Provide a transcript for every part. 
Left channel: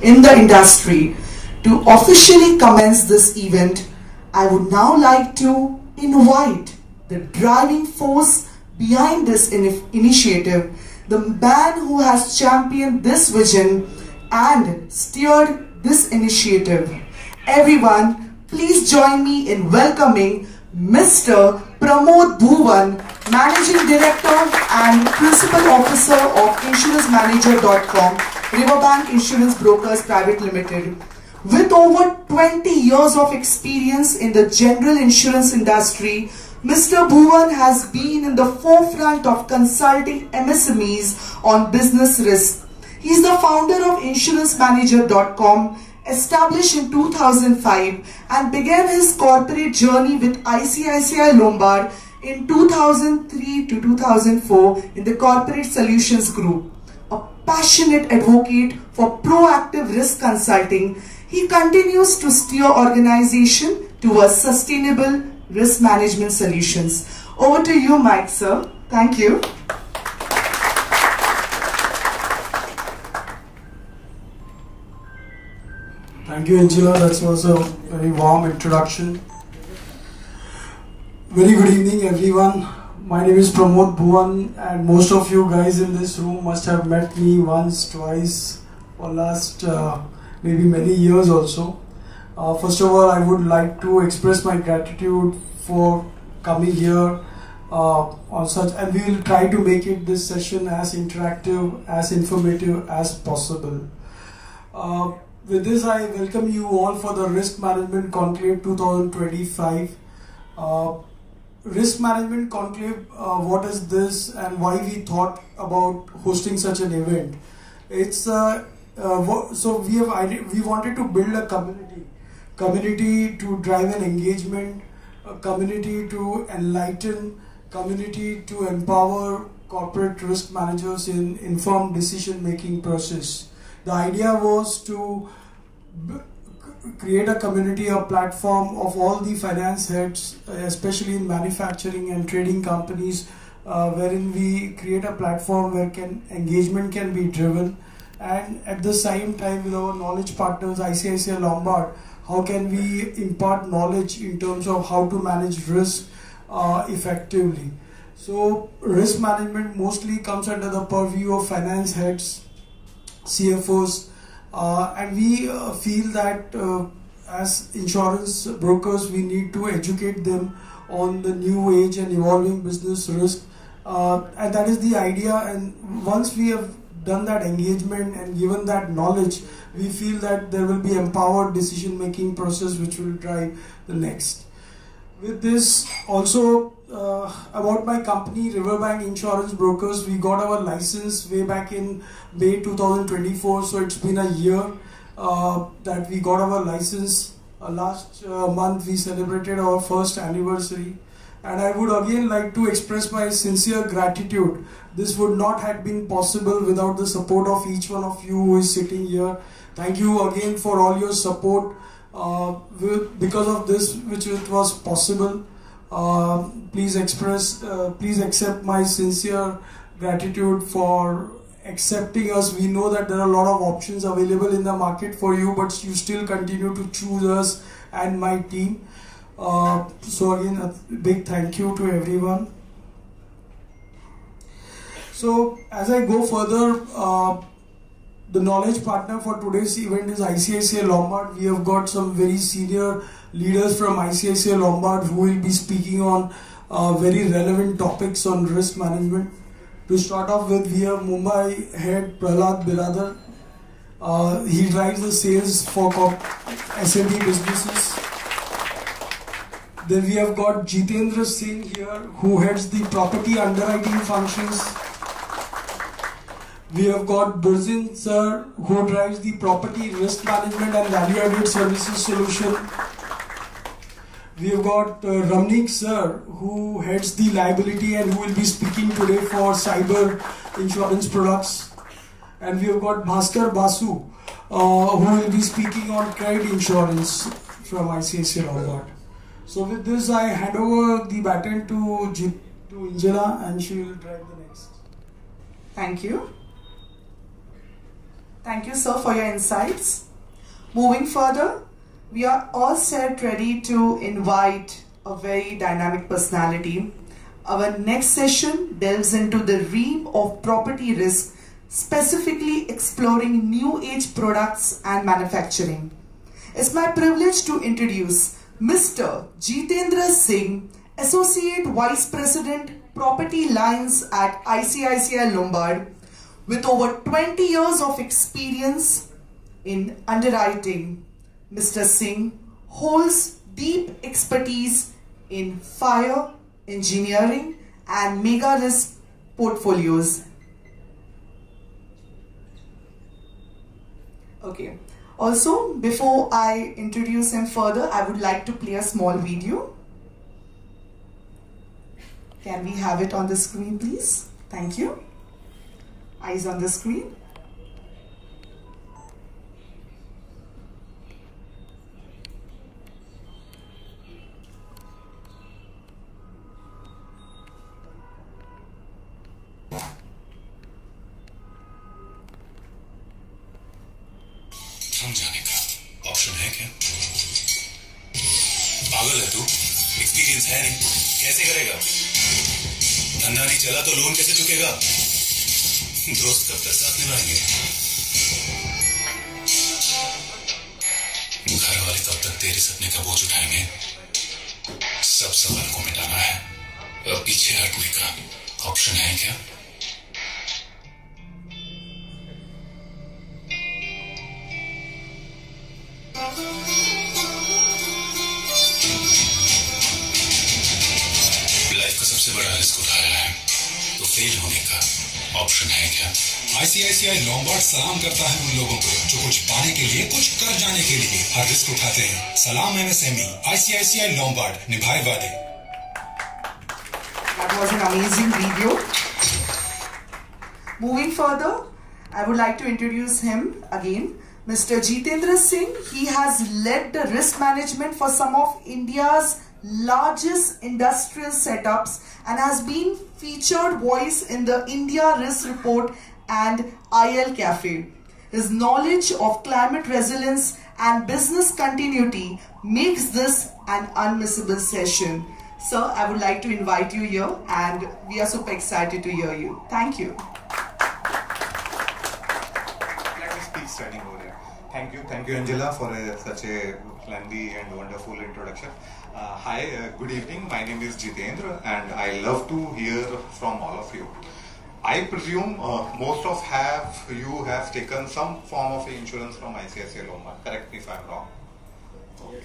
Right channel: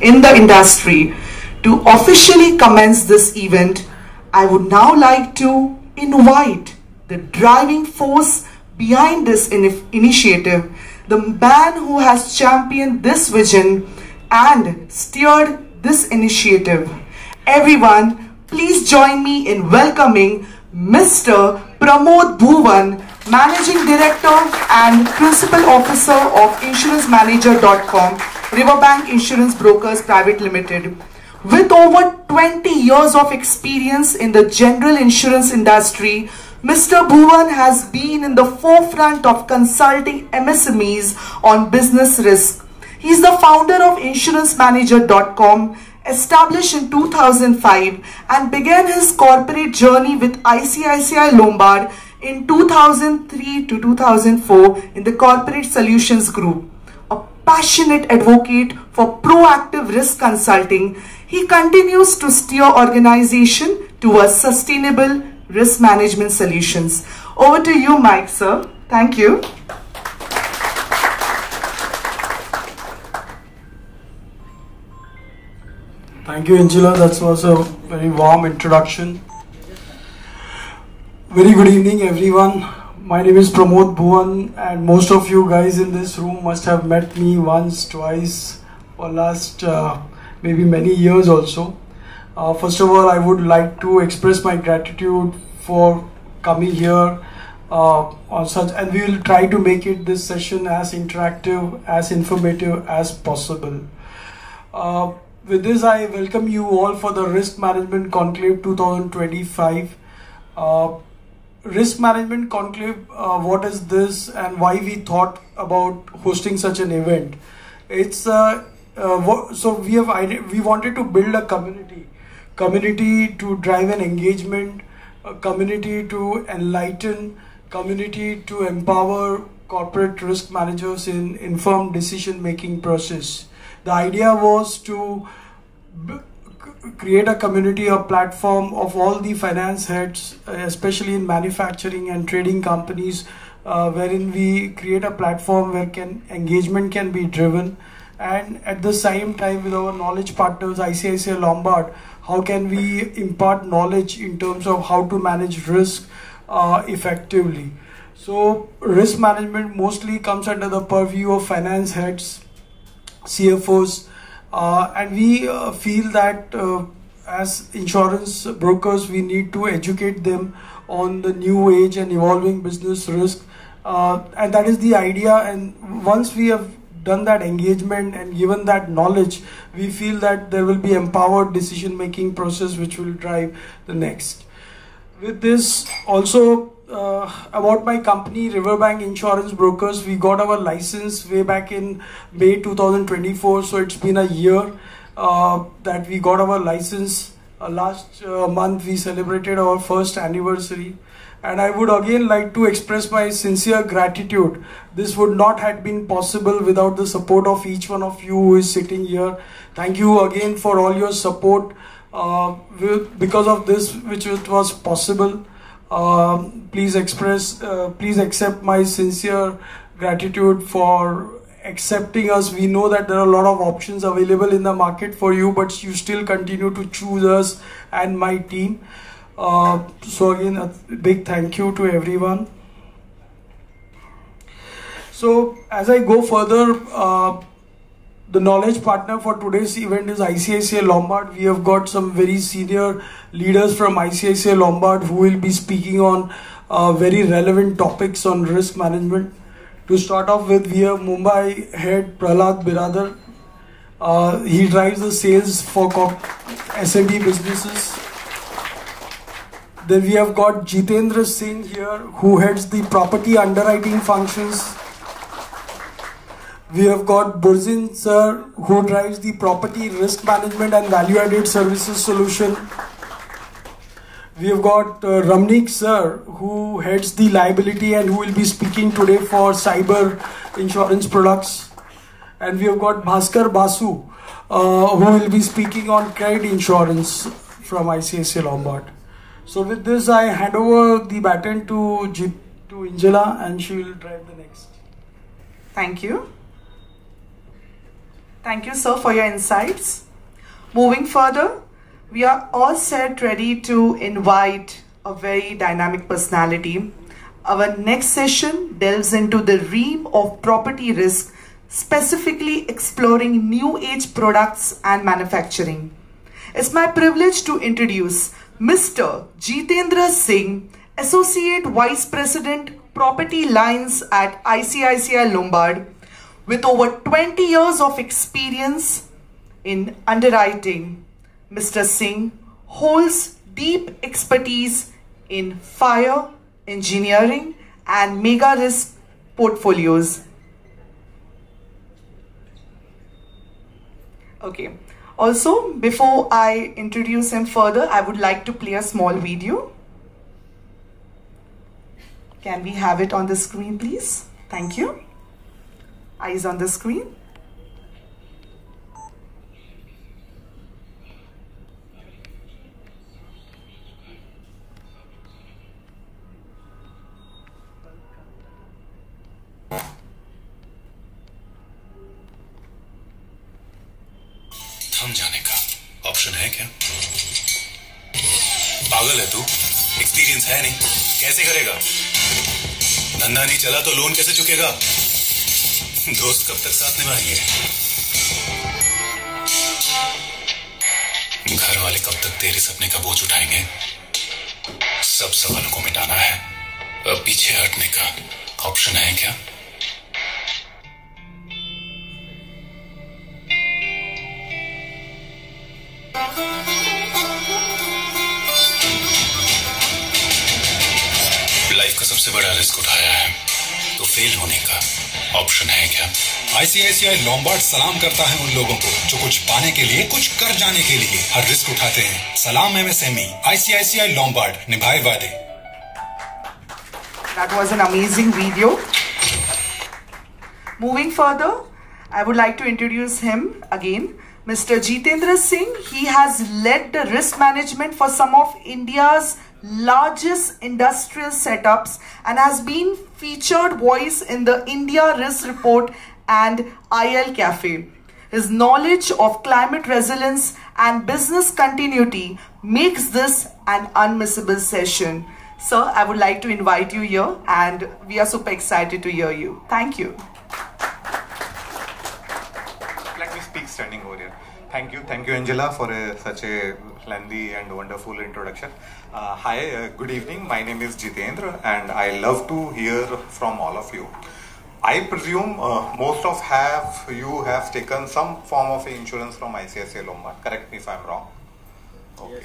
in the industry. To officially commence this event, I would now like to invite the driving force behind this initiative, the man who has championed this vision and steered this initiative. Everyone, please join me in welcoming Mr. Pramod Bhuvan, Managing Director and Principal Officer of InsuranceManager.com, Riverbank Insurance Brokers Private Limited. With over 20 years of experience in the general insurance industry, Mr. Bhuvan has been in the forefront of consulting MSMEs on business risk. He is the founder of InsuranceManager.com, established in 2005, and began his corporate journey with ICICI Lombard in 2003 to 2004 in the Corporate Solutions Group. A passionate advocate for proactive risk consulting, he continues to steer organization towards sustainable risk management solutions. Over to you, Mike, sir. Thank you. Thank you, Angela. That was a very warm introduction. Very good evening, everyone. My name is Pramod Bhuvan, and most of you guys in this room must have met me once, twice, for last maybe many years also. First of all, I would like to express my gratitude for coming here on such, and we will try to make it this session as interactive, as informative as possible. With this, I welcome you all for the Risk Management Conclave 2025. Risk Management Conclave, what is this and why we thought about hosting such an event? It's so we wanted to build a community to drive an engagement, a community to enlighten, community to empower corporate risk managers in informed decision making process. The idea was to create a community or platform of all the finance heads, especially in manufacturing and trading companies, wherein we create a platform where engagement can be driven, and at the same time with our knowledge partners ICICI Lombard, how can we impart knowledge in terms of how to manage risk effectively. So risk management mostly comes under the purview of finance heads, CFOs, and we feel that as insurance brokers we need to educate them on the new age and evolving business risk, and that is the idea. And once we have done that engagement and given that knowledge, we feel that there will be empowered decision making process which will drive the next. With this also, about my company Riverbank Insurance Brokers, we got our license way back in May 2024, so it's been a year that we got our license. Last month we celebrated our first anniversary, and I would again like to express my sincere gratitude. This would not have been possible without the support of each one of you who is sitting here. Thank you again for all your support. Because of this which it was possible, please accept my sincere gratitude for accepting us. We know that there are a lot of options available in the market for you, but you still continue to choose us and my team. So again, a big thank you to everyone. So as I go further, the knowledge partner for today's event is ICICI Lombard. We have got some very senior leaders from ICICI Lombard who will be speaking on very relevant topics on risk management. To start off with, we have Mumbai head Prahlad Biradar. He drives the sales for SME businesses. Then we have got Jitendra Singh here, who heads the property underwriting functions. We have got Burzin sir, who drives the property risk management and value-added services solution. We have got Ramnik sir, who heads the liability and who will be speaking today for cyber insurance products. And we have got Bhaskar Basu, who will be speaking on credit insurance from ICICI Lombard. So with this, I hand over the baton to Angela, and she will drive the next. Thank you. Thank you, sir, for your insights. Moving further, we are all set ready to invite a very dynamic personality. Our next session delves into the realm of property risk, specifically exploring new age products and manufacturing. It's my privilege to introduce Mr. Jitendra Singh, Associate Vice President, Property Lines at ICICI Lombard, with over 20 years of experience in underwriting. Mr. Singh holds deep expertise in fire, engineering, and mega risk portfolios. Okay. Also, before I introduce him further, I would like to play a small video. Can we have it on the screen, please? Thank you. Eyes on the screen. थम जाने का option है क्या? पागल है तू? Experience है नहीं, कैसे करेगा? धंधा नहीं चला तो लोन कैसे चुकेगा? दोस्त कब तक साथ निभाएंगे? घर वाले कब तक तेरे सपने का बोझ उठाएंगे? सब सवालों को मिटाना है, अब पीछे हटने का ऑप्शन है क्या? लाइफ का सबसे बड़ा रिस्क उठाया है तो फेल होने का ऑप्शन है क्या? आईसीआईसीआई लोम्बार्ड सलाम करता है उन लोगों को जो कुछ पाने के लिए, कुछ कर जाने के लिए हर रिस्क उठाते हैं। सलाम एमएसएमई, आईसीआईसीआई लोम्बार्ड, निभाए वादे। That was an amazing video. Moving further, I would like to introduce him again. Mr. Jitendra Singh, he has led the risk management for some of India's largest industrial setups and has been featured voice in the India Risk Report and IL Cafe. His knowledge of climate resilience and business continuity makes this an unmissable session. Sir, I would like to invite you here and we are super excited to hear you. Thank you. Let me speak standing over here. Thank you Angela for such a lengthy and wonderful introduction. Hi, good evening. My name is Jitendra and I love to hear from all of you. I presume most of you have taken some form of insurance from ICICI Lombard. Correct me if I'm wrong. Okay.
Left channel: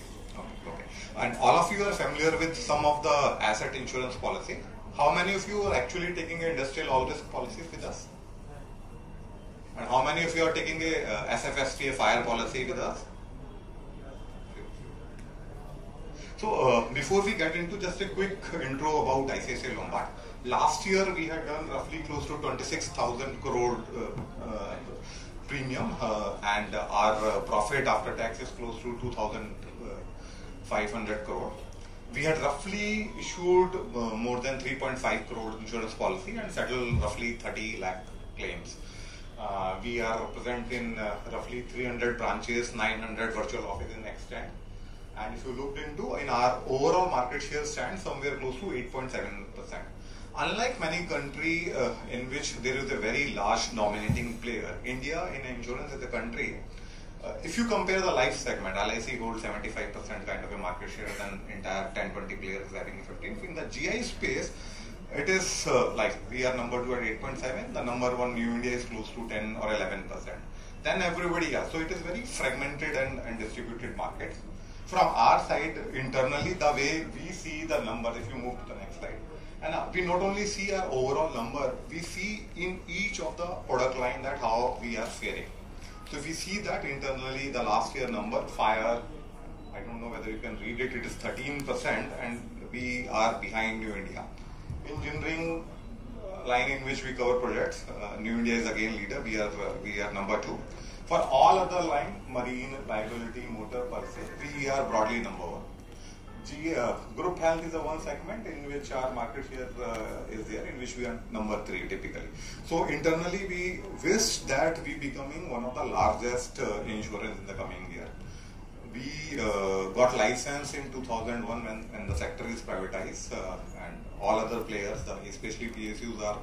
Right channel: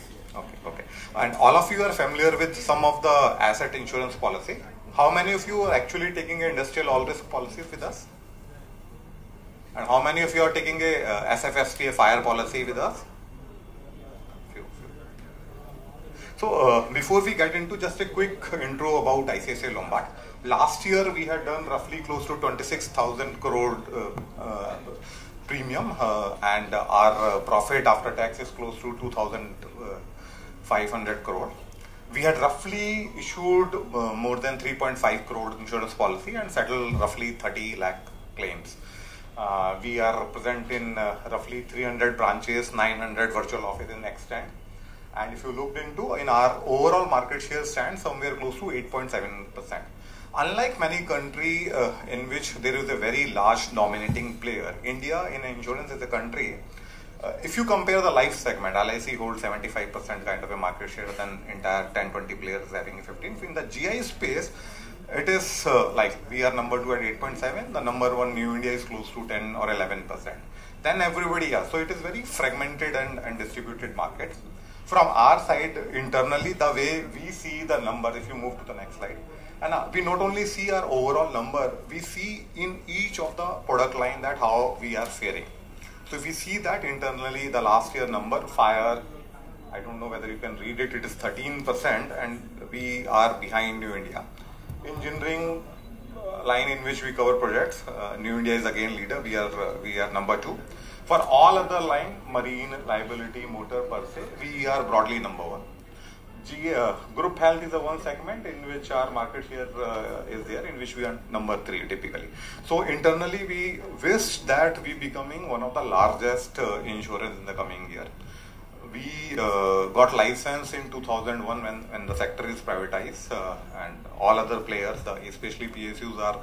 And all of you are familiar with some of the asset insurance policy. How many of you are actually taking an industrial all risk policy with us? And how many of you are taking a SFST, a fire policy with us? So before we get into just a quick intro about ICICI Lombard, last year we had done roughly close to 26,000 crore premium and our profit after tax is close to 2,500 crore. We had roughly issued more than 3.5 crore insurance policy and settled roughly 30 lakh claims. We are present in roughly 300 branches, 900 virtual offices in extent. And if you looked into, in our overall market share stands somewhere close to 8.7%. Unlike many countries in which there is a very large dominating player, India in insurance as a country, if you compare the life segment, LIC holds 75% kind of a market share than entire 10-20 players having 15. In the GI space, it is like we are number 2 at 8.7, the number 1 New India is close to 10 or 11%. Then everybody else. So it is very fragmented and distributed market. From our side, internally, the way we see the number, if you move to the next slide, and we not only see our overall number, we see in each of the product line that how we are faring. So if we see that internally, the last year number, fire, I don't know whether you can read it, it is 13% and we are behind New India. Engineering line in which we cover projects, New India is again leader, we are number 2. For all other line, marine, liability, motor per se, we are broadly number 1. Group health is the one segment in which our market share is there, in which we are number 3 typically. So internally we wish that we becoming one of the largest insurance in the coming year. We got license in 2001 when the sector is privatized, and all other players, especially PSUs,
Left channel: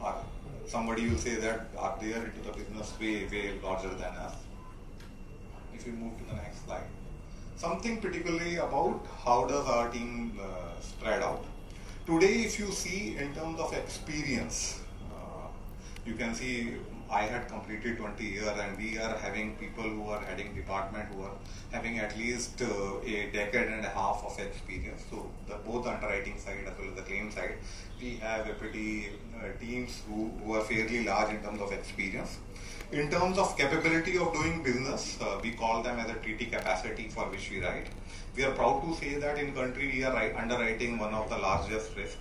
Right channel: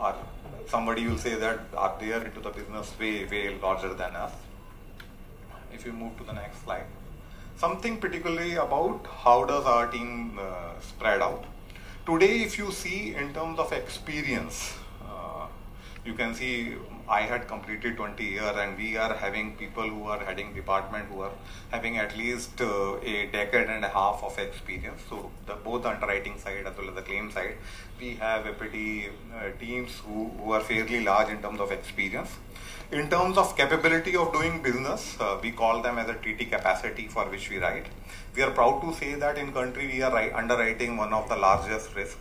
are somebody will say that are there into the business way larger than us. If you move to the next slide. Something particularly about how does our team spread out. Today, if you see in terms of experience, you can see I had completed 20 years and we are having people who are heading department who are having at least a decade and a half of experience. So both underwriting side as well as the claim side, we have a pretty teams who are fairly large in terms of experience. In terms of capability of doing business, we call them as a treaty capacity for which we write. We are proud to say that in country we are underwriting one of the largest risks.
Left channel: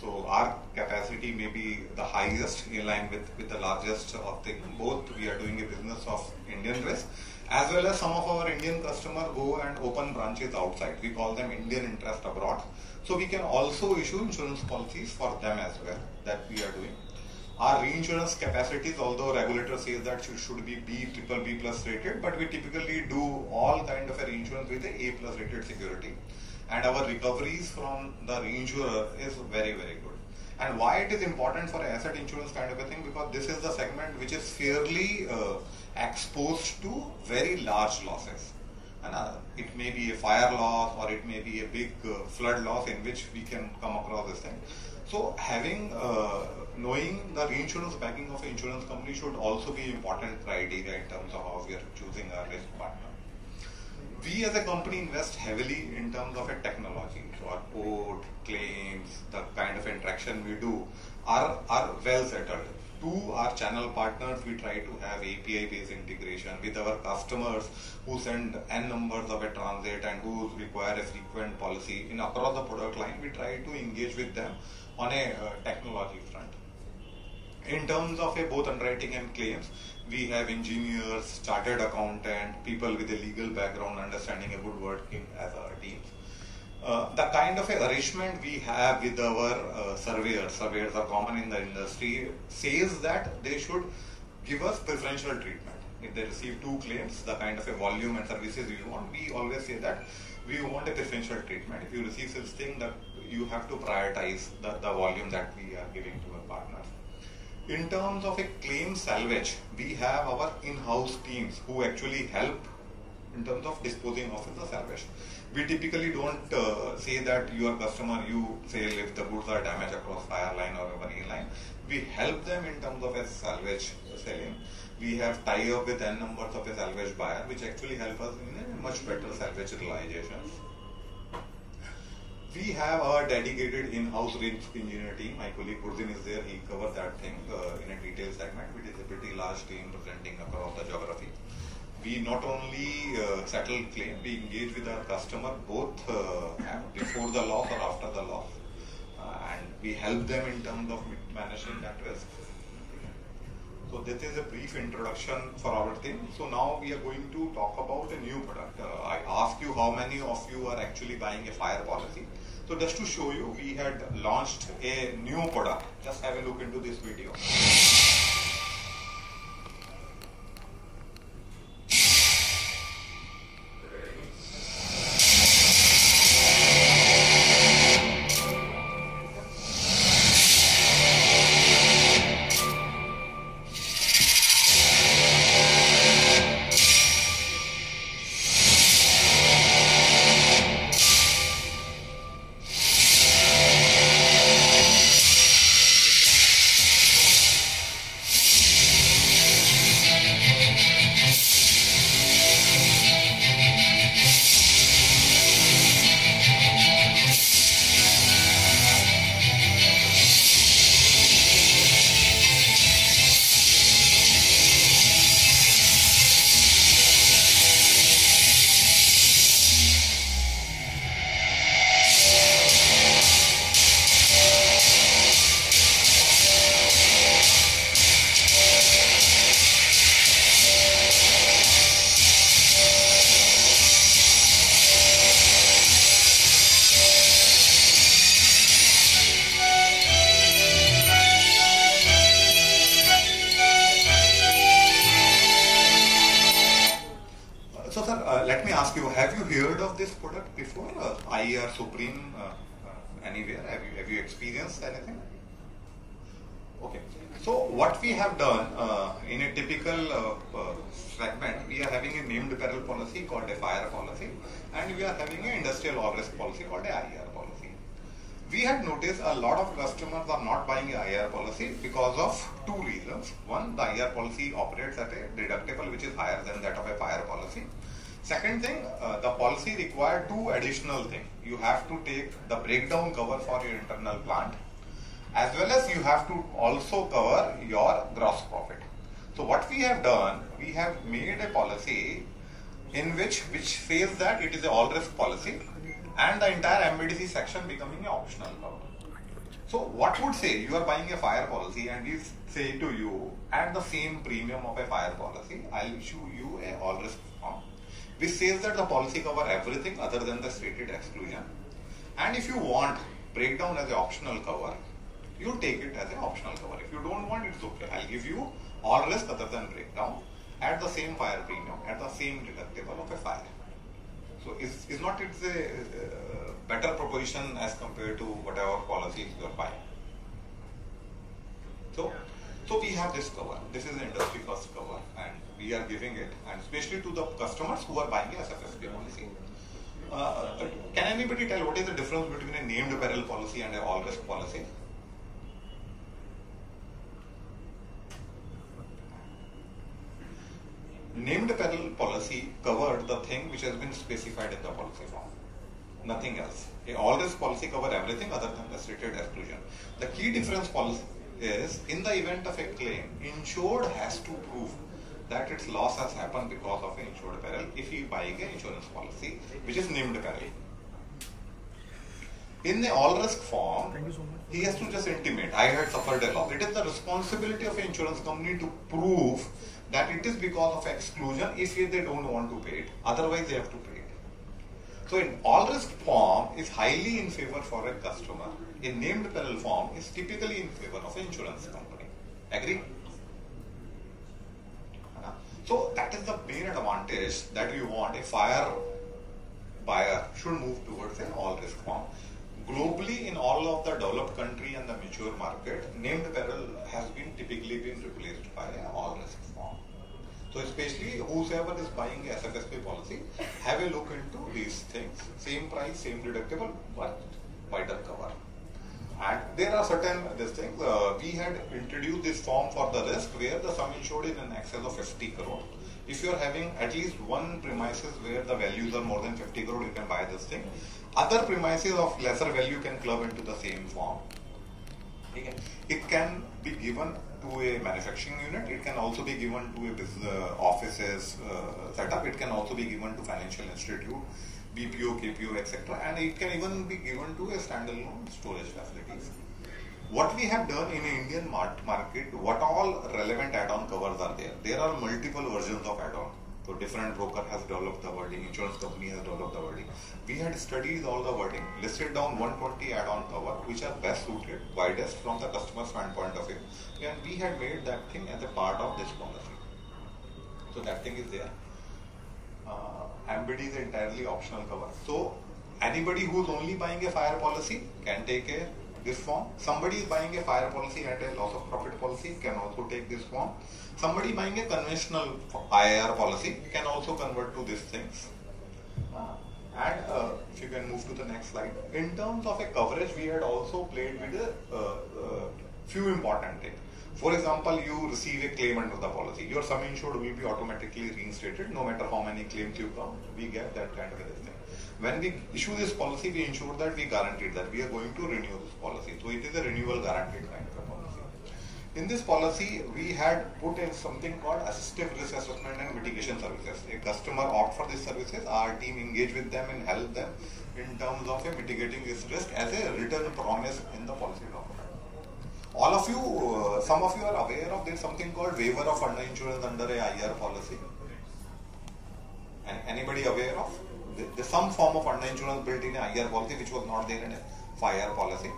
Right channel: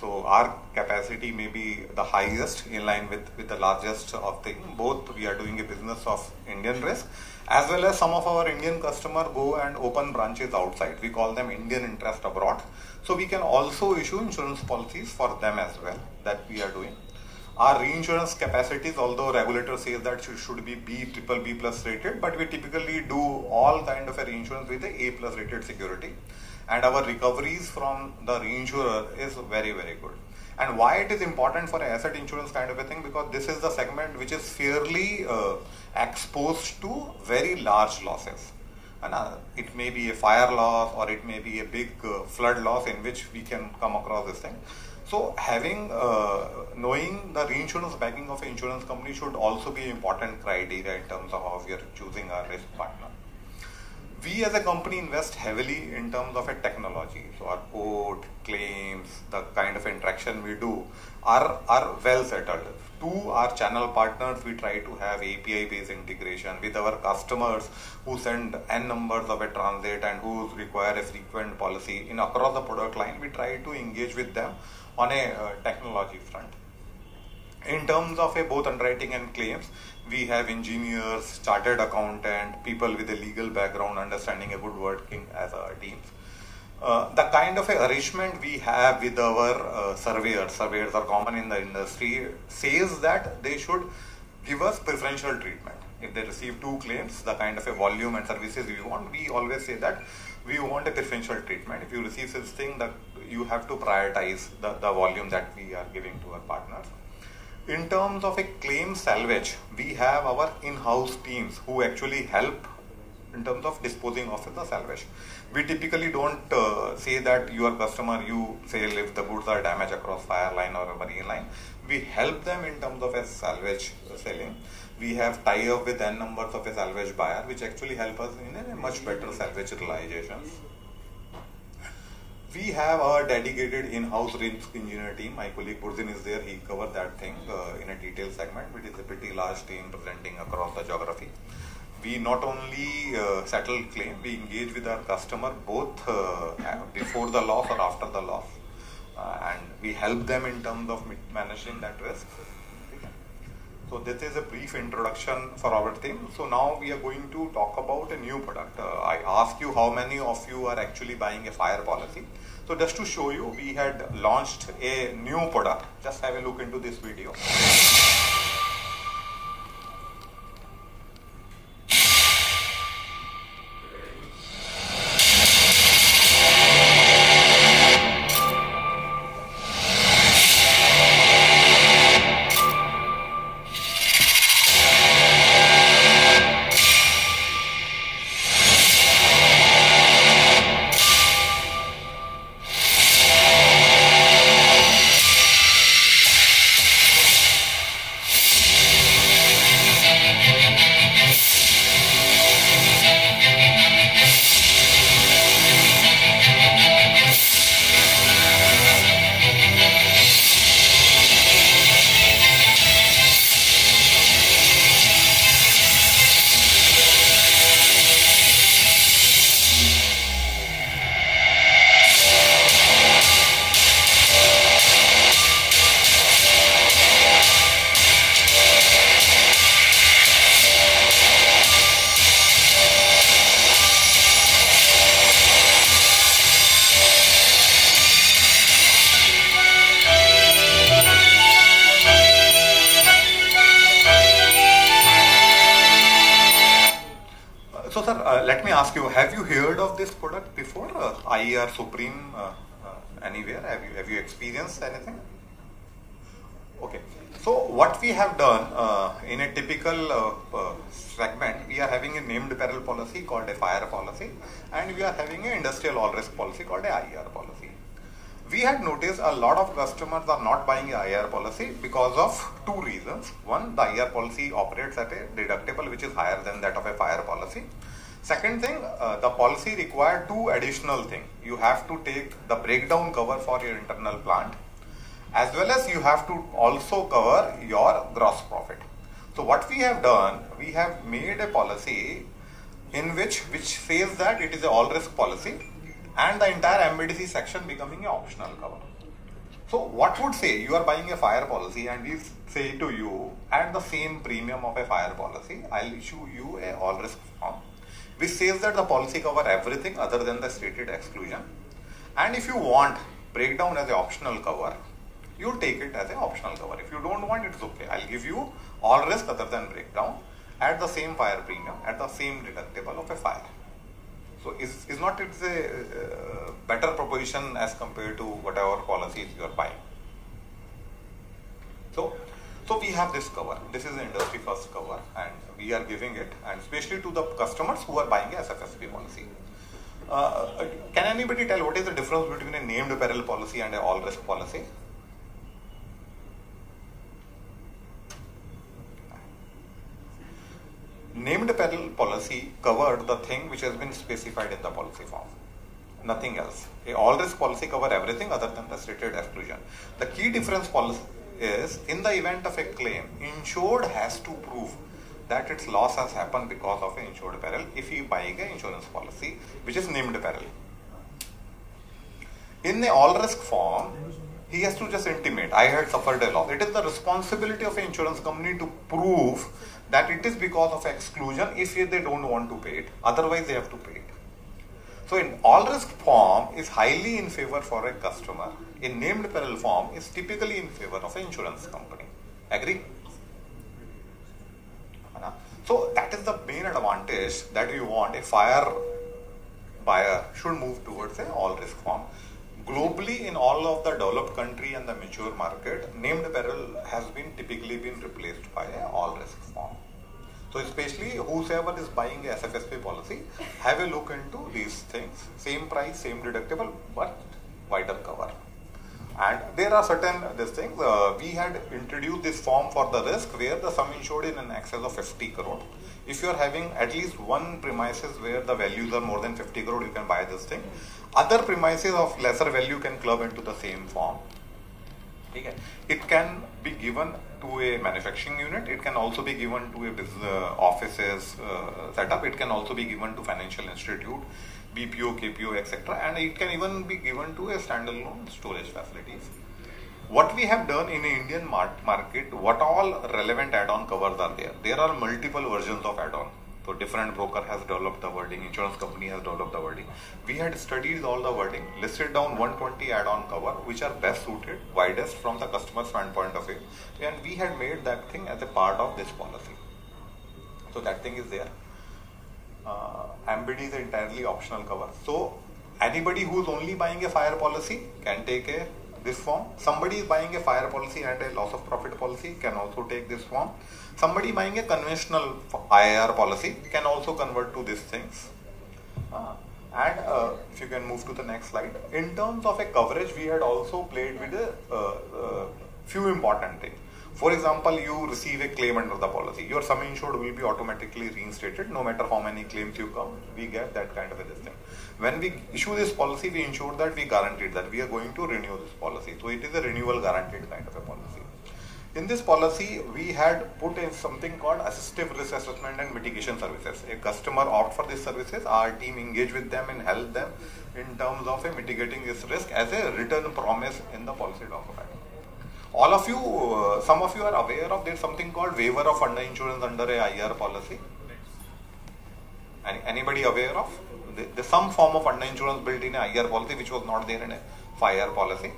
So our capacity may be the highest in line with the largest of the both. We are doing a business of Indian risk as well as some of our Indian customers go and open branches outside. We call them Indian interest abroad. So we can also issue insurance policies for them as well, that we are doing. Our reinsurance capacities, although regulator says that should be B, triple B plus rated, but we typically do all kind of a reinsurance with a A plus rated security. And our recoveries from the reinsurer is very, very good. And why it is important for asset insurance kind of a thing, because this is the segment which is fairly exposed to very large losses. And it may be a fire loss or it may be a big flood loss in which we can come across this thing. So having knowing the reinsurance backing of an insurance company should also be an important criteria in terms of how we are choosing our risk partner. We as a company invest heavily in terms of a technology. So our code, claims, the kind of interaction we do are well settled. To our channel partners, we try to have API based integration with our customers who send N numbers of a transit and who require a frequent policy. In across the product line, we try to engage with them on a technology front. In terms of both underwriting and claims, we have engineers, chartered accountant, people with a legal background, understanding a good working as our teams. The kind of arrangement we have with our surveyors are common in the industry, says that they should give us preferential treatment. If they receive 2 claims, the kind of a volume and services we want, we always say that we want a preferential treatment. If you receive such thing, that you have to prioritize the volume that we are giving to our partners. In terms of a claim salvage, we have our in-house teams who actually help in terms of disposing of the salvage. We typically don't say that your customer, you say if the goods are damaged across fire line or a marine line. We help them in terms of a salvage selling. We have tie-up with N numbers of a salvage buyer, which actually help us in a much better salvage realizations. We have our dedicated in-house risk engineer team. My colleague Purjin is there. He covers that thing in a detailed segment, which is a pretty large team presenting across the geography. We not only settle claim, we engage with our customer both before the loss or after the loss, and we help them in terms of managing that risk. So this is a brief introduction for our team. So now we are going to talk about a new product. I ask you how many of you are actually buying a fire policy. So just to show you, we had launched a new product. Just have a look into this video. IR Supreme anywhere? Have you experienced anything? Okay. So what we have done in a typical segment, we are having a named peril policy called a fire policy, and we are having an industrial all risk policy called a IR policy. We had noticed a lot of customers are not buying a IR policy because of two reasons. One, the IR policy operates at a deductible which is higher than that of a fire policy. Second thing, the policy required two additional things. You have to take the breakdown cover for your internal plant, as well as you have to also cover your gross profit. So what we have done, we have made a policy in which says that it is a all risk policy and the entire MBDC section becoming an optional cover. So what would say you are buying a fire policy and we say to you at the same premium of a fire policy, I'll issue you a all risk form which says that the policy cover everything other than the stated exclusion, and if you want breakdown as an optional cover, you'll take it as an optional cover. If you don't want, it's okay. I'll give you all risk other than breakdown at the same fire premium, at the same deductible of a fire. So is not it a better proposition as compared to whatever policies you are buying? So we have this cover. This is the industry first cover, and we are giving it, and especially to the customers who are buying a SFSP policy. Can anybody tell what is the difference between a named peril policy and a all risk policy? Named peril policy covered the thing which has been specified in the policy form, nothing else. A all risk policy cover everything other than the stated exclusion. The key difference policy is, in the event of a claim, insured has to prove that its loss has happened because of an insured peril if he buying an insurance policy which is named peril. In the all risk form, he has to just intimate, I had suffered a loss. It is the responsibility of an insurance company to prove that it is because of exclusion if they don't want to pay it. Otherwise, they have to pay it. So, in all risk form is highly in favor for a customer. In named peril form is typically in favor of an insurance company. Agree? So, that is the main advantage that you want. A fire buyer should move towards an all risk form. Globally, in all of the developed country and the mature market, named peril has been typically been replaced by an all risk form. So especially whosoever is buying a SFSP policy, have a look into these things. Same price, same deductible, but wider cover. And there are certain things. We had introduced this form for the risk where the sum insured in an excess of 50 crore. If you are having at least one premises where the values are more than 50 crore, you can buy this thing. Other premises of lesser value can club into the same form. Okay. It can be given to a manufacturing unit. It can also be given to a business offices setup. It can also be given to financial institute, BPO, KPO, etc. And it can even be given to a standalone storage facilities. What we have done in the Indian market, what all relevant add-on covers are there? There are multiple versions of add-on. So different broker has developed the wording, insurance company has developed the wording. We had studied all the wording, listed down 120 add-on cover which are best suited, widest from the customer standpoint of view, and we had made that thing as a part of this policy. So that thing is there. MBD is entirely optional cover. So anybody who's only buying a fire policy can take this form. Somebody is buying a fire policy and a loss of profit policy can also take this form. Somebody buying a conventional IR policy can also convert to these things. And if you can move to the next slide. In terms of a coverage, we had also played with a few important things. For example, you receive a claim under the policy. Your sum insured will be automatically reinstated no matter how many claims you come. We get that kind of a thing. When we issue this policy, we ensure that we guaranteed that we are going to renew this policy. So it is a renewal guaranteed kind of a policy. In this policy, we had put in something called assistive risk assessment and mitigation services. A customer opt for these services, our team engage with them and help them in terms of mitigating this risk as a written promise in the policy document. All of you, some of you are aware of there's something called waiver of underinsurance under a IR policy. Anybody aware of? There's some form of underinsurance built in a IR policy which was not there in a fire policy.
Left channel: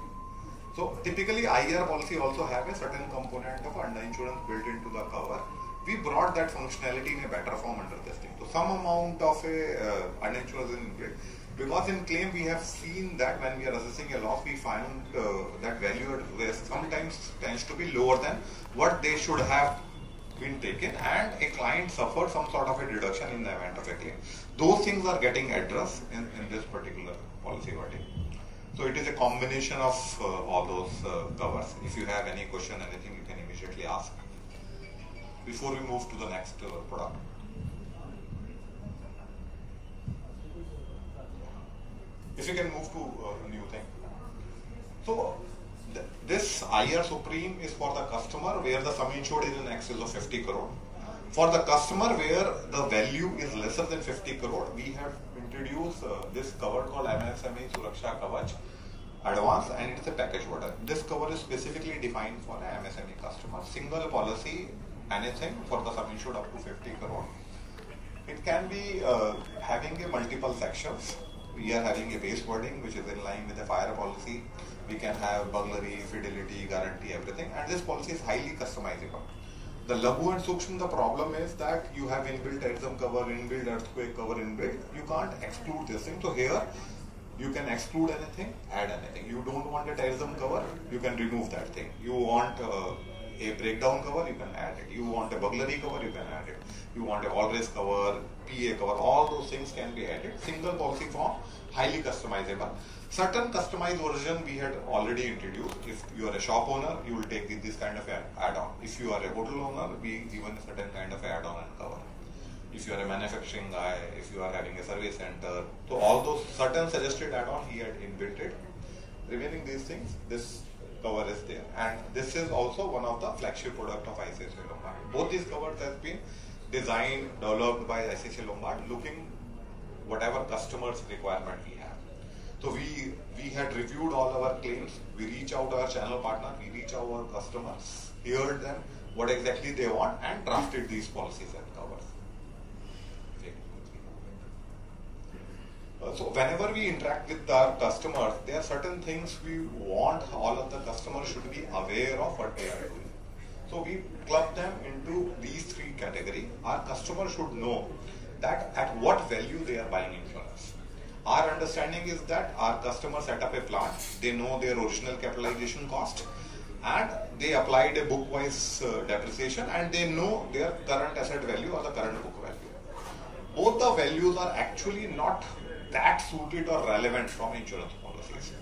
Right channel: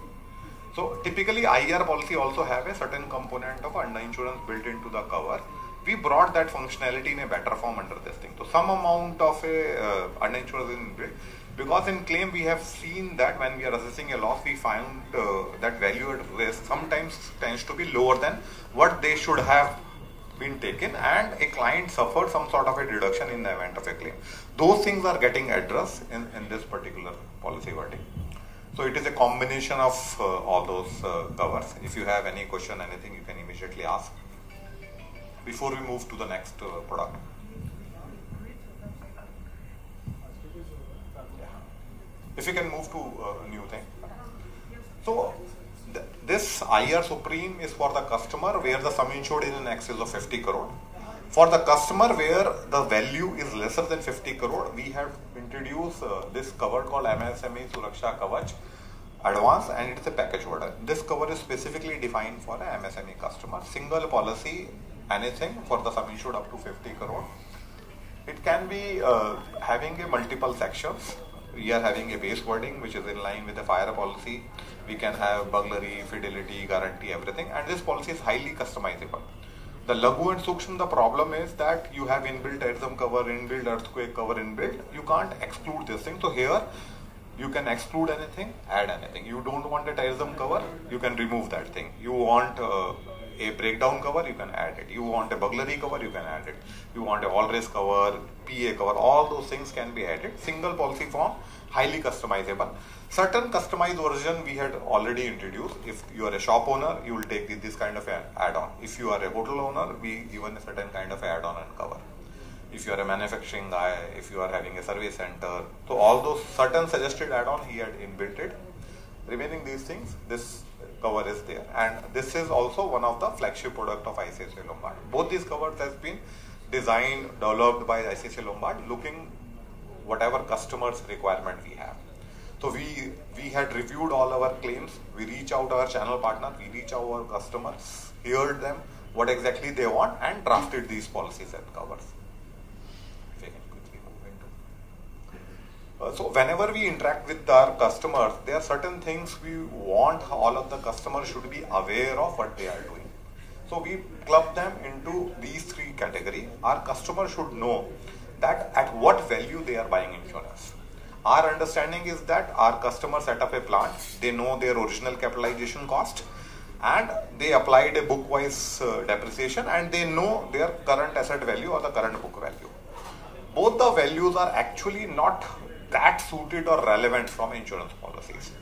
So typically IR policy also have a certain component of underinsurance built into the cover. We brought that functionality in a better form under this thing. So some amount of a underinsurance is built. Because in claim we have seen that when we are assessing a loss, we find that value at risk sometimes tends to be lower than what they should have been taken, and a client suffered some sort of a deduction in the event of a claim. Those things are getting addressed in this particular policy wording. So it is a combination of all those covers. If you have any question, anything, you can immediately ask before we move to the next product. If you can move to a new thing. So this IR Supreme is for the customer where the sum insured is in excess of 50 crore. For the customer where the value is lesser than 50 crore, we have introduced this cover called MSME Suraksha Kavach Advance, and it is a package order. This cover is specifically defined for a MSME customer. Single policy, anything for the sum insured up to 50 crore. It can be having a multiple sections. We are having a base wording which is in line with the fire policy. We can have burglary, fidelity, guarantee, everything, and this policy is highly customizable. The Laghu and Sukshma, the problem is that you have inbuilt terrorism cover, inbuilt earthquake cover inbuilt. You can't exclude this thing. So here you can exclude anything, add anything. You don't want a terrorism cover, you can remove that thing. You want a breakdown cover, you can add it. You want a burglary cover, you can add it. You want a all risk cover, PA cover, all those things can be added. Single policy form, highly customizable. Certain customized version we had already introduced. If you are a shop owner, you will take this kind of add-on. If you are a hotel owner, we given a certain kind of add-on and cover. If you are a manufacturing guy, if you are having a service center, so all those certain suggested add-on he had inbuilt it. Remaining these things, this cover is there, and this is also one of the flagship product of ICICI Lombard. Both these covers has been designed, developed by ICICI Lombard, looking whatever customers requirement we have. So we had reviewed all our claims, we reach out our channel partner, we reach out our customers, heard them, what exactly they want, and drafted these policies and covers. So whenever we interact with our customers, there are certain things we want all of the customers should be aware of what they are doing. So we club them into these three categories. Our customer should know that at what value they are buying insurance. Our understanding is that our customers set up a plan, they know their original capitalization cost, and they applied a book-wise depreciation, and they know their current asset value or the current book value. Both the values are actually not that suited or relevant from insurance policies.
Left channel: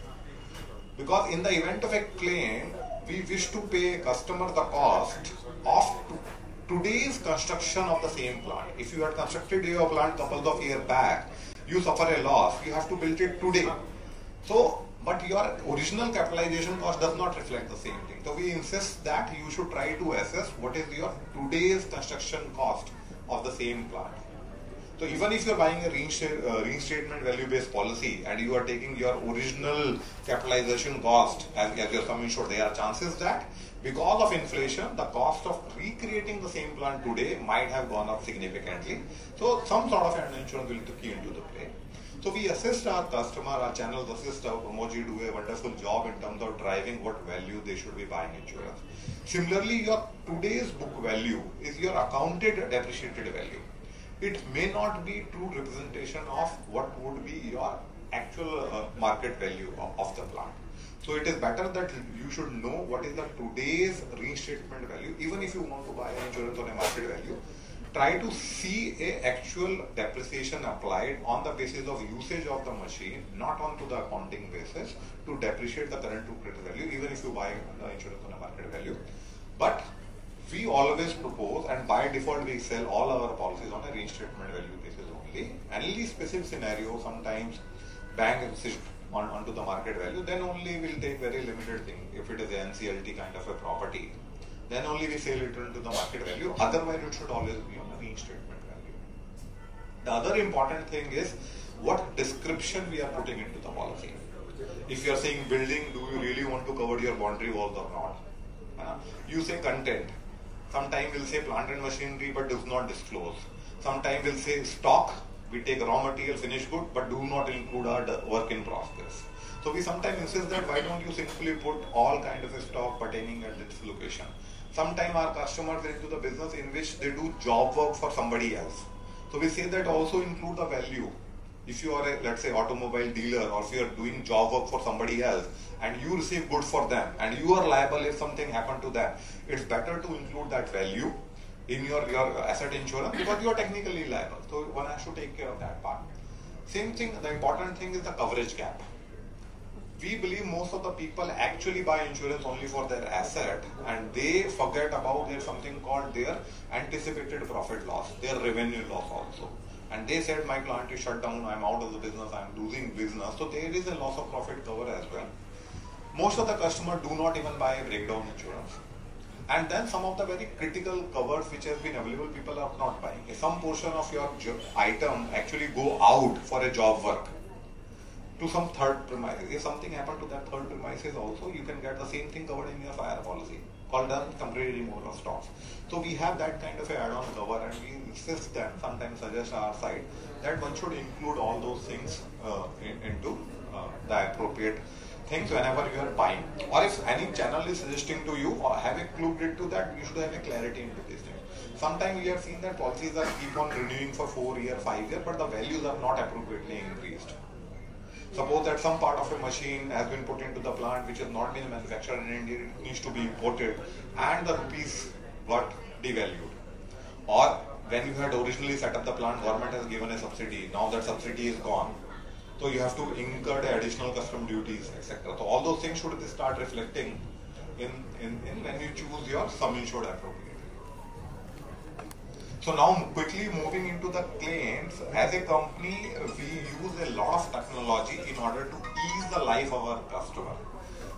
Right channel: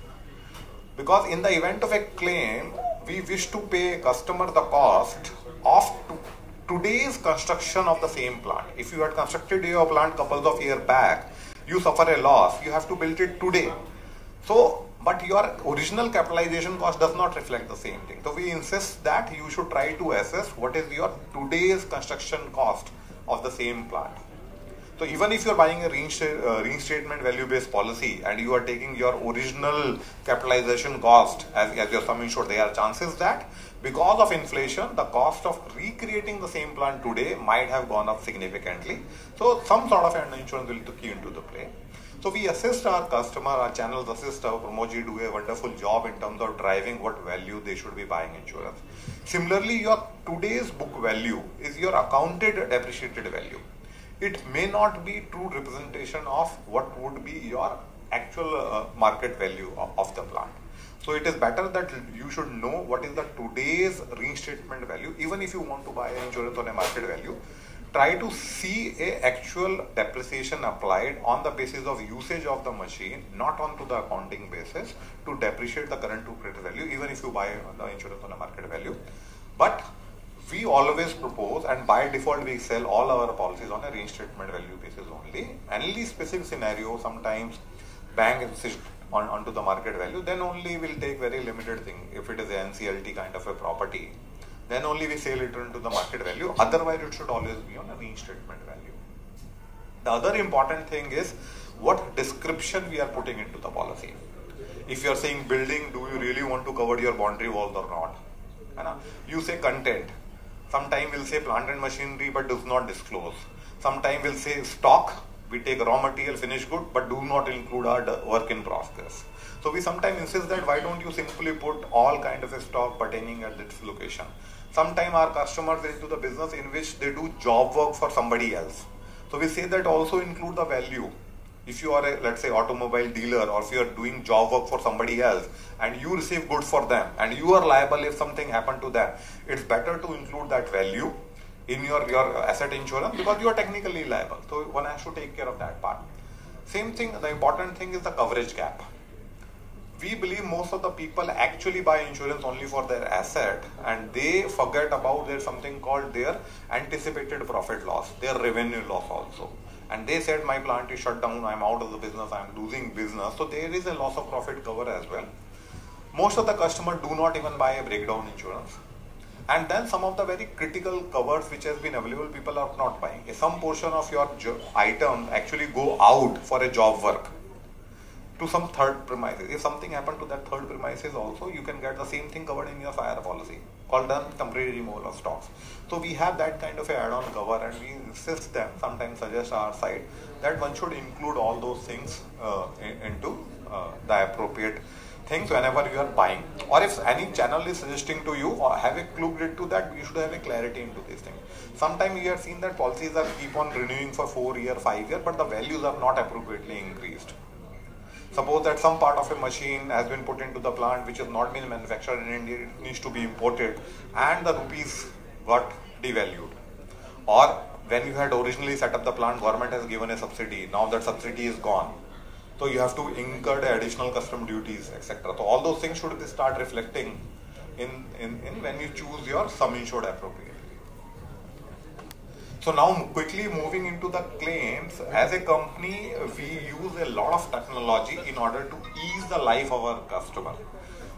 Because in the event of a claim, we wish to pay customer the cost of today's construction of the same plant. If you had constructed your plant couple of years back, you suffer a loss, you have to build it today. So, but your original capitalization cost does not reflect the same thing. So we insist that you should try to assess what is your today's construction cost of the same plant. So even if you are buying a reinstatement value-based policy and you are taking your original capitalization cost as your sum insured, there are chances that because of inflation, the cost of recreating the same plant today might have gone up significantly. So some sort of an insurance will key into the play. So we assist our customer, our channels assist our Promoji do a wonderful job in terms of driving what value they should be buying insurance. Similarly, your today's book value is your accounted depreciated value. It may not be true representation of what would be your actual market value of the plant. So it is better that you should know what is the today's reinstatement value. Even if you want to buy insurance on a market value, try to see a actual depreciation applied on the basis of usage of the machine, not onto the accounting basis, to depreciate the current to credit value, even if you buy the insurance on a market value. But we always propose, and by default we sell all our policies on a reinstatement value basis only. Any specific scenario, sometimes bank insists onto the market value, then only we'll take very limited thing. If it is an NCLT kind of a property, then only we sell it into the market value. Otherwise, it should always be on a reinstatement value. The other important thing is what description we are putting into the policy. If you are saying building, do you really want to cover your boundary walls or not? You say content. Sometime we'll say plant and machinery but does not disclose. Sometime we'll say stock, we take raw material, finished good, but do not include our work in process. So we sometimes insist that why don't you simply put all kind of a stock pertaining at this location. Sometimes our customers are into the business in which they do job work for somebody else. So we say that also include the value. If you are a, let's say, automobile dealer, or if you are doing job work for somebody else and you receive goods for them and you are liable if something happened to them, it's better to include that value in your asset insurance, because you are technically liable. So one has to take care of that part. Same thing, the important thing is the coverage gap. We believe most of the people actually buy insurance only for their asset, and they forget about there's something called their anticipated profit loss, their revenue loss also. And they said, my plant is shut down, I'm out of the business, I'm losing business. So there is a loss of profit cover as well. Most of the customers do not even buy a breakdown insurance. And then some of the very critical covers which has been available, people are not buying. If some portion of your item actually go out for a job work to some third premises, if something happened to that third premises also, you can get the same thing covered in your fire policy, called the temporary removal of stocks. So we have that kind of a add-on cover, and we insist them, sometimes suggest our side, that one should include all those things into the appropriate things whenever you are buying. Or if any channel is suggesting to you, or have a clue to that, you should have a clarity into these things. Sometimes we have seen that policies are keep on renewing for 4 years, 5 years, but the values are not appropriately increased. Suppose that some part of a machine has been put into the plant which has not been manufactured in India, it needs to be imported, and the rupees got devalued. Or when you had originally set up the plant, government has given a subsidy, now that subsidy is gone. So you have to incur the additional custom duties, etc. So all those things should start reflecting in when you choose your sum insured appropriately. So now quickly moving into the claims, as a company we use a lot of technology in order to ease the life of our customer.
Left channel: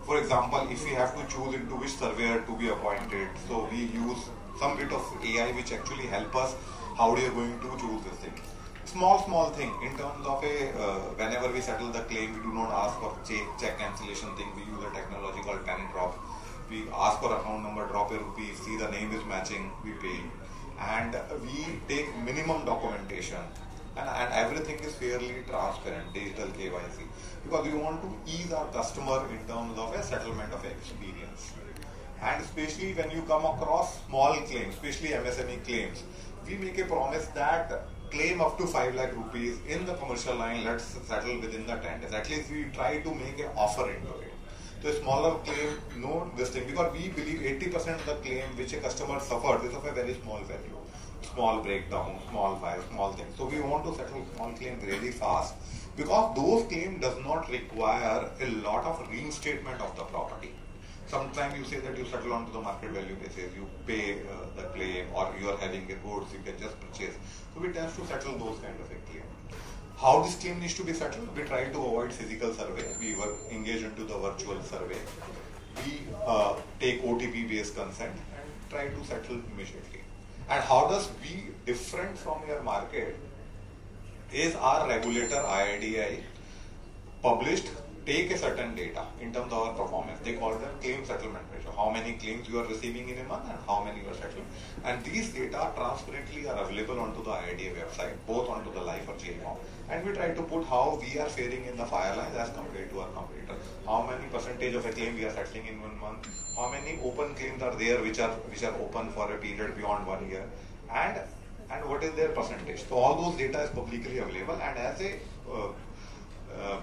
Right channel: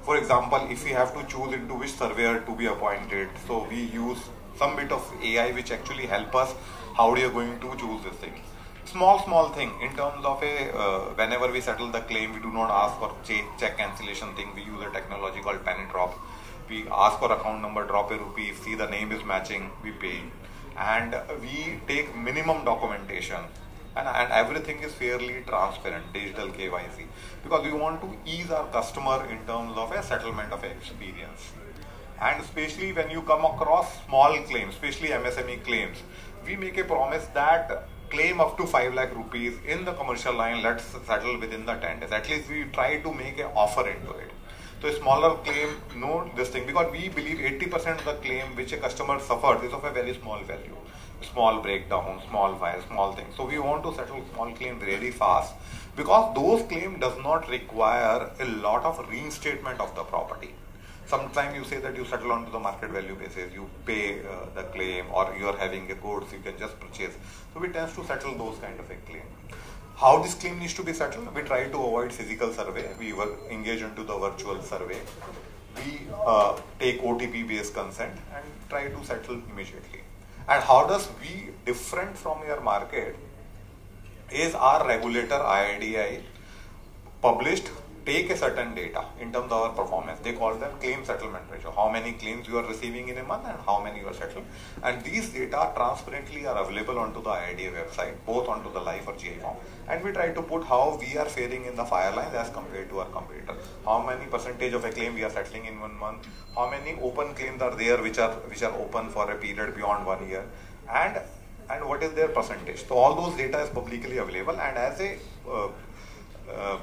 For example, if we have to choose into which surveyor to be appointed, so we use some bit of AI which actually help us how we are going to choose this thing. Small thing in terms of whenever we settle the claim, we do not ask for check cancellation thing. We use a technology called penny drop. We ask for account number, drop a rupee, see the name is matching, we pay. And we take minimum documentation, and everything is fairly transparent, digital KYC, because we want to ease our customer in terms of a settlement of experience. And especially when you come across small claims, especially MSME claims, we make a promise that claim up to 5 lakh rupees in the commercial line, let's settle within the 10 days. At least we try to make an offer into it. So a smaller claim, no this thing, because we believe 80% of the claim which a customer suffers is of a very small value. Small breakdown, small fire, small thing. So we want to settle small claim very fast, because those claims does not require a lot of reinstatement of the property. Sometimes you say that you settle on to the market value basis, you pay the claim, or you are having a goods, you can just purchase. So we tend to settle those kind of a claim. How this claim needs to be settled? We try to avoid physical survey. We engage into the virtual survey. We take OTP based consent and try to settle immediately. And how does we different from your market is our regulator IRDAI published take a certain data in terms of our performance. They call them claim settlement ratio. How many claims you are receiving in a month and how many you are settled. And these data transparently are available onto the IRDAI website, both onto the life or GI form. And we try to put how we are faring in the fire line as compared to our competitor. How many percentage of a claim we are settling in 1 month. How many open claims are there which are open for a period beyond 1 year. And what is their percentage. So all those data is publicly available, and as a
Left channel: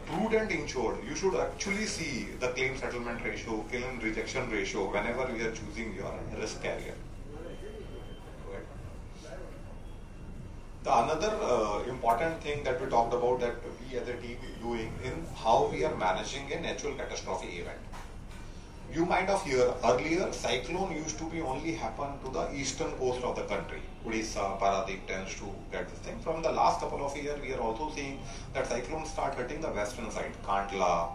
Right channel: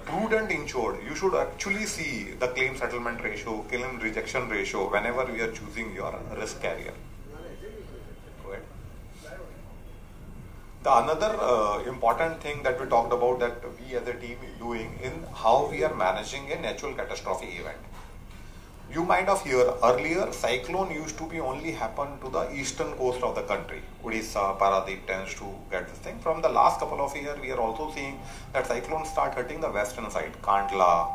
prudent insured, you should actually see the claim settlement ratio, claim rejection ratio whenever we are choosing your risk carrier. The another important thing that we talked about that we as a team is doing in how we are managing a natural catastrophe event. You might have heard earlier, cyclone used to be only happen to the eastern coast of the country. Odisha, Paradip tends to get this thing. From the last couple of years, we are also seeing that cyclones start hitting the western side, Kandla.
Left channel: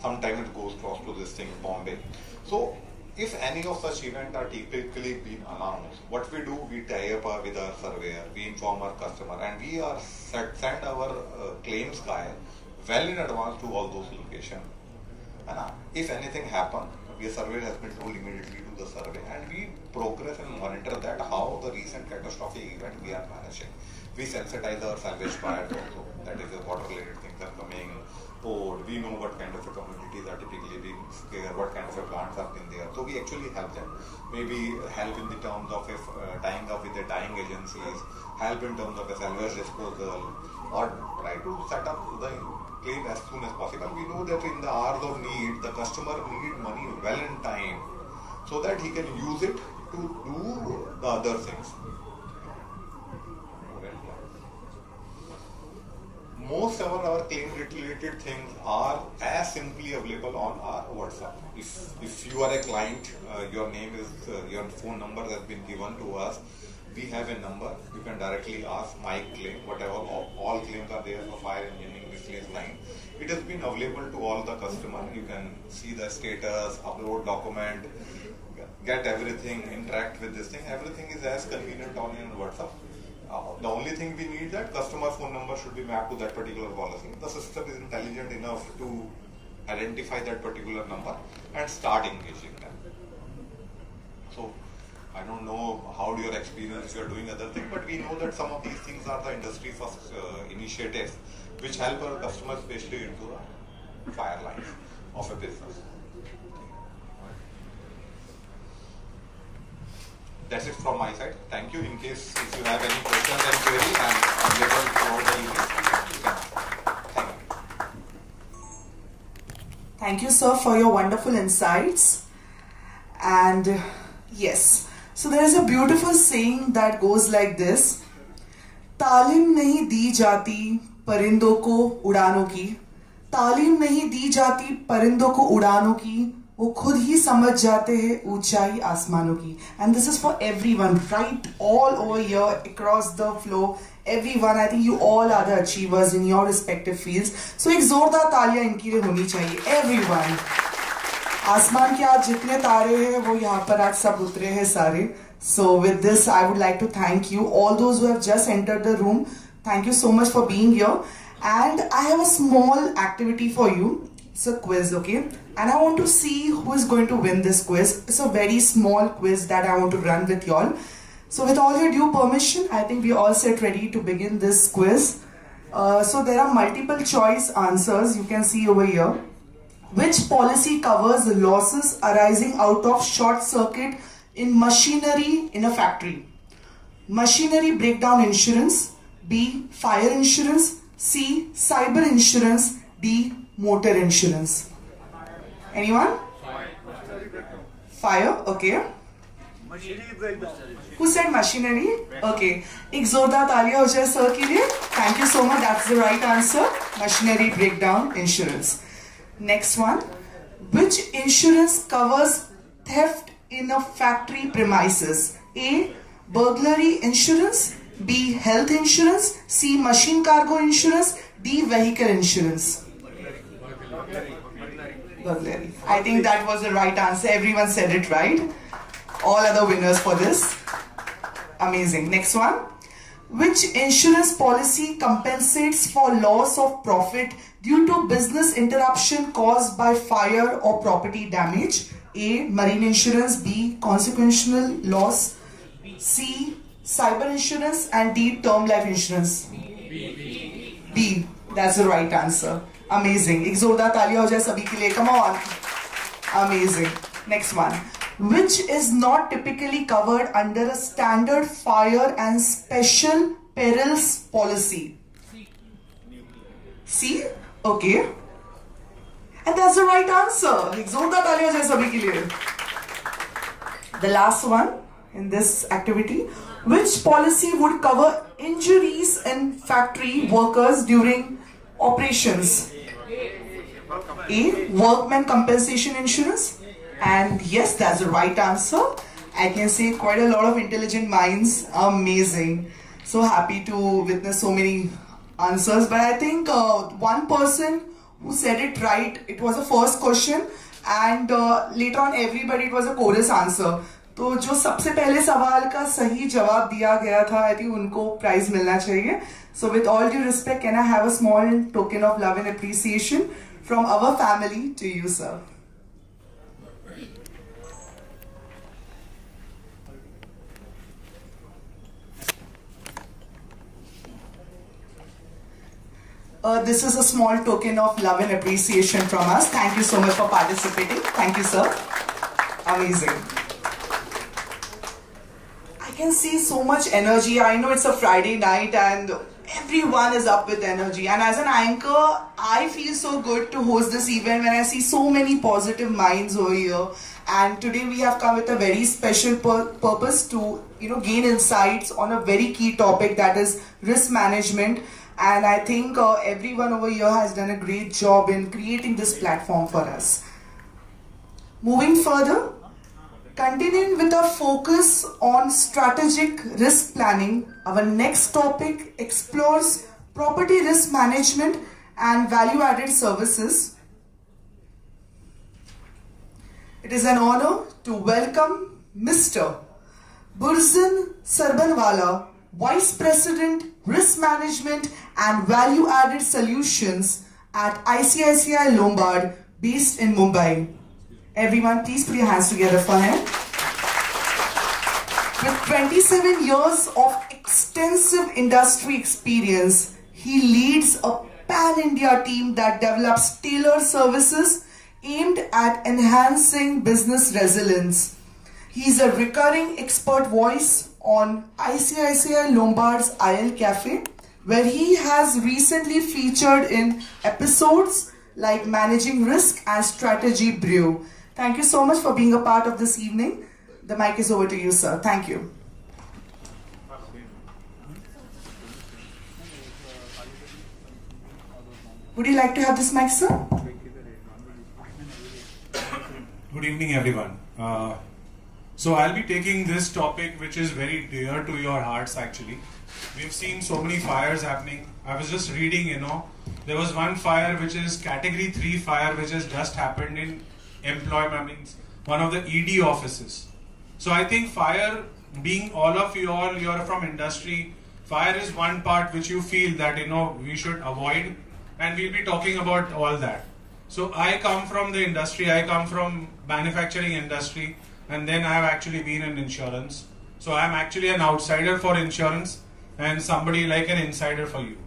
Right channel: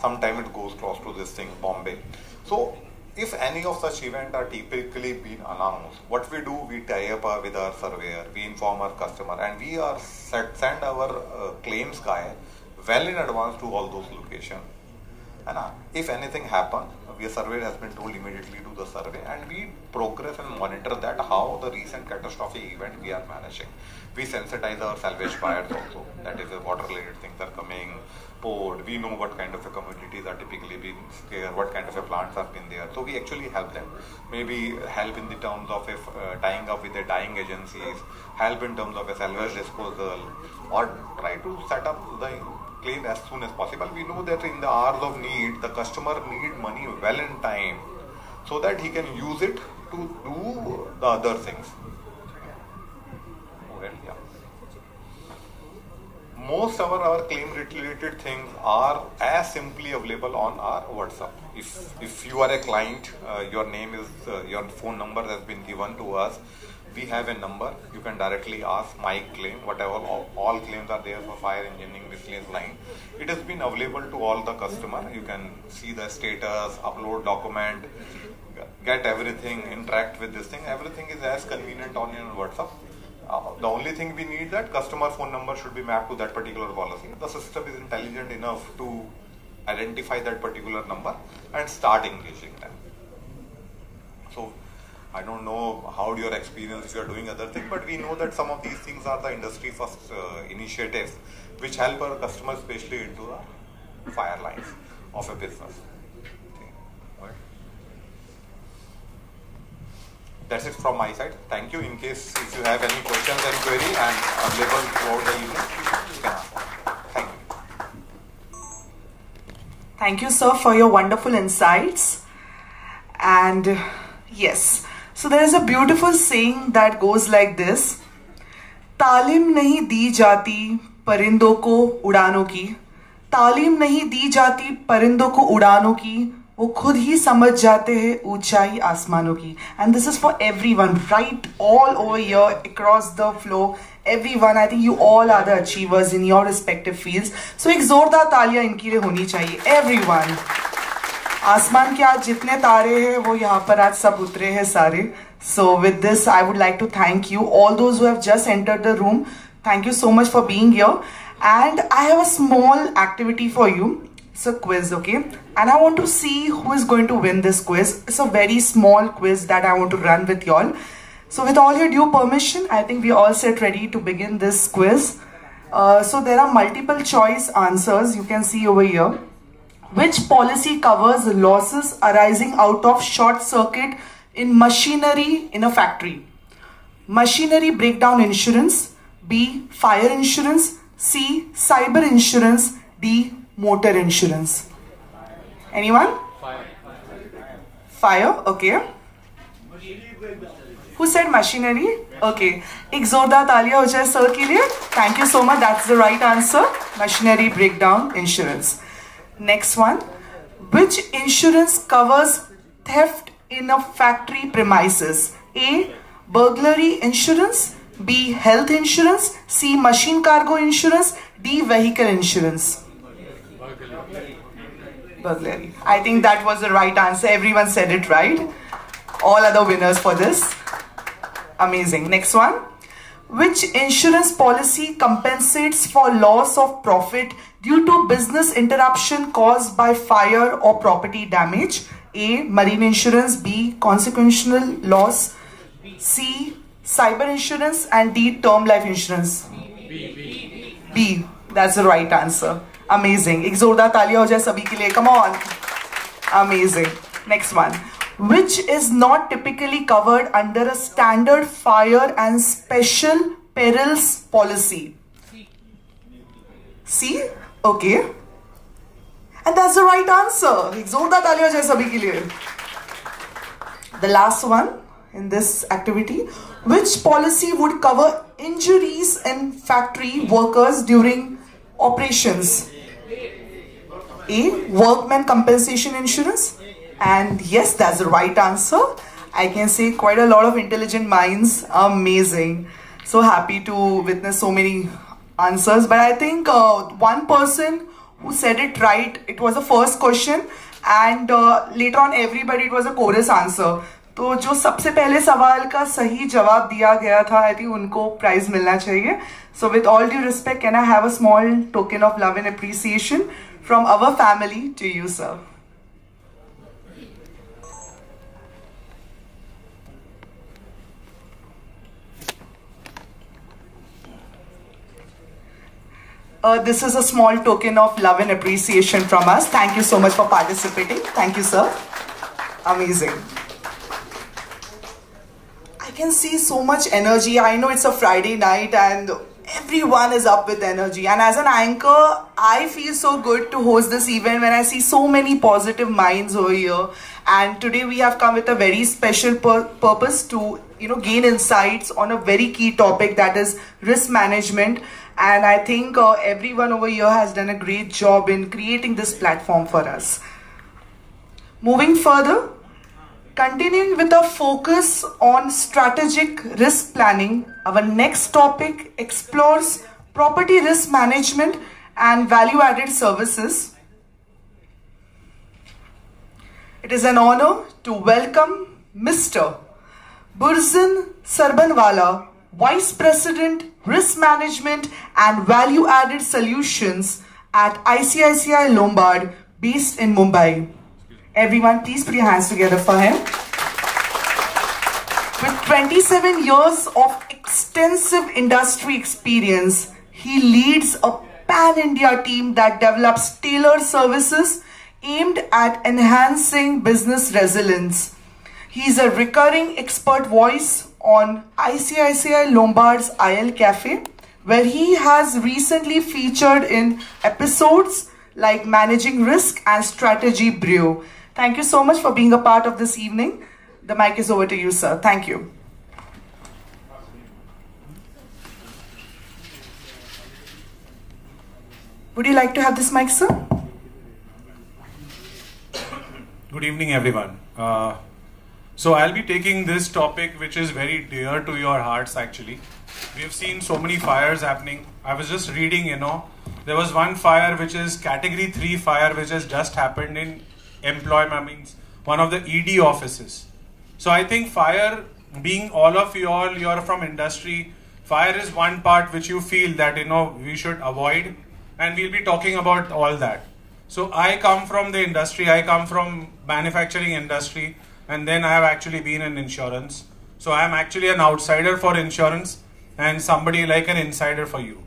Sometimes it goes close to this thing, Bombay. So, if any of such events are typically being announced, what we do, we tie up with our surveyor, we inform our customer, and we are send our claims guy well in advance to all those locations. And if anything happens, the surveyor has been told immediately do the survey, and we progress and monitor that how the recent catastrophic event we are managing. We sensitize our salvage buyers also, that is the water related things are coming, port, we know what kind of a communities are typically being scared, what kind of a plants have been there. So we actually help them. Maybe help in the terms of tying up with the dying agencies, help in terms of a salvage disposal, or try try to set up the claim as soon as possible. We know that in the hours of need, the customer need money well in time so that he can use it to do the other things. Well, yeah. Most of our claim related things are as simply available on our WhatsApp. If you are a client, your name is, your phone number has been given to us. We have a number. You can directly ask my claim, whatever, all claims are there for fire, engineering, miscellaneous line. It has been available to all the customer. You can see the status, upload document, get everything, interact with this thing. Everything is as convenient on your WhatsApp. The only thing we need, that customer phone number should be mapped to that particular policy. The system is intelligent enough to identify that particular number and start engaging them. So I don't know how your experience if you are doing other things, but we know that some of these things are the industry first initiatives which help our customers, especially into the fire lines of a business. That's it from my side. Thank you. In case if you have any questions and queries, I am available throughout the evening. You can ask. Thank you. Thank you, sir, for your wonderful insights. And yes, so there is a beautiful saying that goes like this: तालीम नहीं दी जाती परिंदों को उड़ानों की, तालीम नहीं दी जाती परिंदों को उड़ानों की, वो खुद ही समझ जाते हैं ऊंचाई आसमानों की. And this is for everyone, right all over here, across the floor. Everyone, I think you all are the achievers in your respective fields. So एक जोरदार तालियां इनके लिए होनी चाहिए. Everyone. आसमान के आज जितने तारे हैं वो यहाँ पर आज सब उतरे हैं सारे. So with this, I would like to thank you, all those who have just entered the room. Thank you so much for being here. And I have a small activity for you. It's a quiz, okay? And I want to see who is going to win this quiz. It's a very small quiz that I want to run with y'all. So with all your due permission, I think we are all set ready to begin this quiz. So there are multiple choice answers you can see over here. Which policy covers losses arising out of short circuit in machinery in a factory? Machinery breakdown insurance, B, fire insurance, C, cyber insurance, D, motor insurance. Anyone? Fire, okay. Who said machinery? Okay. एक जोरदार तालियां हो जाए sir के लिए. Thank you so much. That's the right answer. Machinery breakdown insurance. Next one. Which insurance covers theft in a factory premises? A, burglary insurance, B, health insurance, C, machine cargo insurance, D, vehicle insurance. Burglary. I think that was the right answer. Everyone said it right. All are the winners for this. Amazing. Next one. Which insurance policy compensates for loss of profit due to business interruption caused by fire or property damage? A, marine insurance, B, consequential loss, C, cyber insurance, and D, term life insurance. B. That's the right answer. Amazing. एक जोरदार तालियां हो जाए सभी के लिए. Come on. Amazing. Next one. Which is not typically covered under a standard fire and special perils policy? C? Okay. And that's the right answer. एक जोरदार तालियां हो जाए सभी के लिए. The last one in this activity. Which policy would cover injuries in factory workers during operations? A, workman compensation insurance. And yes, that's the right answer. I can say quite a lot of intelligent minds. Amazing. So happy to witness so many answers. But I think one person who said it right, it was the first question. And later on everybody, it was a chorus answer. तो जो सबसे पहले सवाल का सही जवाब दिया गया था, I think उनको प्राइज मिलना चाहिए. So with all due respect, can I have a small token of love and appreciation from our family to you, sir? This is a small token of love and appreciation from us. Thank you so much for participating. Thank you, sir. Amazing. I can see so much energy. I know it's a Friday night and everyone is up with energy, and as an anchor I feel so good to host this event when I see so many positive minds over here. And today we have come with a very special purpose to gain insights on a very key topic, that is risk management. And I think everyone over here has done a great job in creating this platform for us. Moving further, continuing with our focus on strategic risk planning, our next topic explores property risk management and value-added services. It is an honor to welcome Mr. Burzin Sarbanwala, Vice President, Risk Management and Value-Added Solutions at ICICI Lombard, based in Mumbai. Everyone, please put your hands together for him. With 27 years of extensive industry experience, he leads a pan-India team that develops tailored services aimed at enhancing business resilience. He is a recurring expert voice on ICICI Lombard's IL Cafe, where he has recently featured in episodes like Managing Risk and Strategy Brew. Thank you so much for being a part of this evening. The mic is over to you, sir. Thank you. Would you like to have this mic, sir? Good evening, everyone. So I'll be taking this topic, which is very dear to your hearts, actually. We have seen so many fires happening. I was just reading, there was one fire which is category 3 fire, which has just happened in one of the ED offices. So I think fire, being all of you all, you are from industry, fire is one part which you feel that, we should avoid, and we'll be talking about all that. So I come from the industry, I come from manufacturing industry, and then I have actually been in insurance. So I am actually an outsider for insurance and somebody like an insider for you.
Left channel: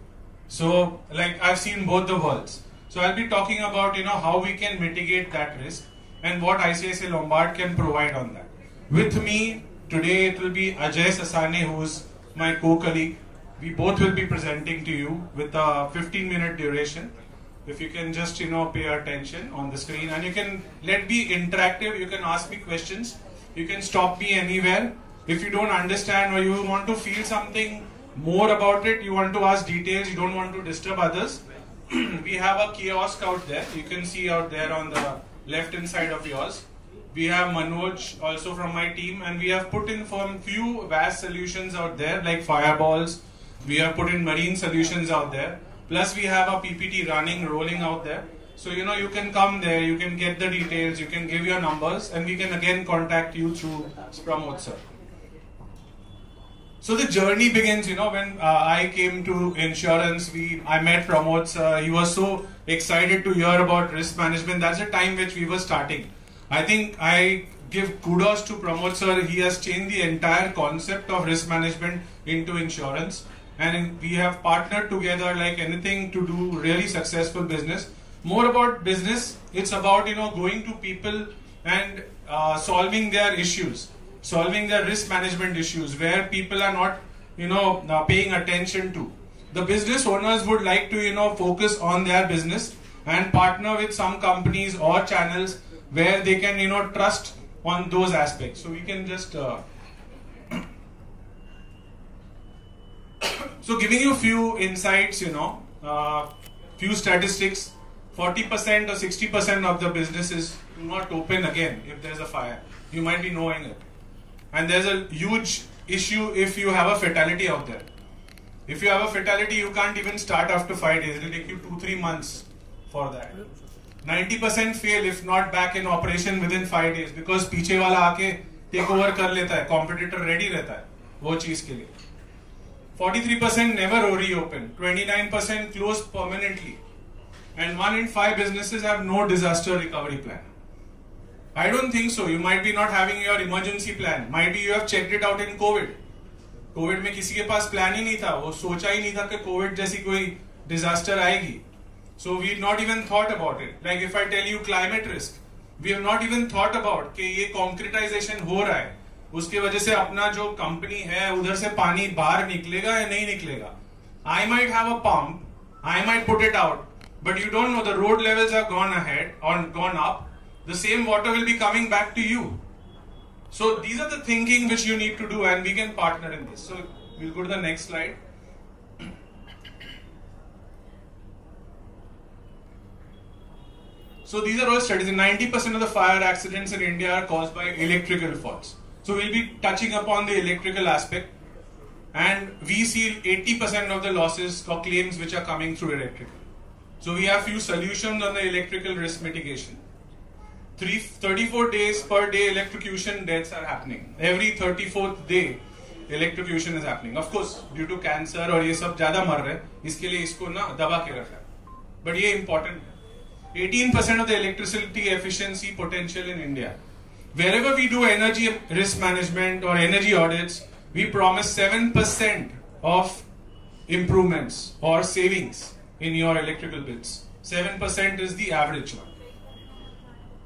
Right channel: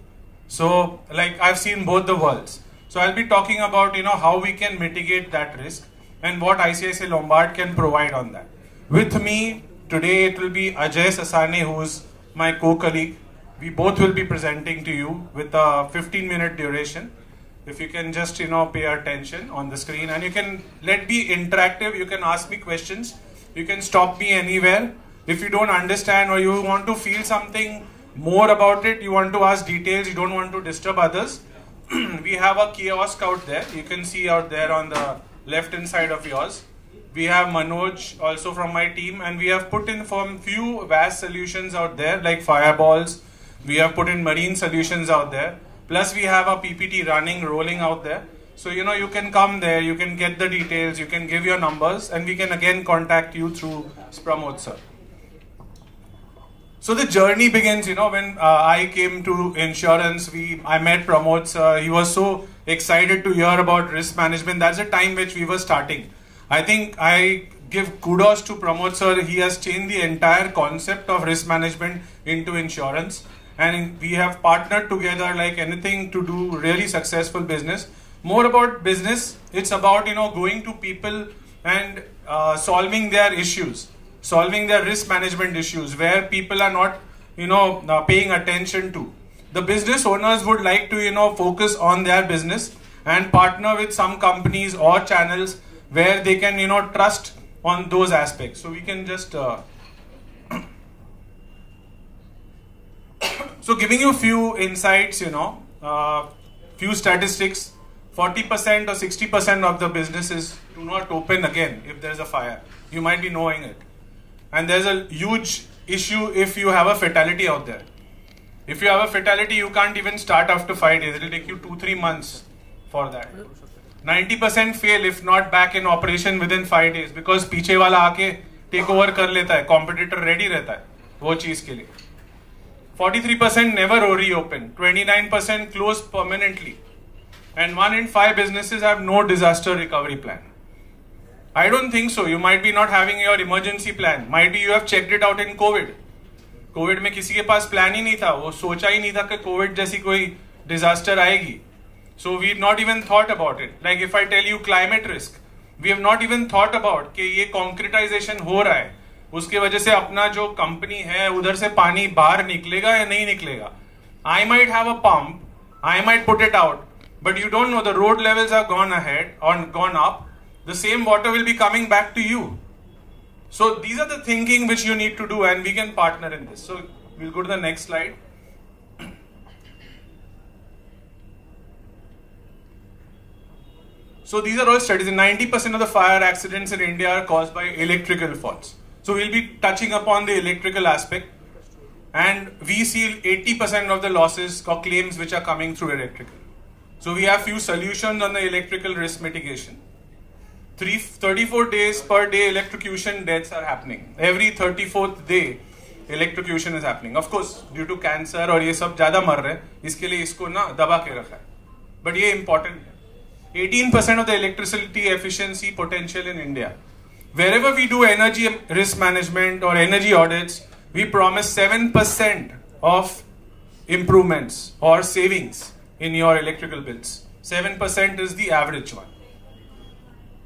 So I've seen both the worlds. So I'll be talking about how we can mitigate that risk and what ICICI Lombard can provide on that. With me today it will be Ajay Sasane, who is my co-colleague. We both will be presenting to you with a 15-minute duration. If you can just pay attention on the screen, and you can be interactive. You can ask me questions. You can stop me anywhere. If you don't understand or you want to feel something more about it, you want to ask details, you don't want to disturb others, we have a kiosk out there. You can see out there on the left hand side of yours. We have Manoj also from my team, and we have put in for a few vast solutions out there like fireballs. We have put in marine solutions out there. Plus we have a PPT rolling out there. So you can come there, you can get the details, you can give your numbers, and we can again contact you through Pramod sir. So the journey begins, when I came to insurance, I met Pramod sir. He was so excited to hear about risk management. That's the time which we were starting. I think I give kudos to Pramod sir. He has changed the entire concept of risk management into insurance. And we have partnered together like anything to do really successful business. More about business, it's about going to people and solving their issues, solving their risk management issues where people are not paying attention to. The business owners would like to focus on their business and partner with some companies or channels where they can trust on those aspects. So we can just so giving you a few insights, few statistics, 40% or 60% of the businesses do not open again if there's a fire. You might be knowing it. And there's a huge issue if you have a fatality out there. If you have a fatality, you can't even start after 5 days. It will take you 2-3 months for that. 90% fail if not back in operation within 5 days because पीछे वाला आके take over कर लेता है, competitor ready रहता है वो चीज के लिए. 43% never reopen, 29% close permanently, and 1 in 5 businesses have no disaster recovery plan. I don't think so. You might be not having your emergency plan. Might be you have checked it out in COVID. COVID में किसी के पास plan ही नहीं था, वो सोचा ही नहीं था कि COVID जैसी कोई disaster आएगी. So we not even thought about it. Like if I tell you climate risk, we have not even thought about कि ये concretization हो रहा है. उसके वजह से अपना जो कंपनी है उधर से पानी बाहर निकलेगा या नहीं निकलेगा. I might have a pump, I might put it out, but you don't know the road levels have gone ahead or gone up. The same water will be coming back to you. So these are the thinking which you need to do, and we can partner in this. So we'll go to the next slide. So these are all studies. 90% of the fire accidents in India are caused by electrical faults. So we'll be touching upon the electrical aspect, and we see 80% of the losses or claims which are coming through electrical. So we have few solutions on the electrical risk mitigation. 34 days per day electrocution deaths are happening. Every 34th day electrocution is happening. Of course, due to cancer और ये सब ज़्यादा मर रहे हैं, इसके लिए इसको ना दबा के रखा है. But ये important है. 18% of the electricity efficiency potential in India. Wherever we do energy risk management or energy audits, we promise 7% of improvements or savings in your electrical bills. 7% is the average one.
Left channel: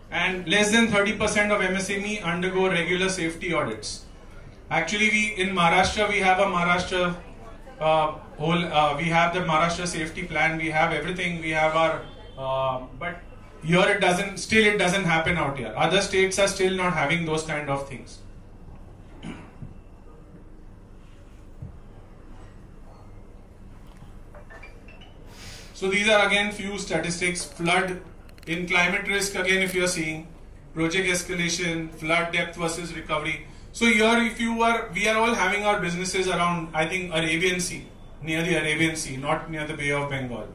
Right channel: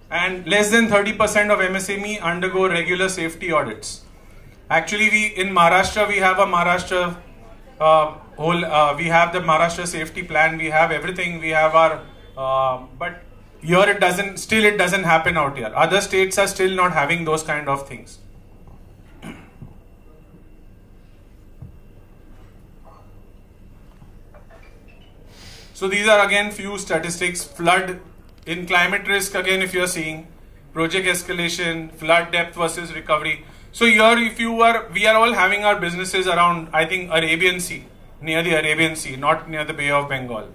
And less than 30% of MSME undergo regular safety audits. Actually, in Maharashtra, we have a Maharashtra we have the Maharashtra safety plan. We have everything. We have our but here it doesn't happen out here. Other states are still not having those kind of things. So these are again few statistics. Flood in climate risk, again if you are seeing project escalation, flood depth versus recovery. So here we are all having our businesses around, I think, Arabian Sea, near the Arabian Sea, not near the Bay of Bengal.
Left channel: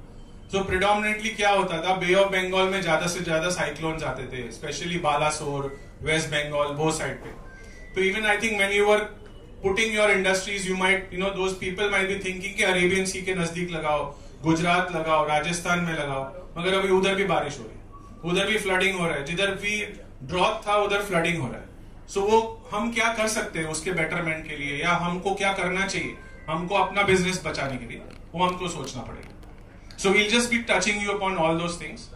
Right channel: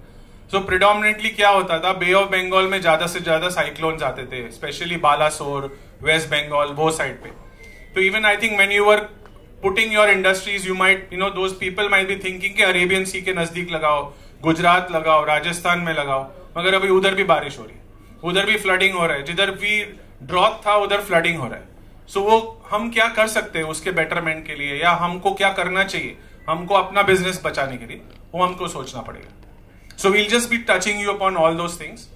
So predominantly क्या होता था, Bay of Bengal में ज़्यादा से ज़्यादा cyclones आते थे, especially Balasore, West Bengal, वो side पे. So even I think when you were putting your industries, you might, those people might be thinking कि Arabian Sea के नजदीक लगाओ, गुजरात लगाओ, राजस्थान में लगाओ, मगर अभी उधर भी बारिश हो रही है, उधर भी फ्लडिंग हो रहा है, जिधर भी ड्रॉट था उधर फ्लडिंग हो रहा है. सो वो हम क्या कर सकते हैं उसके बेटरमेंट के लिए, या हमको क्या करना चाहिए हमको अपना बिजनेस बचाने के लिए, वो हमको सोचना पड़ेगा. So we'll just be touching you upon all those things.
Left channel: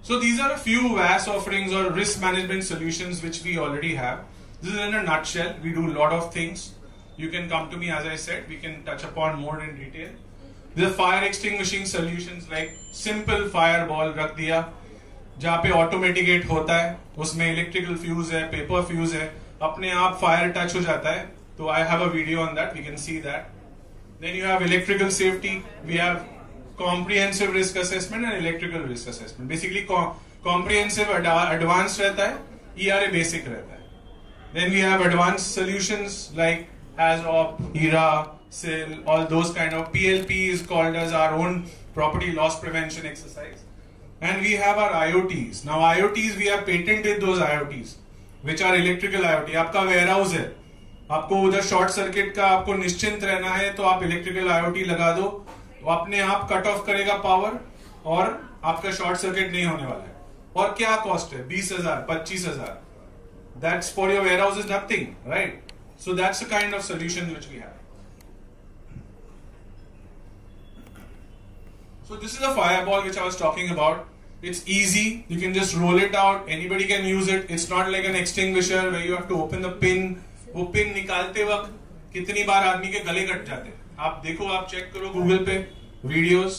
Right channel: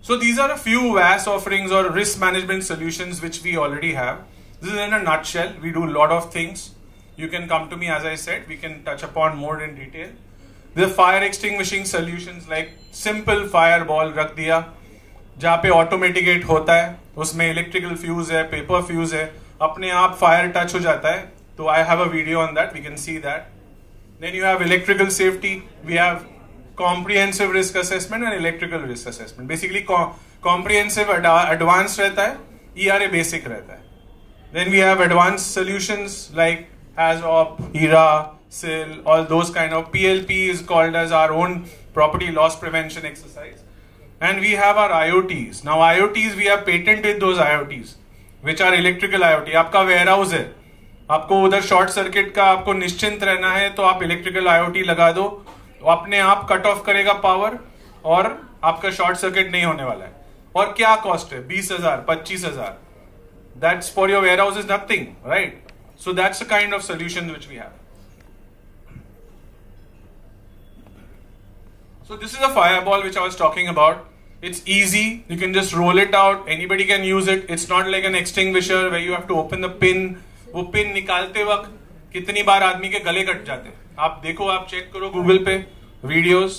So these are a few VAS offerings or risk management solutions which we already have. This is in a nutshell. We do a lot of things. You can come to me, as I said, we can touch upon more in detail. The fire extinguishing solutions like simple fireball रख दिया, जहाँ पे ऑटोमेटिकेट होता है, उसमें electrical fuse है, paper fuse है, अपने आप फायर टच हो जाता है. तो I have a video on that, we can see that. Then you have electrical safety, we have comprehensive risk assessment and electrical risk assessment. Basically comprehensive advanced रहता है, ERA basic रहता है. Then we have advanced solutions like ASOP, ERA, SIL, all those kind of. PLP is called as our own property loss prevention exercise. And we have our IoTs. Now IoTs, we have patented those IoTs, which are electrical IoT. आपका warehouse है, आपको उधर short circuit का आपको निश्चिंत रहना है, तो आप इलेक्ट्रिकल आईओटी लगा दो, वो अपने आप कट ऑफ करेगा पावर और आपका शॉर्ट सर्किट नहीं होने वाला है. और क्या कॉस्ट है, 20,000, 25,000. That's for your warehouse is nothing, right? So that's the kind of solution which we have. So this is a fireball which I was talking about. It's easy. You can just roll it out. Anybody can use it. It's not like an extinguisher where you have to open the pin. वो pin निकालते वक्त कितनी बार आदमी के गले cut जाते हैं. आप देखो, आप चेक करो गूगल पे videos.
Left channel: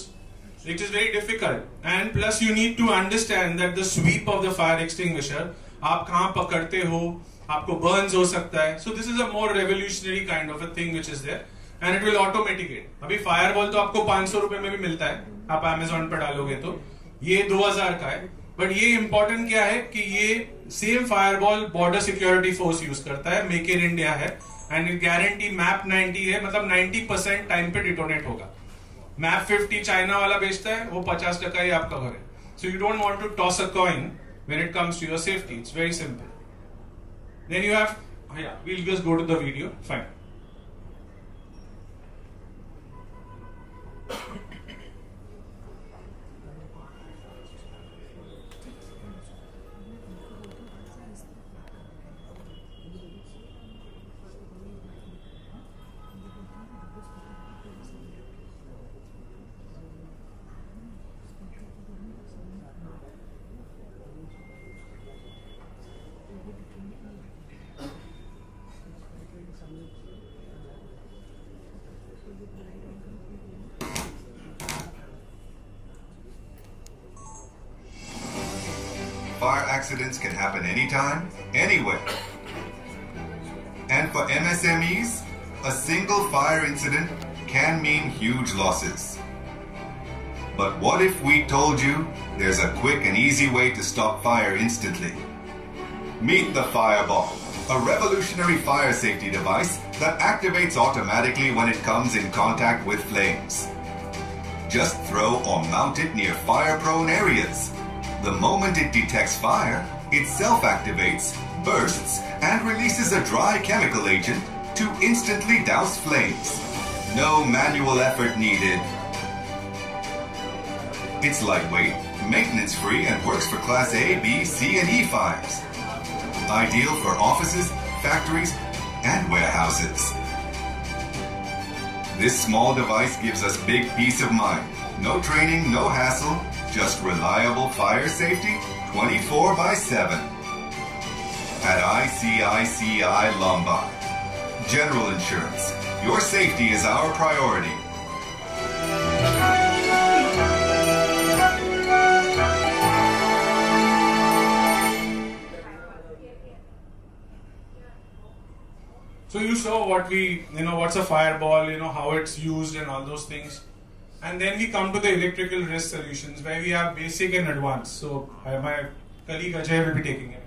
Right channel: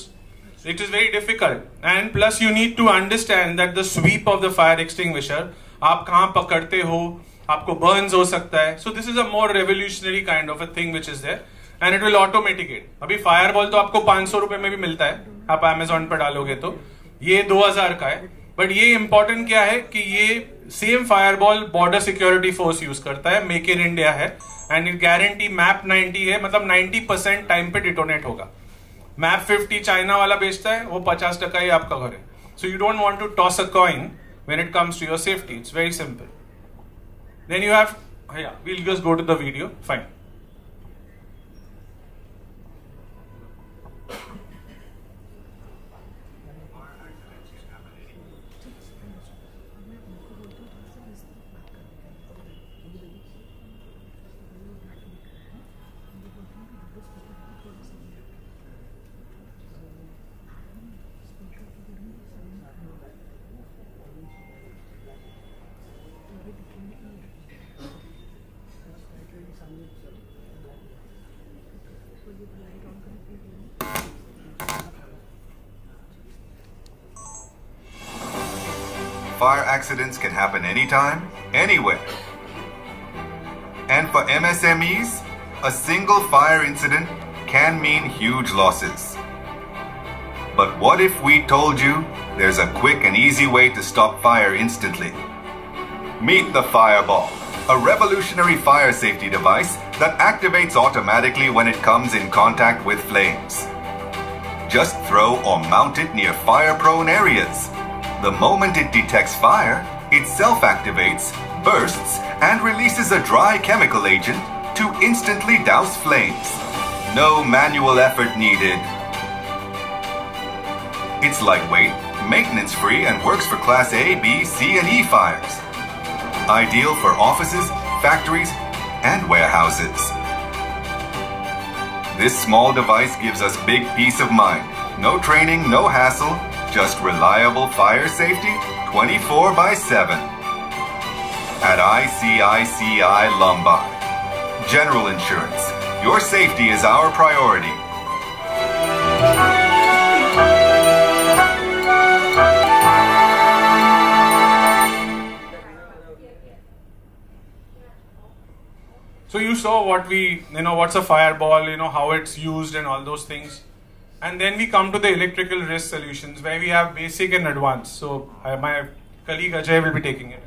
It is very difficult. And plus you need to understand that the sweep of the fire extinguisher, आप कहाँ पकड़ते हो, आपको burns हो सकता है. So this is a more revolutionary kind of a thing which is there. And it will automaticate. अभी fireball तो आपको 500 रुपए में भी मिलता है, आप Amazon पर डालोगे तो. ये 2000 का है. बट ये इंपॉर्टेंट क्या है कि ये same fireball border security force use करता है, मेक इन इंडिया है, एंड इट गारंटी मैप 90 है, मतलब 90% टाइम पे डिटोनेट होगा. मैप 50 चाइना वाला बेचता है, वो 50% ही आपका घर है. So you don't want to toss a coin when it comes to your safety. It's very simple. Then you have, we'll just go to the video. Fine. fire accidents can happen anytime, anywhere. And for MSMEs, a single fire incident can mean huge losses. But what if we told you there's a quick and easy way to stop fire instantly? Meet the Fireball, a revolutionary fire safety device that activates automatically when it comes in contact with flames. Just throw or mount it near fire-prone areas. The moment it detects fire, it self-activates, bursts, and releases a dry chemical agent to instantly douse flames. No manual effort needed. It's lightweight, maintenance-free, and works for Class A, B, C, and E fires. Ideal for offices, factories, and warehouses. This small device gives us big peace of mind. No training, no hassle, just reliable fire safety 24/7. At ICICI Lombard. General Insurance. Your safety is our priority. So you saw what what's a fireball, how it's used and all those things. And then we come to the electrical risk solutions where we have basic and advanced. So my colleague Ajay will be taking it.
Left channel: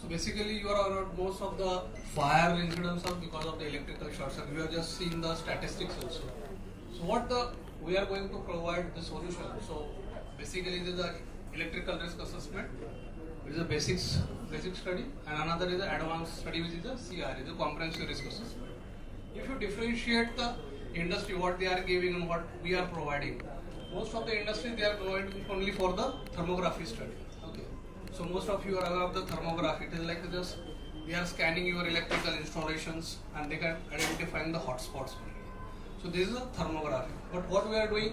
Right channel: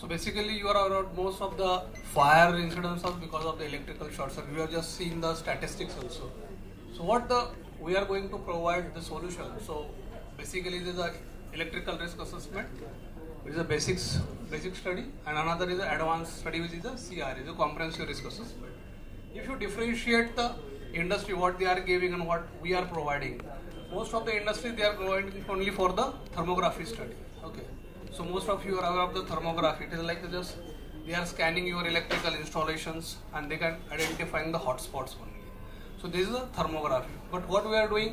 So basically you are aware of most of the fire incidents are because of the electrical short circuit. We have just seen the statistics also. So we are going to provide the solution. So basically this is a electrical risk assessment, which is a basic study, and another is an advanced study, which is a CR, is a comprehensive risk assessment. If you differentiate the industry, what they are giving and what we are providing, most of the industry they are providing only for the thermography study. Okay, so most of you are aware of the thermography. It is like they are scanning your electrical installations and they can identify the hotspots only. So this is a thermography. But what we are doing,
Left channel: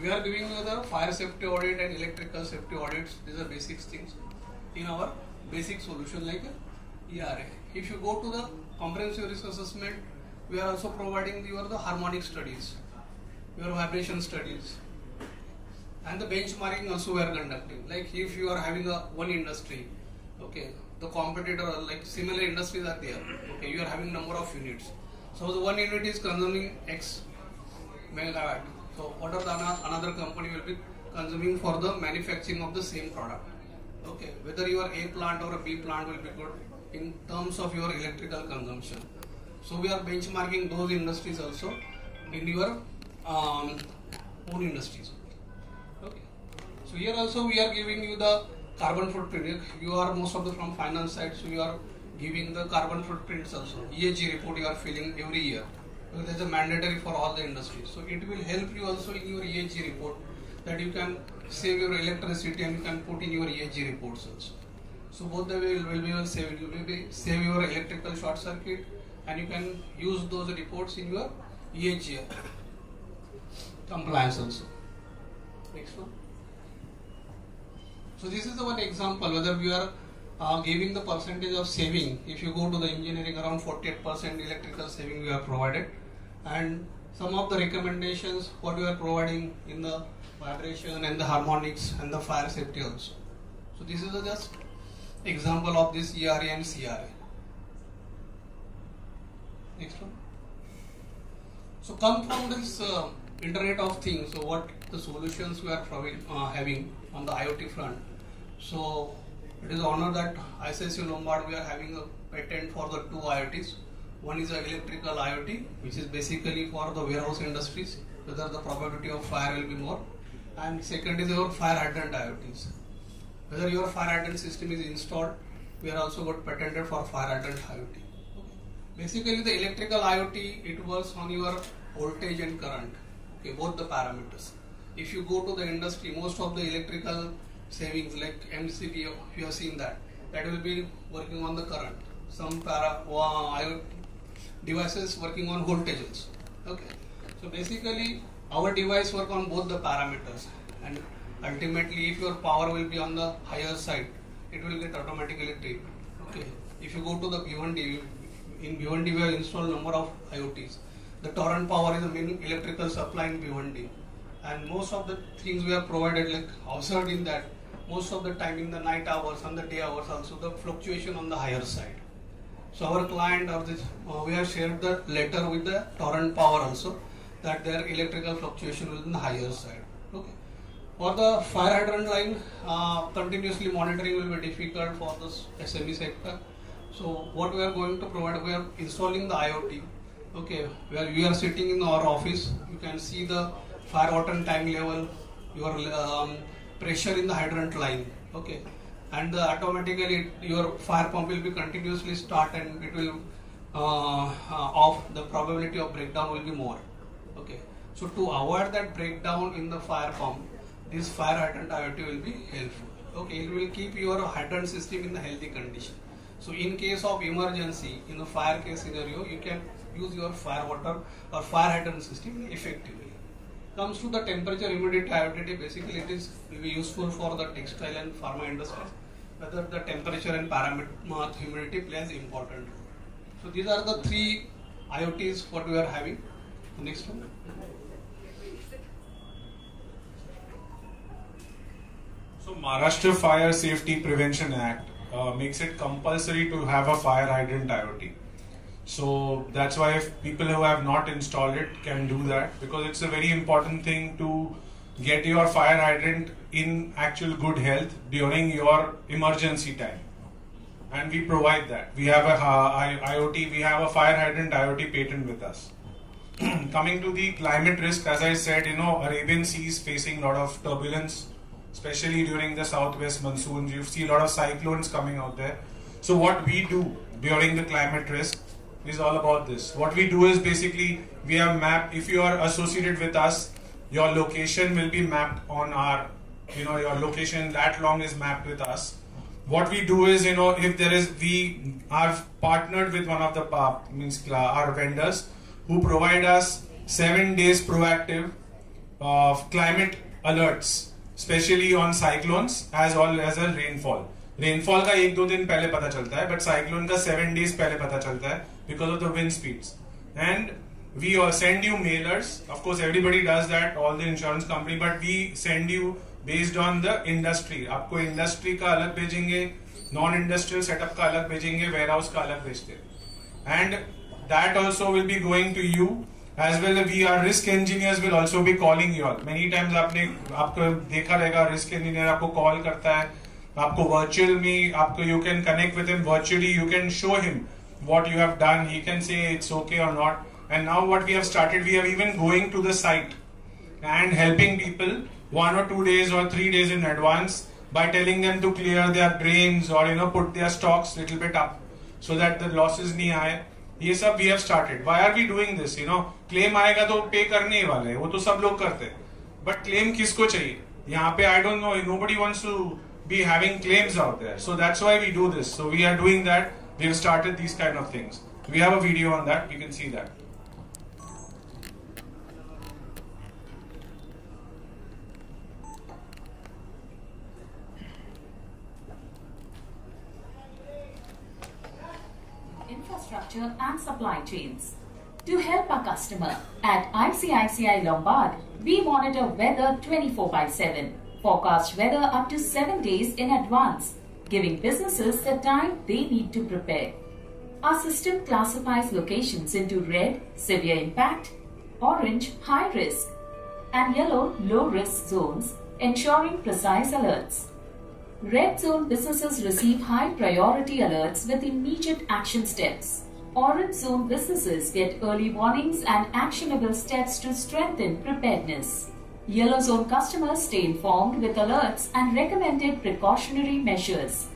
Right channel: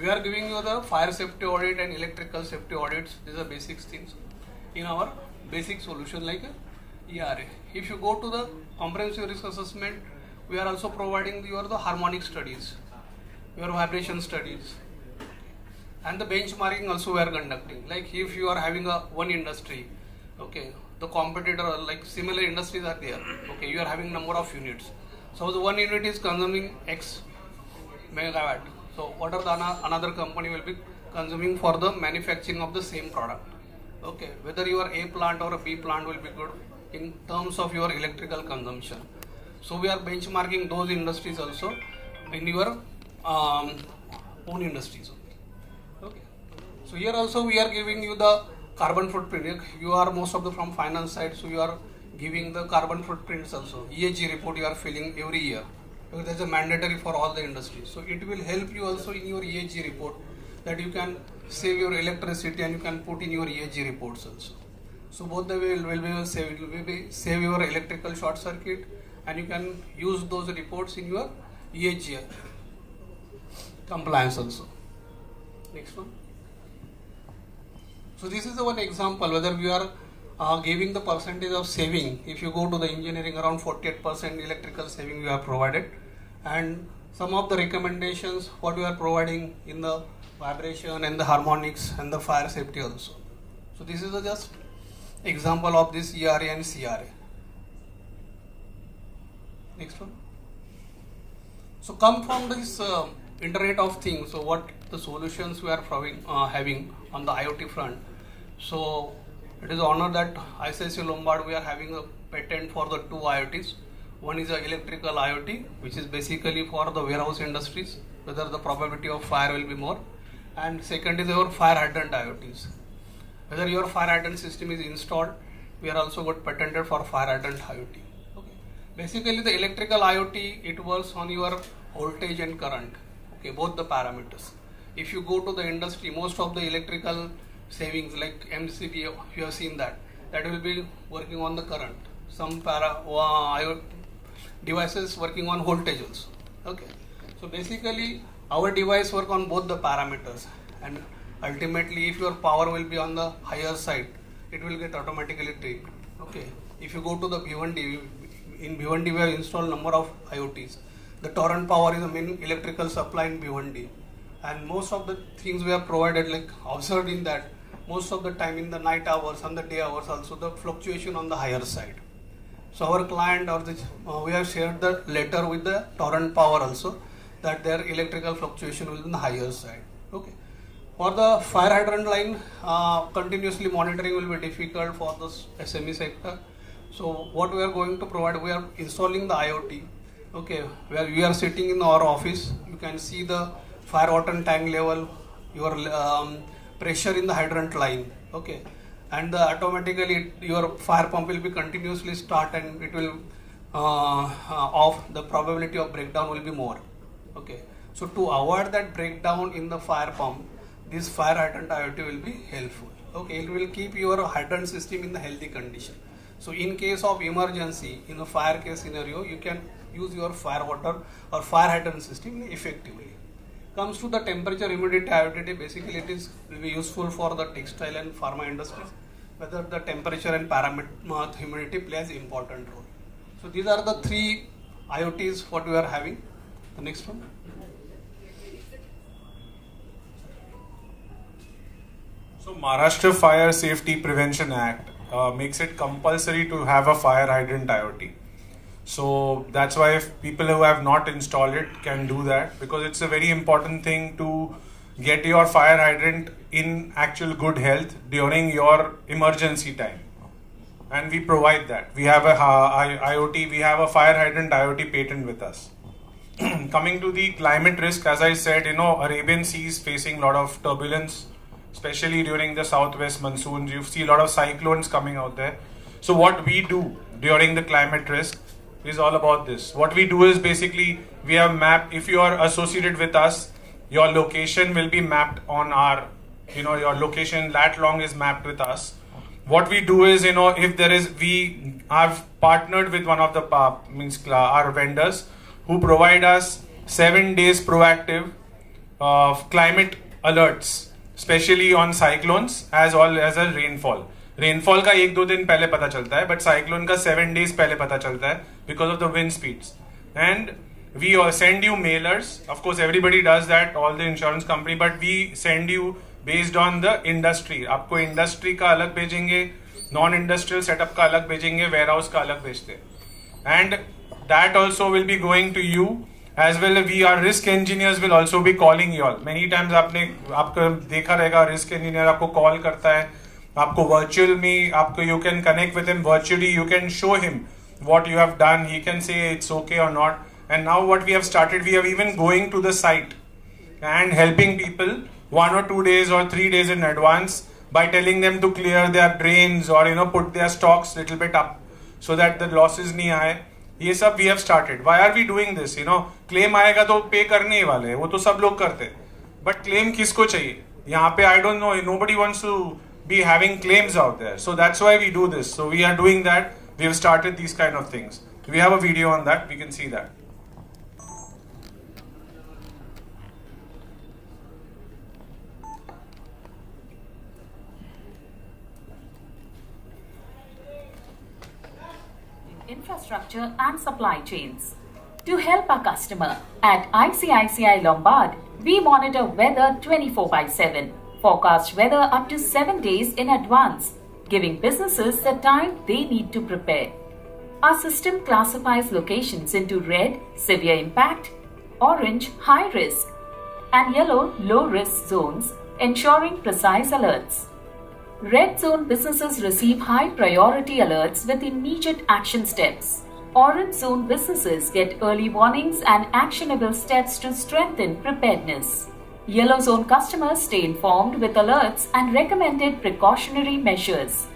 we are giving you the fire safety audit and electrical safety audits. These are basic things in our basic solution like ERA. If you go to the comprehensive risk assessment, we are also providing the harmonic studies, your vibration studies, and the benchmarking also we are conducting. Like if you are having one industry, okay, the competitor like similar industries are there, okay, you are having number of units. So the one unit is consuming X megawatt. So what are the another company will be consuming for the manufacturing of the same product? Okay, whether your A plant or a B plant will be good in terms of your electrical consumption. So we are benchmarking those industries also in your own industries. Okay. So here also we are giving you the carbon footprint. You are most of the from finance side, so you are giving the carbon footprints also. ESG report you are filling every year. Because that is a mandatory for all the industries. So it will help you also in your ESG report that you can save your electricity and you can put in your ESG reports also. So both the way will be save your electrical short circuit and you can use those reports in your ESG compliance also. Next one. So this is the one example whether we are giving the percentage of saving. If you go to the engineering, around 48% electrical saving we have provided, and some of the recommendations what we are providing in the vibration and the harmonics and the fire safety also. So this is just example of this ERA and CRA. Next one. So come from this Internet of Things. So what the solutions we are having on the IoT front. So it is an honor that ICICI Lombard we are having a patent for the two IoTs. One is a electrical IoT, which is basically for the warehouse industries, whether the probability of fire will be more. And second is our fire hydrant IoTs. Whether your fire hydrant system is installed, we are also got patented for fire hydrant IoT. Okay. Basically the electrical IoT, it works on your voltage and current, okay, both the parameters. If you go to the industry, most of the electrical savings like MCB, you have seen that will be working on the current. Some IoT devices working on voltage also. Okay. So basically our device work on both the parameters, and ultimately if your power will be on the higher side, it will get automatically tripped. Okay. If you go to the B1D, in B1D we have installed number of IoTs. The torrent power is the main electrical supply in B1D, and most of the things we have provided, like observed in that most of the time in the night hours and the day hours also the fluctuation on the higher side. So our client or we have shared the letter with the Torrent Power also that their electrical fluctuation will be on the higher side. Okay. For the fire hydrant line, continuously monitoring will be difficult for this SME sector. So what we are going to provide, we are installing the IoT. Okay, where you are sitting in our office, you can see the fire water tank level, your pressure in the hydrant line. Okay, and automatically your fire pump will be continuously start and it will off. The probability of breakdown will be more. Okay, so to avoid that breakdown in the fire pump, this fire hydrant IoT will be helpful. Okay, it will keep your hydrant system in the healthy condition. So in case of emergency, in a fire case scenario, you can use your fire water or fire hydrant system effectively. Comes to the temperature humidity IoT, basically it will be useful for the textile and pharma industries, whether the temperature and parameter humidity plays important role. So these are the three IoTs what we are having. The next one. So Maharashtra Fire Safety Prevention Act makes it compulsory to have a fire hydrant IoT. So that's why if people who have not installed it can do that, because it's a very important thing to get your fire hydrant in actual good health during your emergency time. And we provide that. We have a IoT, we have a fire hydrant IoT patent with us. Coming to the climate risk, as I said, Arabian Sea is facing a lot of turbulence, especially during the southwest monsoons. You see a lot of cyclones coming out there. So what we do during the climate risk is all about this. What we do is basically we have mapped, if you are associated with us, your location will be mapped on our, your location that long is mapped with us. What we do is, if there is, we have partnered with one of the our vendors who provide us 7 days proactive climate alerts, especially on cyclones as well as a rainfall. Rainfall का 1-2 दिन पहले पता चलता है, but cyclone का 7 days पहले पता चलता है because of the wind speeds. And we all send you mailers. Of course, everybody does that, all the insurance company, but we send you based on the industry. आपको industry का अलग भेजेंगे, non-industrial setup का अलग भेजेंगे, warehouse का अलग भेजते हैं. And that also will be going to you. As well, our risk engineers will also be calling you all. Many times आपको देखा रहेगा risk engineer आपको call करता है, आपको virtual में you can connect with him virtually, you can show him what you have done, he can say it's okay or not. And now what we have started, we have even going to the site and helping people 1 or 2 days or 3 days in advance by telling them to clear their drains or put their stocks little bit up so that the losses नहीं आए. ये सब we have started. Why are we doing this? Claim आएगा तो पे करने ही वाले हैं, वो तो सब लोग करते हैं. But claim किसको चाहिए? यहाँ पे I don't know, nobody wants to be having claims out there. So that's why we do this. So we are doing that. We have started these kind of things. We have a video on that. We can see that. Infrastructure and supply chains. To help our customer, at ICICI Lombard, we monitor weather 24/7, forecast weather up to 7 days in advance, giving businesses the time they need to prepare. Our system classifies locations into red, severe impact, orange, high risk, and yellow, low risk zones, ensuring precise alerts. Red zone businesses receive high priority alerts with immediate action steps. Orange zone businesses get early warnings and actionable steps to strengthen preparedness. Yellow zone customers stay informed with alerts and recommended precautionary measures.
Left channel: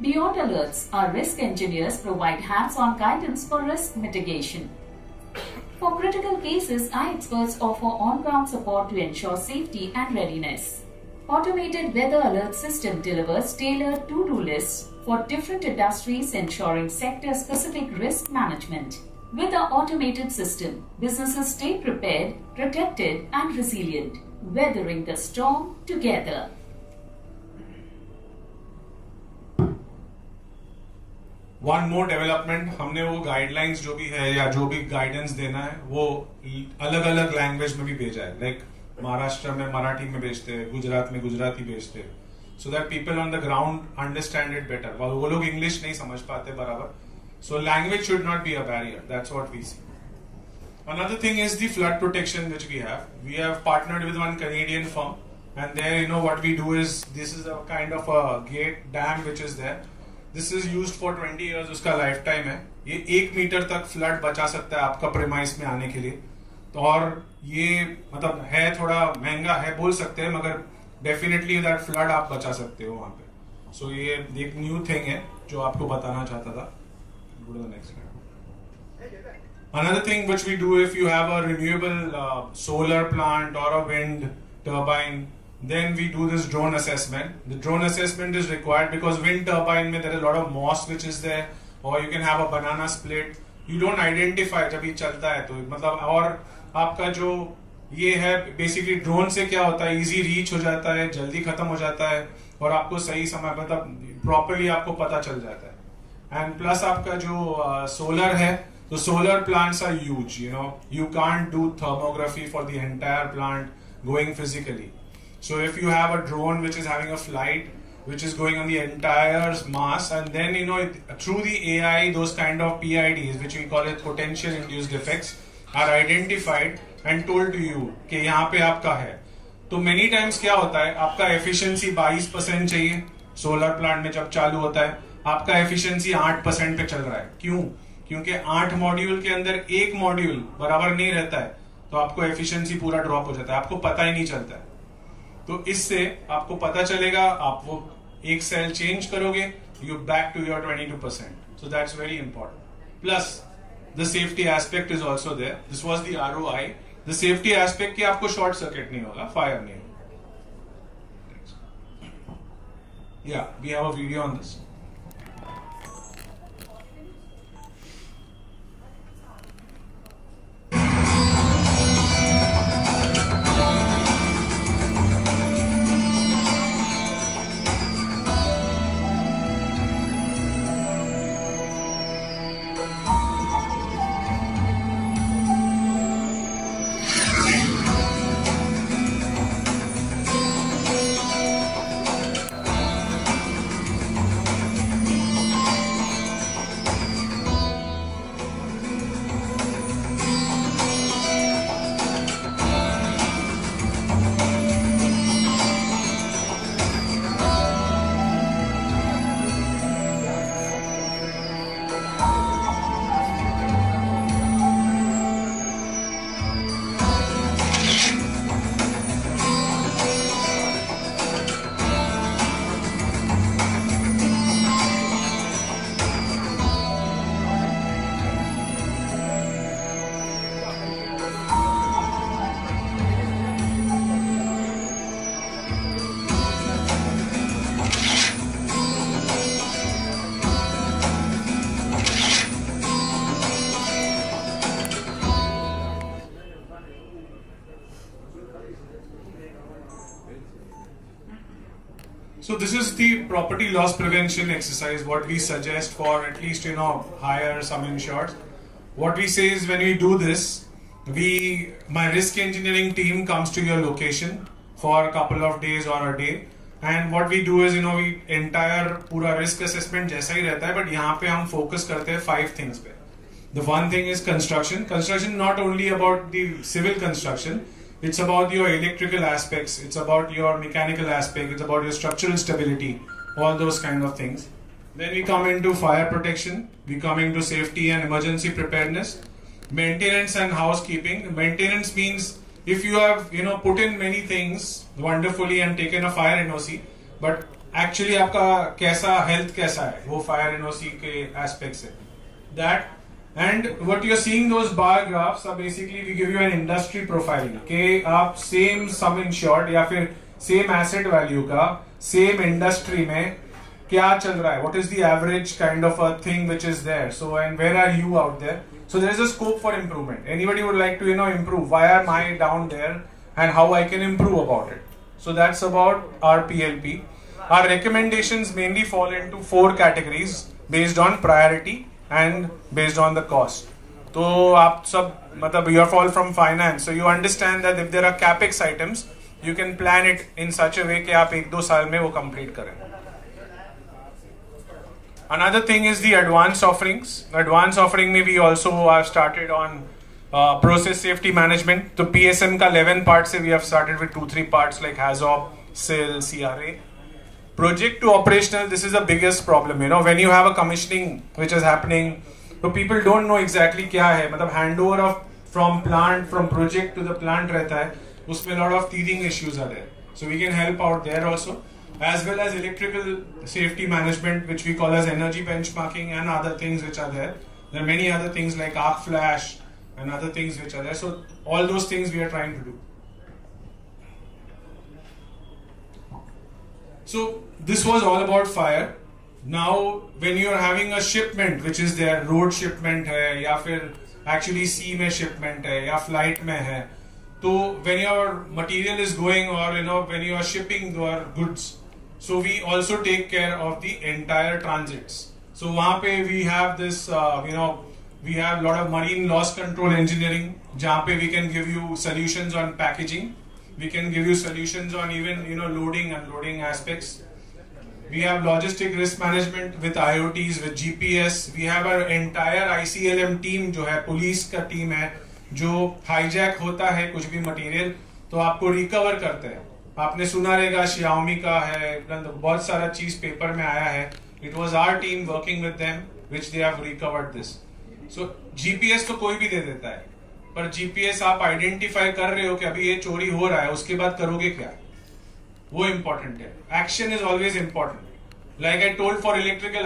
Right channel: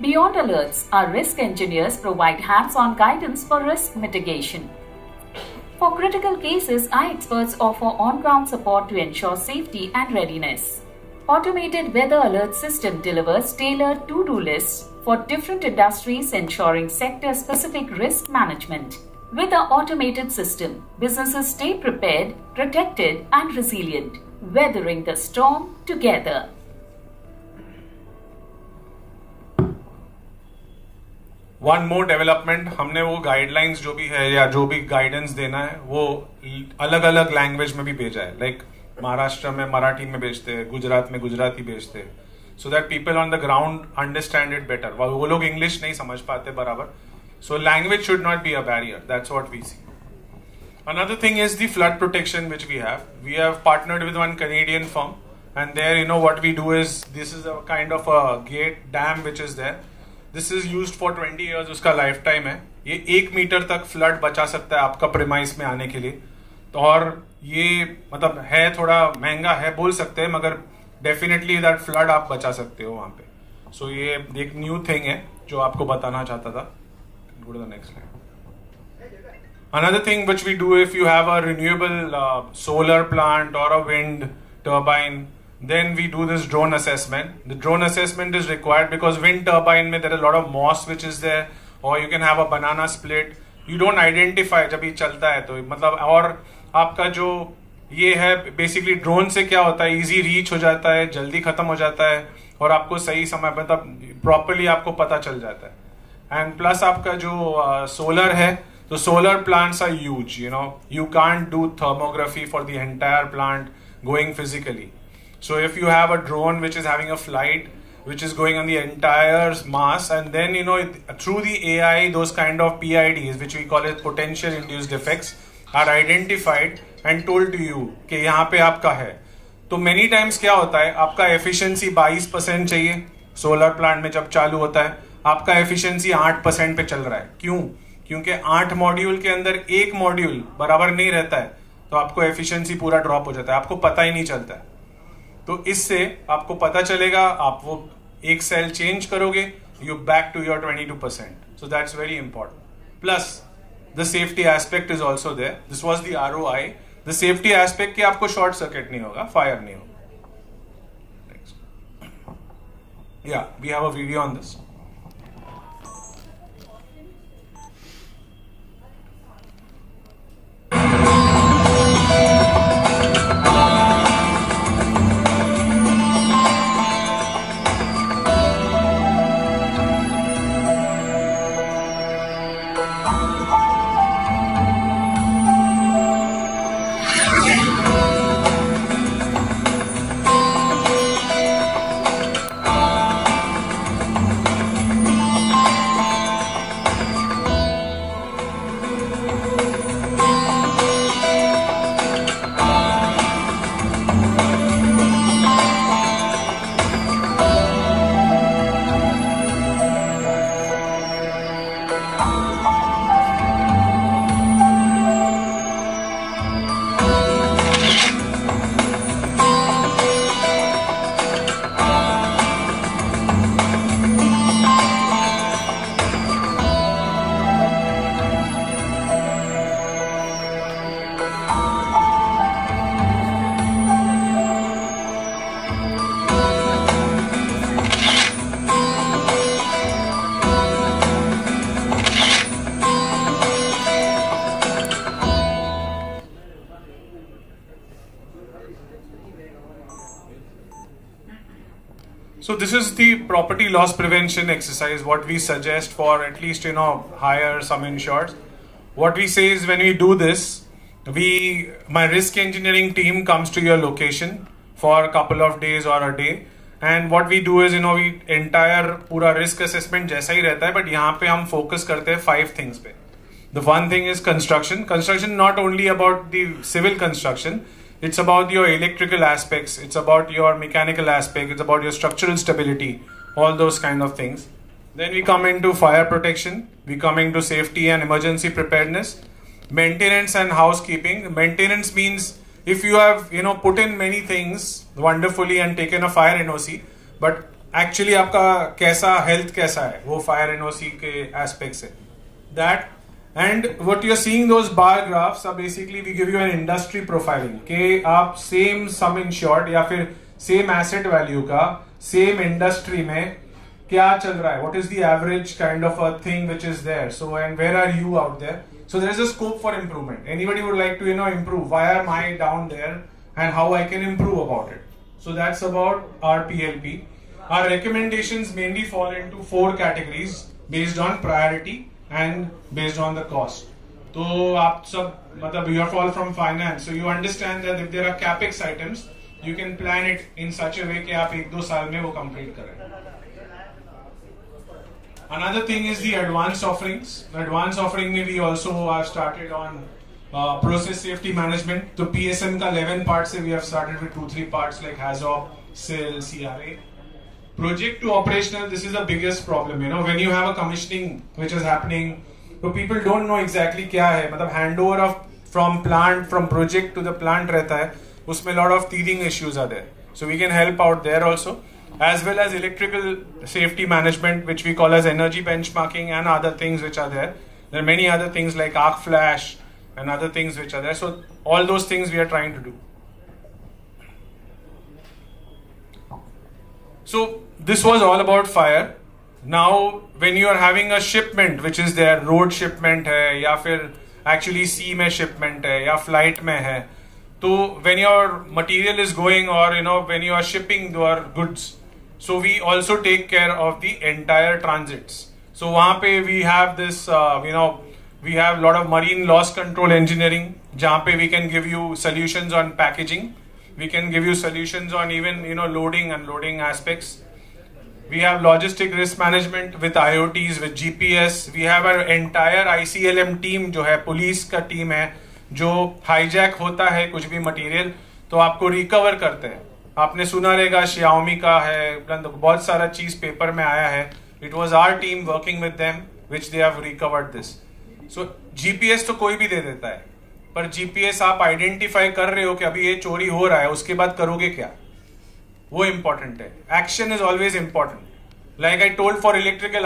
Beyond alerts, our risk engineers provide hands-on guidance for risk mitigation. For critical cases, our experts offer on-ground support to ensure safety and readiness. Automated weather alert system delivers tailored to-do lists for different industries, ensuring sector-specific risk management. With our automated system, businesses stay prepared, protected, and resilient, weathering the storm together. One more development, हमने वो guidelines जो भी है या जो भी guidance देना है वो अलग-अलग language में भी भेजा है. Like महाराष्ट्र में मराठी में भेजते हैं, गुजरात में गुजराती भेजते हैं. so that people on the ground understand it better. वो लोग English नहीं समझ पाते बराबर. So language should not be a barrier. That's what we see. Another thing is the flood protection which we have. We have partnered with one Canadian firm, and there, you know, what we do is, this is a kind of a gate dam which is there. This is used for 20 years. उसका lifetime है. ये 1 metre तक flood बचा सकता है आपका premise में आने के लिए. तो और ये मतलब है थोड़ा महंगा है बोल सकते हैं, मगर डेफिनेटली दैट फ्लड आप बचा सकते हो वहां पे. सो ये एक न्यू थिंग है जो आपको बताना चाहता था. Go to the next slide. Another thing which we do, if you have a renewable solar plant or a wind turbine, then we do this drone assessment. The drone assessment is required because wind turbine में there is a lot of moss which is there, or you can have a banana split. You don't identify जब ये चलता है तो मतलब, और आपका जो ये है बेसिकली ड्रोन से क्या होता है, इजी रीच हो जाता है, जल्दी खत्म हो जाता है, और आपको सही समय मतलब प्रॉपरली आपको पता चल जाता है. एंड प्लस आपका जो सोलर है, तो solar plants are huge. You know, you can't do thermography for the entire plant going physically. So if you have a drone which is having a flight which is going on the entire mass, and then, you know, through the AI, those kind of PIDs, which we call it potential induced defects, are identified and told to you कि यहाँ पे आपका है. तो many times क्या होता है, आपका efficiency 22% चाहिए, सोलर प्लांट में जब चालू होता है आपका efficiency 8% पे चल रहा है. क्यों? क्योंकि 8 मॉड्यूल के अंदर एक मॉड्यूल बराबर नहीं रहता है, तो आपको efficiency पूरा ड्रॉप हो जाता है, आपको पता ही नहीं चलता है. तो इससे आपको पता चलेगा, आप वो एक सेल चेंज करोगे, you back to your 22%. So that's very important. Plus the safety aspect is also there. This was the ROI. The safety aspect कि आपको शॉर्ट सर्किट नहीं होगा, फायर नहीं होगा. या we have a video on this. So this is the property loss prevention exercise, what we suggest for at least, you know, hire some insureds. What we say is when we do this, my risk engineering team comes to your location for a couple of days or a day. And what we do is, you know, we entire पूरा risk assessment जैसा ही रहता है, but यहाँ पे हम focus करते हैं 5 things पे. The one thing is construction. Construction not only about the civil construction, it's about your electrical aspects, it's about your mechanical aspect, it's about your structural stability, all those kind of things. Then we come into fire protection, we come into safety and emergency preparedness, maintenance and housekeeping. Maintenance means if you have, you know, put in many things wonderfully and taken a fire NOC, but actually आपका कैसा health कैसा है, वो fire NOC के aspects है. That, and what you're seeing, those bar graphs are basically, we give you an industry profiling कि आप same sum insured या फिर same asset value का same industry में क्या चल रहा है, what is the average kind of a thing which is there. So, and where are you out there? So there is a scope for improvement. Anybody would like to, you know, improve, why am I down there and how I can improve about it. So that's about our PLP. Our recommendations mainly fall into 4 categories based on priority and based on the cost. So आप सब मतलब you are all from finance, so you understand that if there are capex items, you can plan it in such a way कि आप 1-2 साल में वो complete करें. Another thing is the advanced offerings. Advanced offering में we also have started on process safety management. तो PSM का 11 parts से we have started with 2-3 parts like HAZOP, SIL, CRA. Project to operational, this is the biggest problem. You know, when you have a commissioning which is happening, so people don't know exactly क्या है. मतलब handover of from project to the plant रहता है. उसमें a lot of teething issues are there. So we can help out there also. As well as electrical safety management, which we call as energy benchmarking, and other things which are there. There are many other things like arc flash and other things which are there. So all those things we are trying to do. So this was all about fire. Now when you are having a shipment which is there, road shipment है या फिर actually sea में shipment है या flight में है, तो when your material is going or when you are shipping your goods, so we also take care of the entire transits. So वहाँ पे we have this we have a lot of marine loss control engineering जहाँ पे we can give you solutions on packaging, we can give you solutions on even loading unloading aspects. We have logistic risk management with IoTs, with GPS. We have our entire ICLM team जो है police का team है जो hijack होता है कुछ भी material तो आपको रिकवर करते हैं. आपने सुना रहेगा Xiaomi का है, बहुत सारा चीज पेपर में आया है. It was our team working with them which they have recovered this. So GPS तो कोई भी दे देता है, पर GPS आप आइडेंटिफाई कर रहे हो कि अभी ये चोरी हो रहा है, उसके बाद करोगे क्या, वो इम्पोर्टेंट है. Action is always important. Like I told for electrical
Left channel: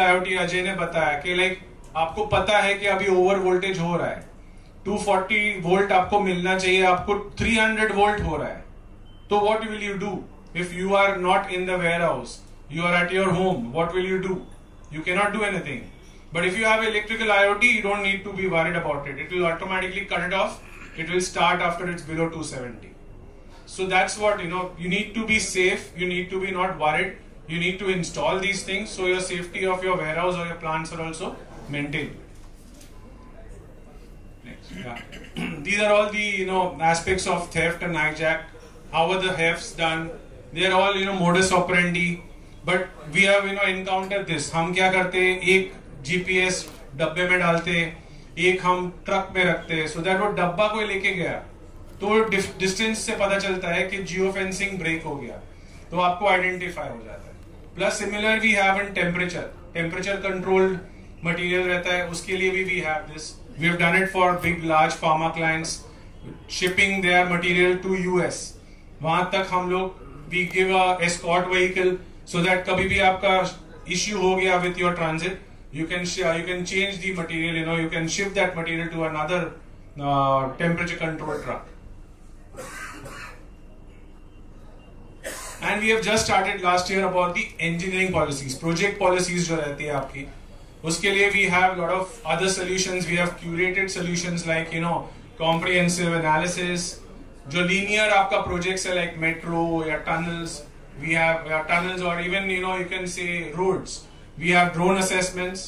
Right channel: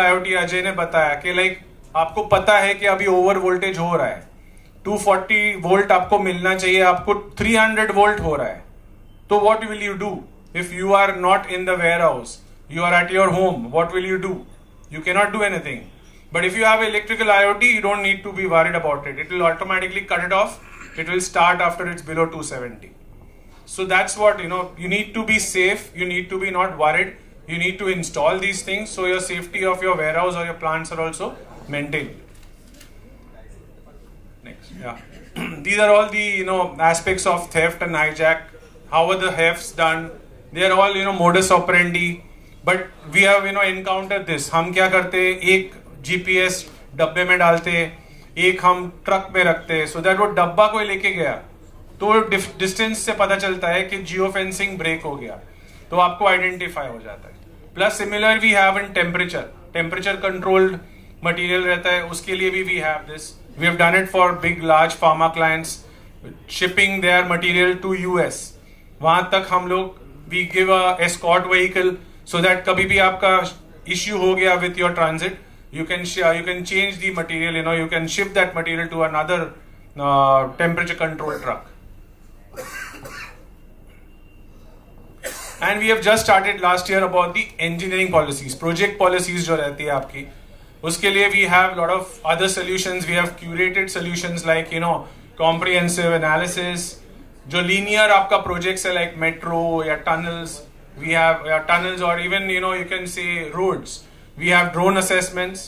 IoT Ajay ने बताया कि लाइक आपको पता है कि अभी ओवर वोल्टेज हो रहा है, 240 वोल्ट आपको मिलना चाहिए, आपको 300 वोल्ट हो रहा है, तो what will you do if you are not in the warehouse, you are at your home, what will you do? You cannot do anything. But if you have electrical IoT, you don't need to be worried about it. It will automatically cut it off. It will start after it's below 270. So that's what, you need to be safe. You need to be not worried. You need to install these things so your safety of your warehouse or your plants are also maintained. Next, yeah. These are all the, aspects of theft and hijack. How are the thefts done? They are all, modus operandi. But we have encounter this. हम क्या करते, एक GPS डब्बे में डालते, एक हम truck में रखते, सो दैट वो डब्बा कोई लेके गया तो डिस्टेंस से पता चलता है कि जियो फेंसिंग ब्रेक हो गया, तो आपको आइडेंटिफाई हो जाता है. Plus similar we have in temperature controlled material रहता है, उसके लिए भी we have this. We have done it for big large pharma clients shipping their material to US. वहां तक हम लोग we give a escort vehicle so that कभी भी आपका issue हो गया with your transit, you can change the material, you can shift that material to another temperature controlled truck. And we have just started last year about the engineering policies, project policies जो रहती है आपकी, उसके लिए we have lot of other solutions. We have curated solutions like comprehensive analysis. जो linear आपका projects है like metro या tunnels, we have tunnels or even you can say roads. We have drone assessments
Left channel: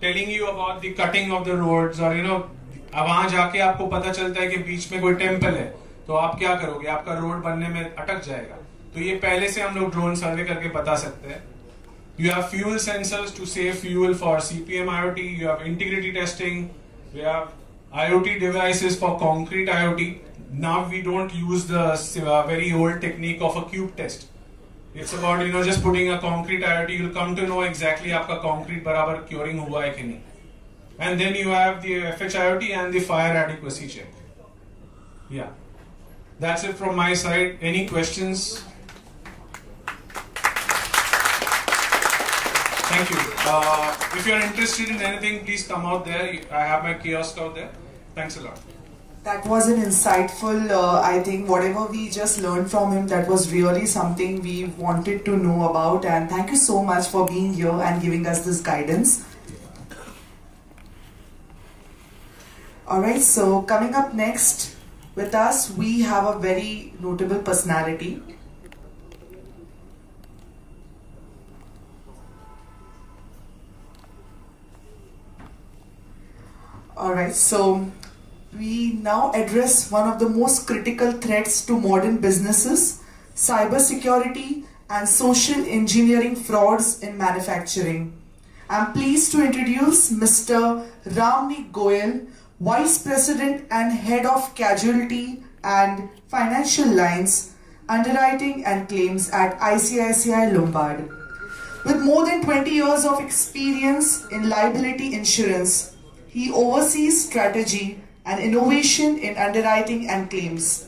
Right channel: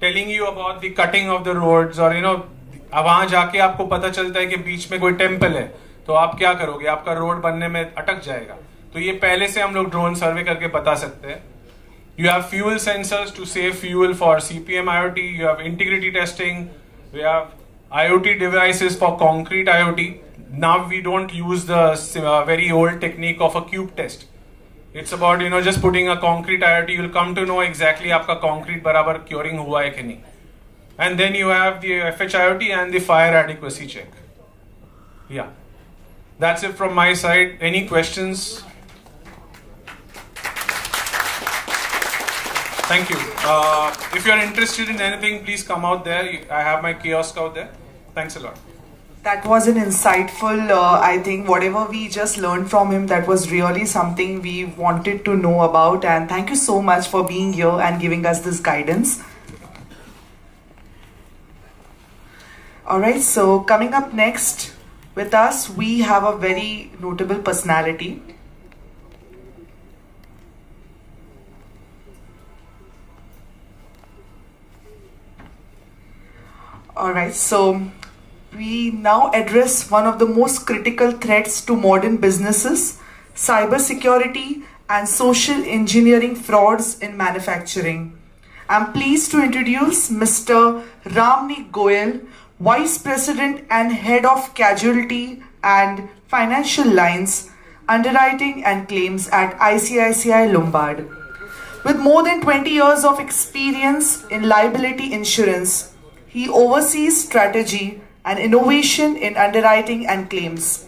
telling you about the cutting of the roads, और वहां जाके आपको पता चलता है कि बीच में कोई टेम्पल है, तो आप क्या करोगे, आपका रोड बनने में अटक जाएगा. तो ये पहले से हम लोग ड्रोन सर्वे करके बता सकते हैं. You have fuel sensors to save fuel for CPM IoT. You have integrity testing. We have IoT devices for concrete IoT. Now we don't use the very old technique of a cube test. It's about just putting a concrete IoT. You'll come to know exactly आपका concrete बराबर curing हुआ है कि नहीं. And then you have the FH IoT and the fire adequacy check. Yeah, that's it from my side. Any questions? Thank you. If you're interested in anything, please come out there. I have my kiosk out there. Thanks a lot. That was an insightful, I think whatever we just learned from him, that was really something we wanted to know about, and thank you so much for being here and giving us this guidance. Alright, so coming up next with us, we have a very notable personality. Alright, so we now address one of the most critical threats to modern businesses, cybersecurity and social engineering frauds in manufacturing. I'm pleased to introduce Mr. Ramnik Goyal, Vice President and Head of Casualty and Financial Lines, Underwriting and Claims at ICICI Lombard. With more than 20 years of experience in liability insurance, he oversees strategy and innovation in underwriting and claims.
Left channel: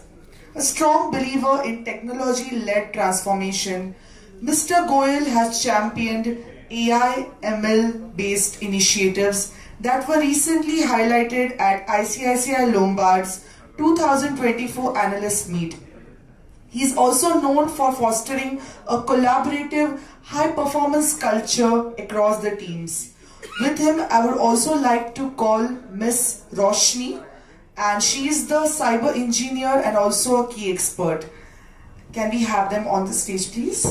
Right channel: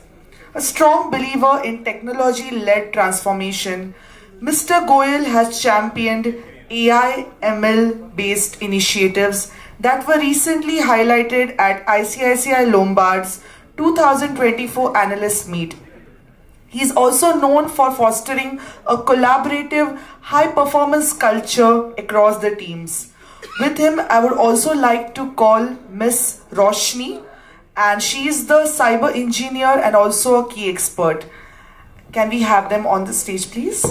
A strong believer in technology-led transformation, Mr. Goyal has championed AI ML-based initiatives that were recently highlighted at ICICI Lombard's 2024 Analyst Meet. He is also known for fostering a collaborative, high-performance culture across the teams. With him, I would also like to call Miss Roshni, and she is the cyber engineer and also a key expert. Can we have them on the stage, please?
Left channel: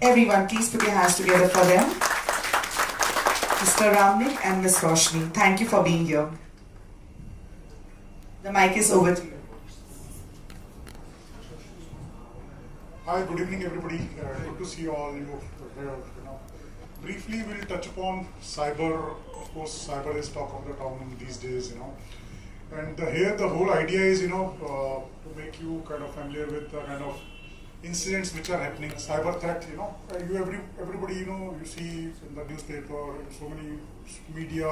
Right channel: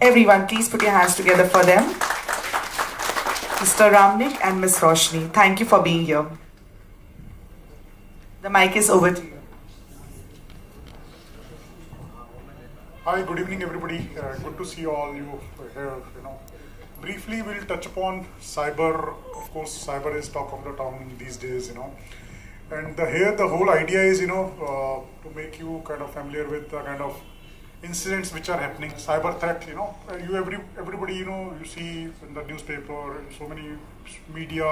Everyone, please put your hands together for them. Mr. Ramnik and Miss Roshni, thank you for being here. The mic is over to you. Hi, good evening, everybody. Good to see all you here. Briefly, we'll touch upon cyber. Of course, cyber is talk of the town these days. And here the whole idea is, to make you kind of familiar with the kind of incidents which are happening. Cyber threat, everybody, you see in the newspaper, so many media.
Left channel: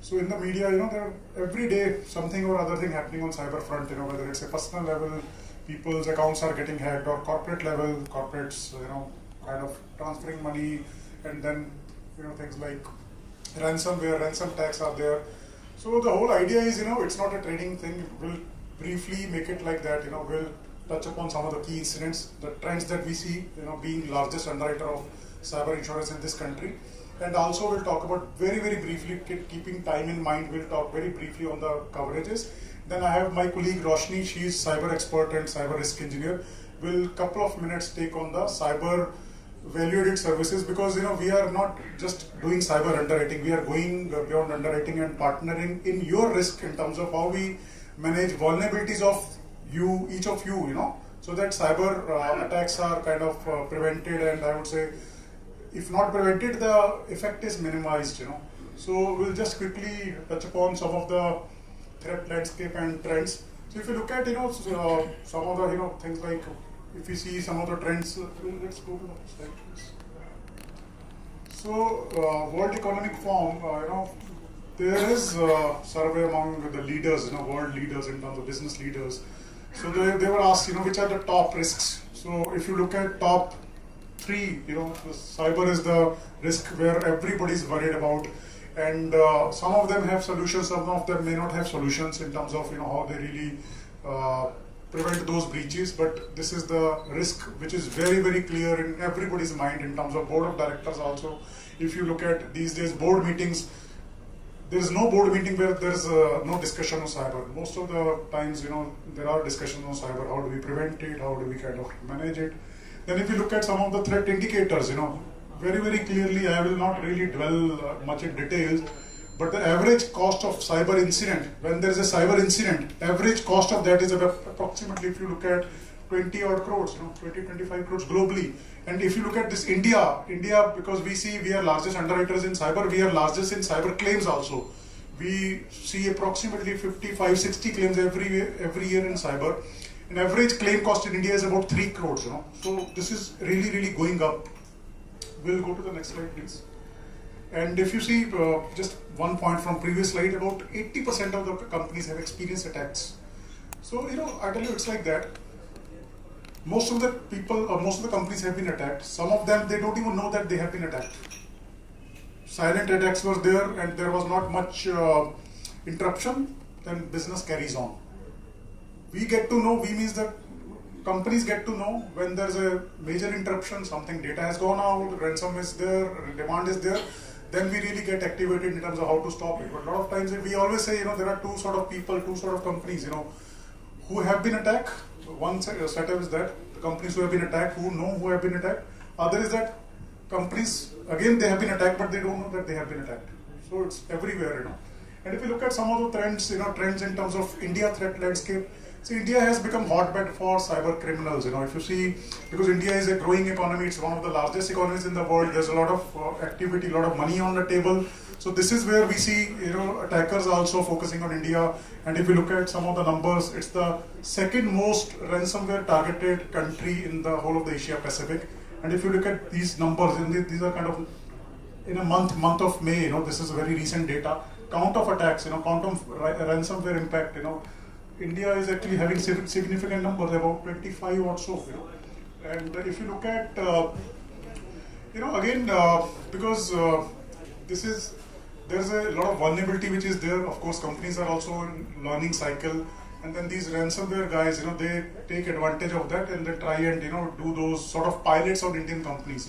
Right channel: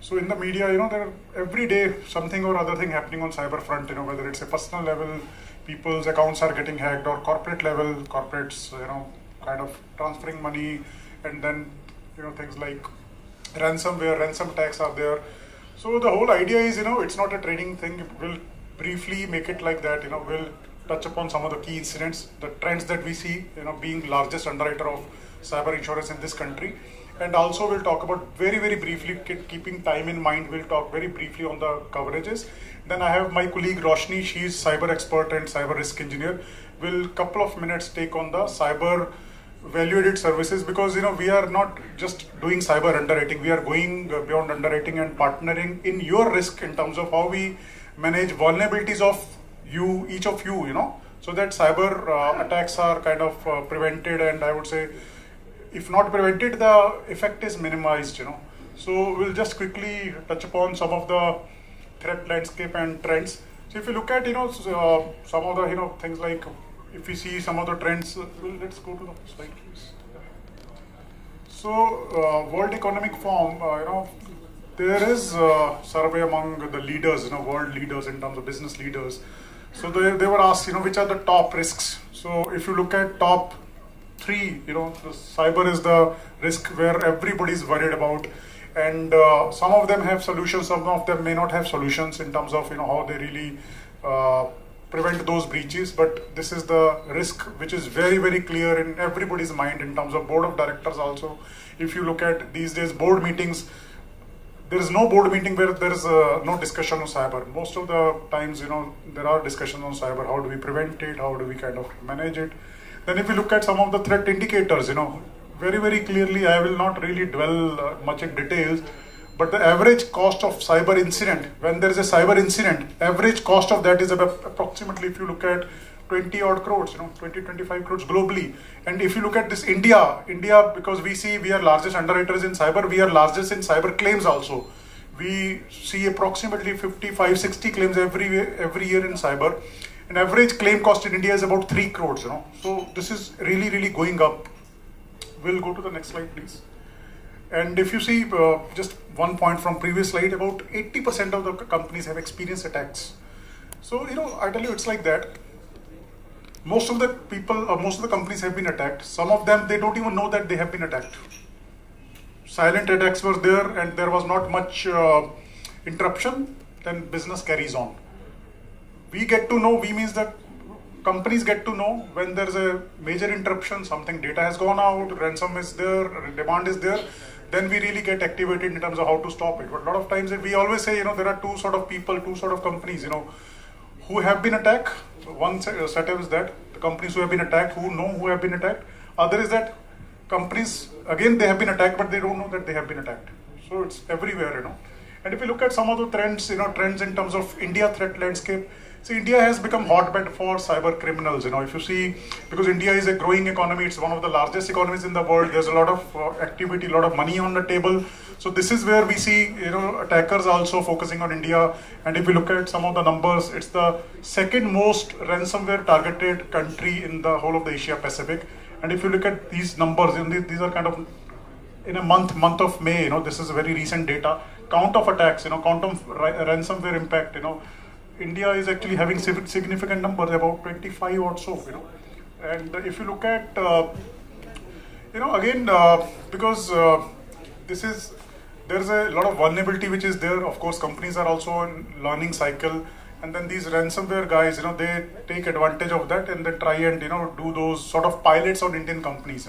So in the media, there every day something or other thing happening on cyber front. Whether it's a personal level, people's accounts are getting hacked, or corporate level, corporates, kind of transferring money, and then things like ransomware, ransom attacks are there. So the whole idea is, it's not a training thing. We'll briefly make it like that. We'll touch upon some of the key incidents, the trends that we see, being largest underwriter of cyber insurance in this country. And also we'll talk about very, very briefly, keeping time in mind, we'll talk very briefly on the coverages. Then I have my colleague Roshni, she's cyber expert and cyber risk engineer. We'll couple of minutes take on the cyber value-added services, because we are not just doing cyber underwriting, we are going beyond underwriting and partnering in your risk in terms of how we manage vulnerabilities of you, each of you, so that cyber attacks are kind of prevented, and I would say, if not prevented, the effect is minimized, So we'll just quickly touch upon some of the threat landscape and trends. So if you look at, some of the, things like, if we see some of the trends, let's go to the slide, please. So World Economic Forum, there is a survey among the leaders, world leaders in terms of business leaders. So they were asked, which are the top risks. So if you look at top 3, the cyber is the risk where everybody is worried about, and some of them have solutions, some of them may not have solutions in terms of how they really prevent those breaches. But this is the risk which is very, very clear in everybody's mind in terms of board of directors also. If you look at these days board meetings, there is no board meeting where there is no discussion on cyber. Most of the times, there are discussions on cyber. How do we prevent it? How do we kind of manage it? Then if you look at some of the threat indicators, very, very clearly, I will not really dwell much in details, but the average cost of cyber incident, when there is a cyber incident, average cost of that is about approximately, if you look at 20 odd crores, 20-25 crores globally. And if you look at this India, because we see we are largest underwriters in cyber, we are largest in cyber claims also. We see approximately 55-60 claims every year in cyber. And average claim cost in India is about 3 crores, So this is really, really going up. We'll go to the next slide, please. And if you see, just one point from previous slide, about 80% of the companies have experienced attacks. So, I tell you, it's like that. Most of the people, most of the companies have been attacked. Some of them, they don't even know that they have been attacked. Silent attacks were there, and there was not much interruption, then business carries on. We get to know, we means that companies get to know when there's a major interruption, something data has gone out, ransom is there, demand is there, then we really get activated in terms of how to stop it. But a lot of times we always say, there are two sort of people, two sort of companies, who have been attacked. One setup is that the companies who have been attacked, who know who have been attacked. Other is that companies, again, they have been attacked, but they don't know that they have been attacked. So it's everywhere, And if you look at some of the trends, trends in terms of India threat landscape, see, India has become hotbed for cyber criminals. If you see, because India is a growing economy, it's one of the largest economies in the world. There's a lot of activity, a lot of money on the table. So this is where we see, attackers also focusing on India. And if you look at some of the numbers, it's the second most ransomware targeted country in the whole of the Asia Pacific. And if you look at these numbers, these are kind of in a month of May. This is very recent data. Count of attacks, count of ransomware impact. India is actually having significant numbers, about 25 or so. And if you look at, again, because there's a lot of vulnerability which is there. Of course, companies are also in learning cycle, and then these ransomware guys, they take advantage of that and they try and do those sort of pilots on Indian companies.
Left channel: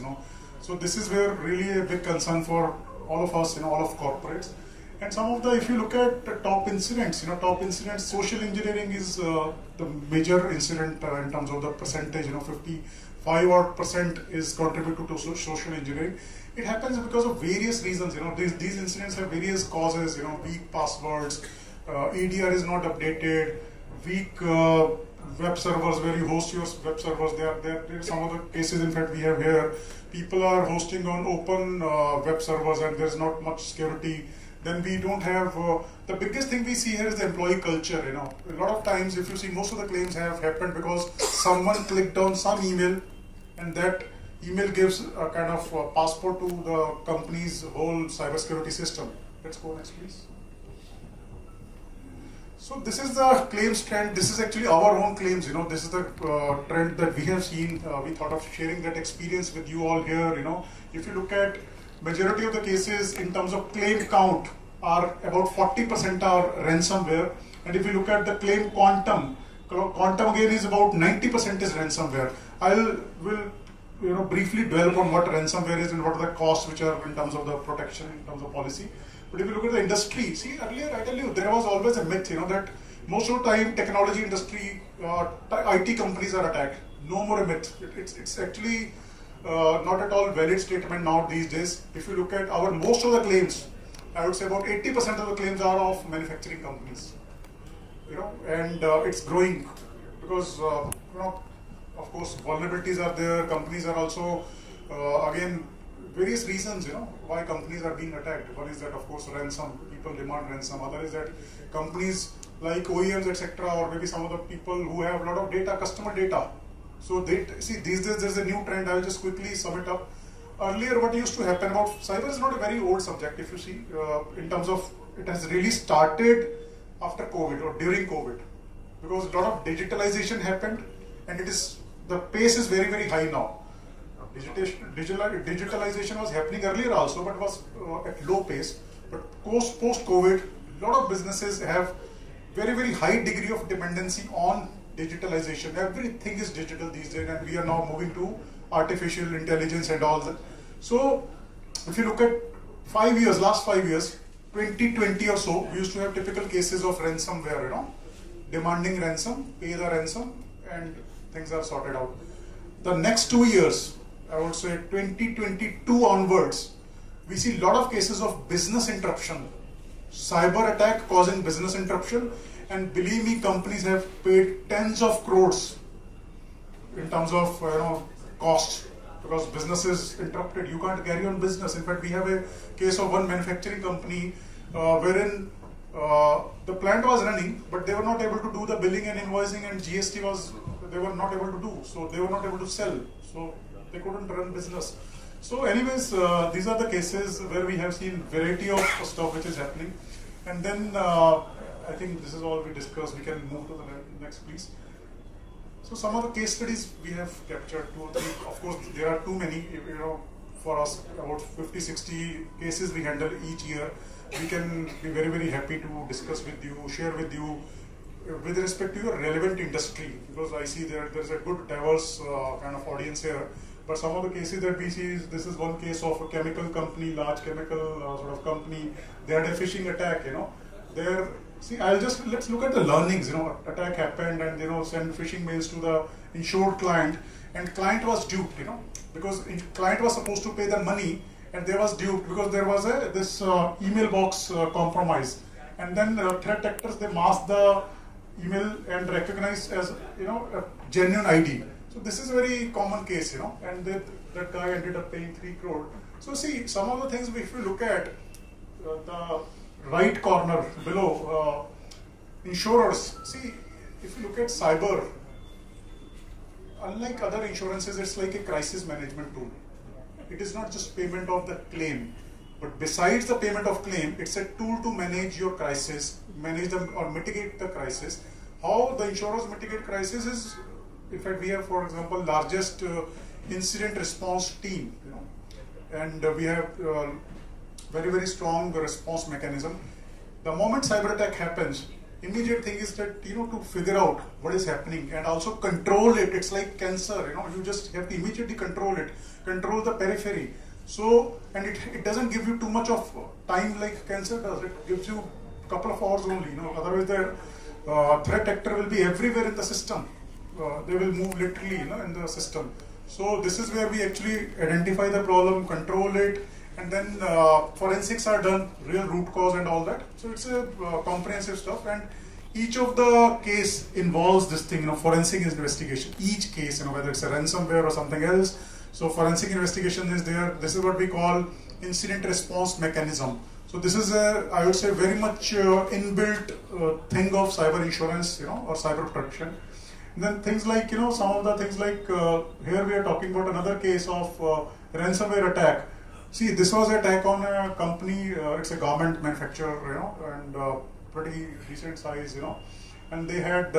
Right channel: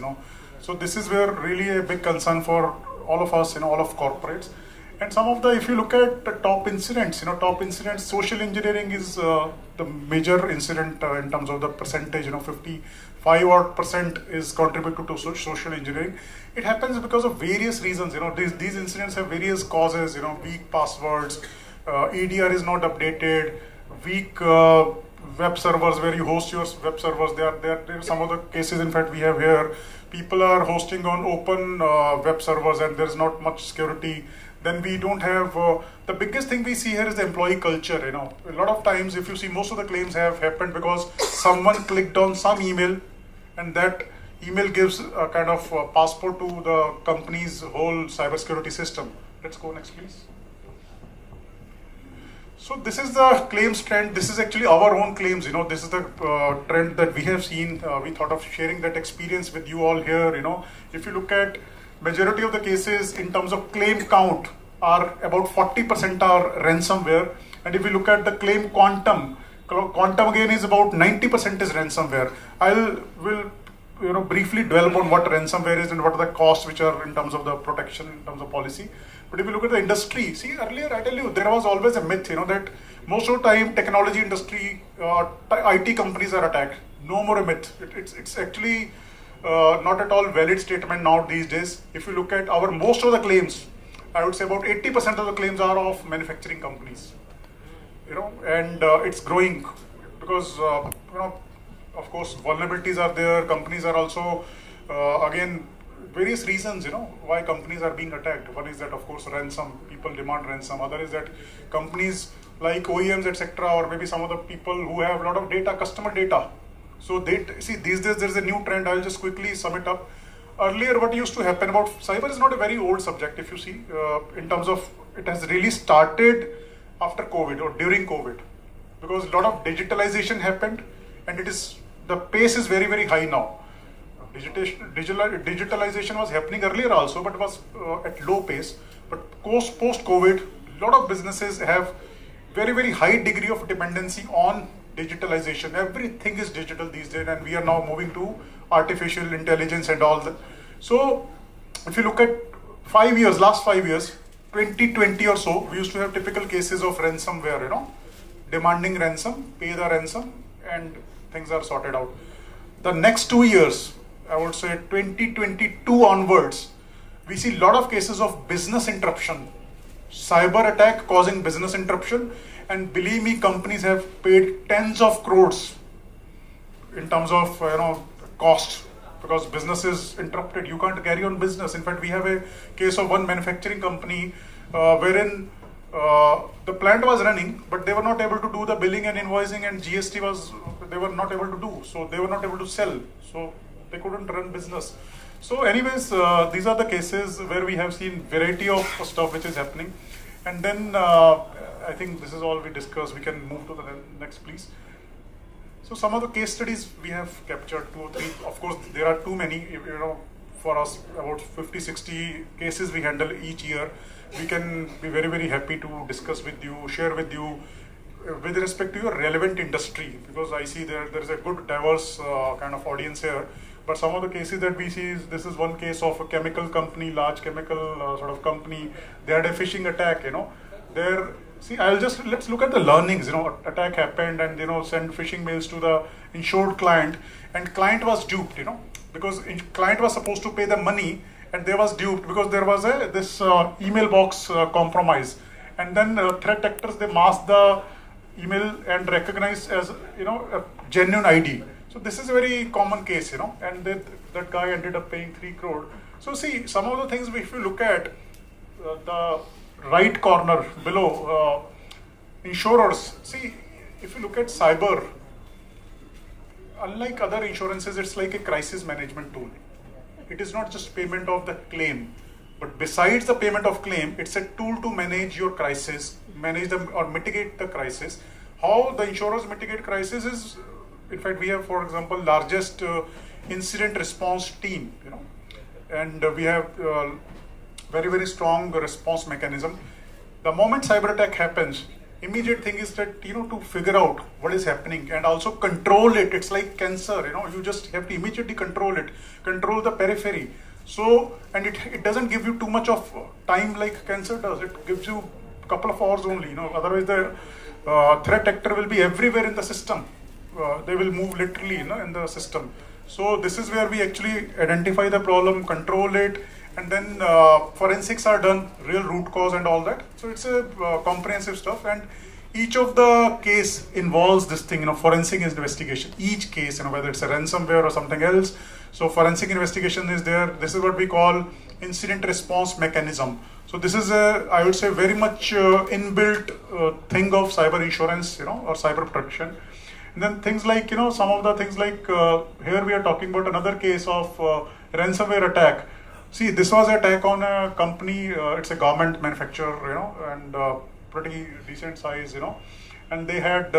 So this is where really a big concern for all of us, all of corporates. And some of the, if you look at the top incidents, social engineering is the major incident in terms of the percentage. 55% is contributed to social engineering. It happens because of various reasons. These incidents have various causes. Weak passwords, EDR is not updated, weak web servers where you host your web servers. There are some of the cases, in fact, we have here. People are hosting on open web servers and there's not much security. Then we don't have, the biggest thing we see here is the employee culture. A lot of times, if you see, most of the claims have happened because someone clicked on some email and that email gives a kind of passport to the company's whole cybersecurity system. Let's go next, please. So this is the claims trend. This is actually our own claims. This is the trend that we have seen. We thought of sharing that experience with you all here. If you look at majority of the cases in terms of claim count are about 40% are ransomware. And if you look at the claim quantum again is about 90% is ransomware. Will briefly dwell upon what ransomware is and what are the costs which are in terms of the protection, in terms of policy. But if you look at the industry, see, earlier I tell you, there was always a myth, that most of the time technology industry, IT companies are attacked. No more a myth. It's actually not at all valid statement now these days. If you look at most of the claims, I would say about 80% of the claims are of manufacturing companies. And it's growing because, of course, vulnerabilities are there. Companies are also, again, various reasons, why companies are being attacked. One is that, of course, ransom. People demand ransom. Other is that companies like OEMs, etc., or maybe some of the people who have a lot of data, customer data. So these days there's a new trend. I'll just quickly sum it up. Earlier, what used to happen about cyber is not a very old subject. If you see, in terms of it has really started after COVID or during COVID, because a lot of digitalization happened, and the pace is very, very high now. Digitalization was happening earlier also, but it was at low pace. But post-COVID, a lot of businesses have very, very high degree of dependency on digitalization. Everything is digital these days, and we are now moving to artificial intelligence and all that. So, if you look at last 5 years, 2020 or so, we used to have typical cases of ransomware, demanding ransom, pay the ransom, and things are sorted out. The next 2 years, I would say 2022 onwards, we see a lot of cases of business interruption, cyber attack causing business interruption, and believe me, companies have paid tens of crores in terms of costs because business is interrupted. You can't carry on business. In fact, we have a case of one manufacturing company wherein the plant was running, but they were not able to do the billing and invoicing, and GST they were not able to do. So they were not able to sell. So they couldn't run business. So anyways, these are the cases where we have seen variety of stuff which is happening. And then I think this is all we discussed. We can move to the next, please. So some of the case studies we have captured, 2 or 3. Of course, there are too many. For us, about 50, 60 cases we handle each year. We can be very, very happy to discuss with you, share with you, with respect to your relevant industry, because I see there is a good diverse kind of audience here. But some of the cases that we see this is one case of a chemical company, large chemical sort of company. They had a phishing attack. Let's look at the learnings. Attack happened, and send phishing mails to the insured client, and client was duped. Because client was supposed to pay the money, and they was duped because there was this email box compromise, and then threat actors, they mask the email and recognize as, a genuine ID. So this is a very common case, and that guy ended up paying 3 crore. So see, some of the things, if you look at the right corner below, insurers, see, if you look at cyber, unlike other insurances, it's like a crisis management tool. It is not just payment of the claim, but besides the payment of claim, it's a tool to manage your crisis, manage them or mitigate the crisis. How the insurers mitigate crisis is, in fact, we have, for example, largest incident response team, and we have very, very strong response mechanism. The moment cyber attack happens, immediate thing is that, to figure out what is happening and also control it. It's like cancer, you just have to immediately control it, control the periphery. So, and it doesn't give you too much of time like cancer does. It gives you a couple of hours only, otherwise the threat actor will be everywhere in the system. They will move literally, in the system. So this is where we actually identify the problem, control it, and then forensics are done, real root cause and all that. So it's a comprehensive stuff, and each of the case involves this thing, forensic investigation. Each case, whether it's a ransomware or something else. So forensic investigation is there. This is what we call incident response mechanism. So this is I would say, very much inbuilt thing of cyber insurance, or cyber protection. And then things like, some of the things like, here we are talking about another case of ransomware attack. See, this was an attack on a company, it's a garment manufacturer, and pretty decent size, and they had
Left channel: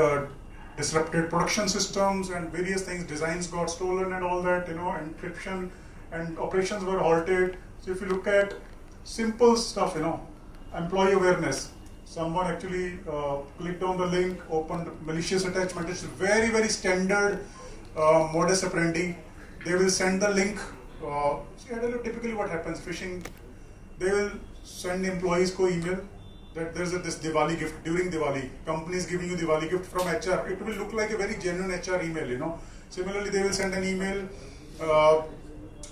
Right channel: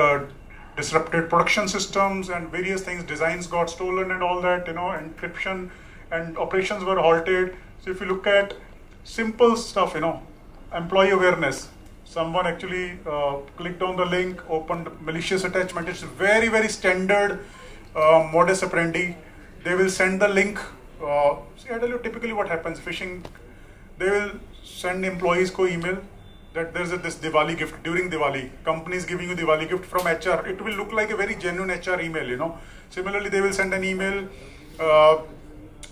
disrupted production systems and various things, designs got stolen and all that, encryption, and operations were halted. So if you look at simple stuff, employee awareness, someone actually clicked on the link, opened malicious attachment. It's very, very standard modus operandi. They will send the link. See, I tell you typically what happens, phishing, they will send employees email that there's this Diwali gift during Diwali. Company is giving you Diwali gift from HR. It will look like a very genuine HR email, Similarly, they will send an email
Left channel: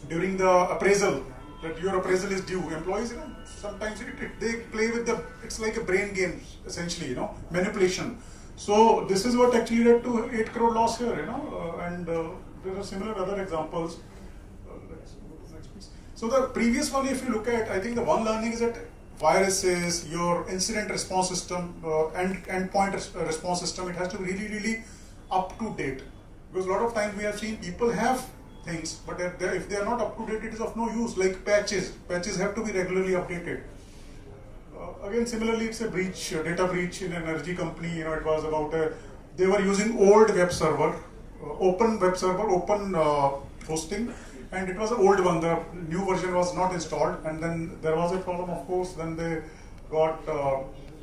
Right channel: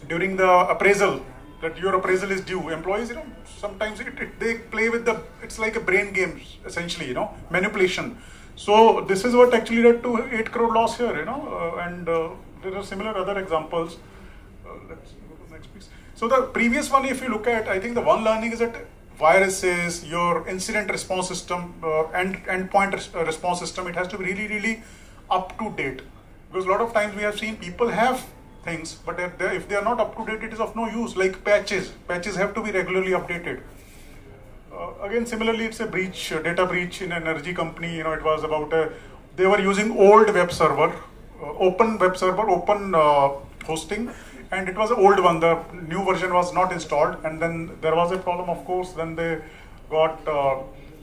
during the appraisal that your appraisal is due. Employees, sometimes they play with it's like a brain game, essentially, manipulation. So this is what actually led to 8 crore loss here, and there are similar other examples. Let's go to the next piece. So the previous one, if you look at, I think the one learning is that viruses, your incident response system, endpoint response system, it has to be really, really up to date. Because a lot of times we have seen people have things, but if they are not up to date, it is of no use. Like patches have to be regularly updated. Again, similarly, it's a breach, data breach in an energy company. It was about they were using old web server, open web server, open hosting, and it was an old one. The new version was not installed, and then there was a problem, of course. Then they got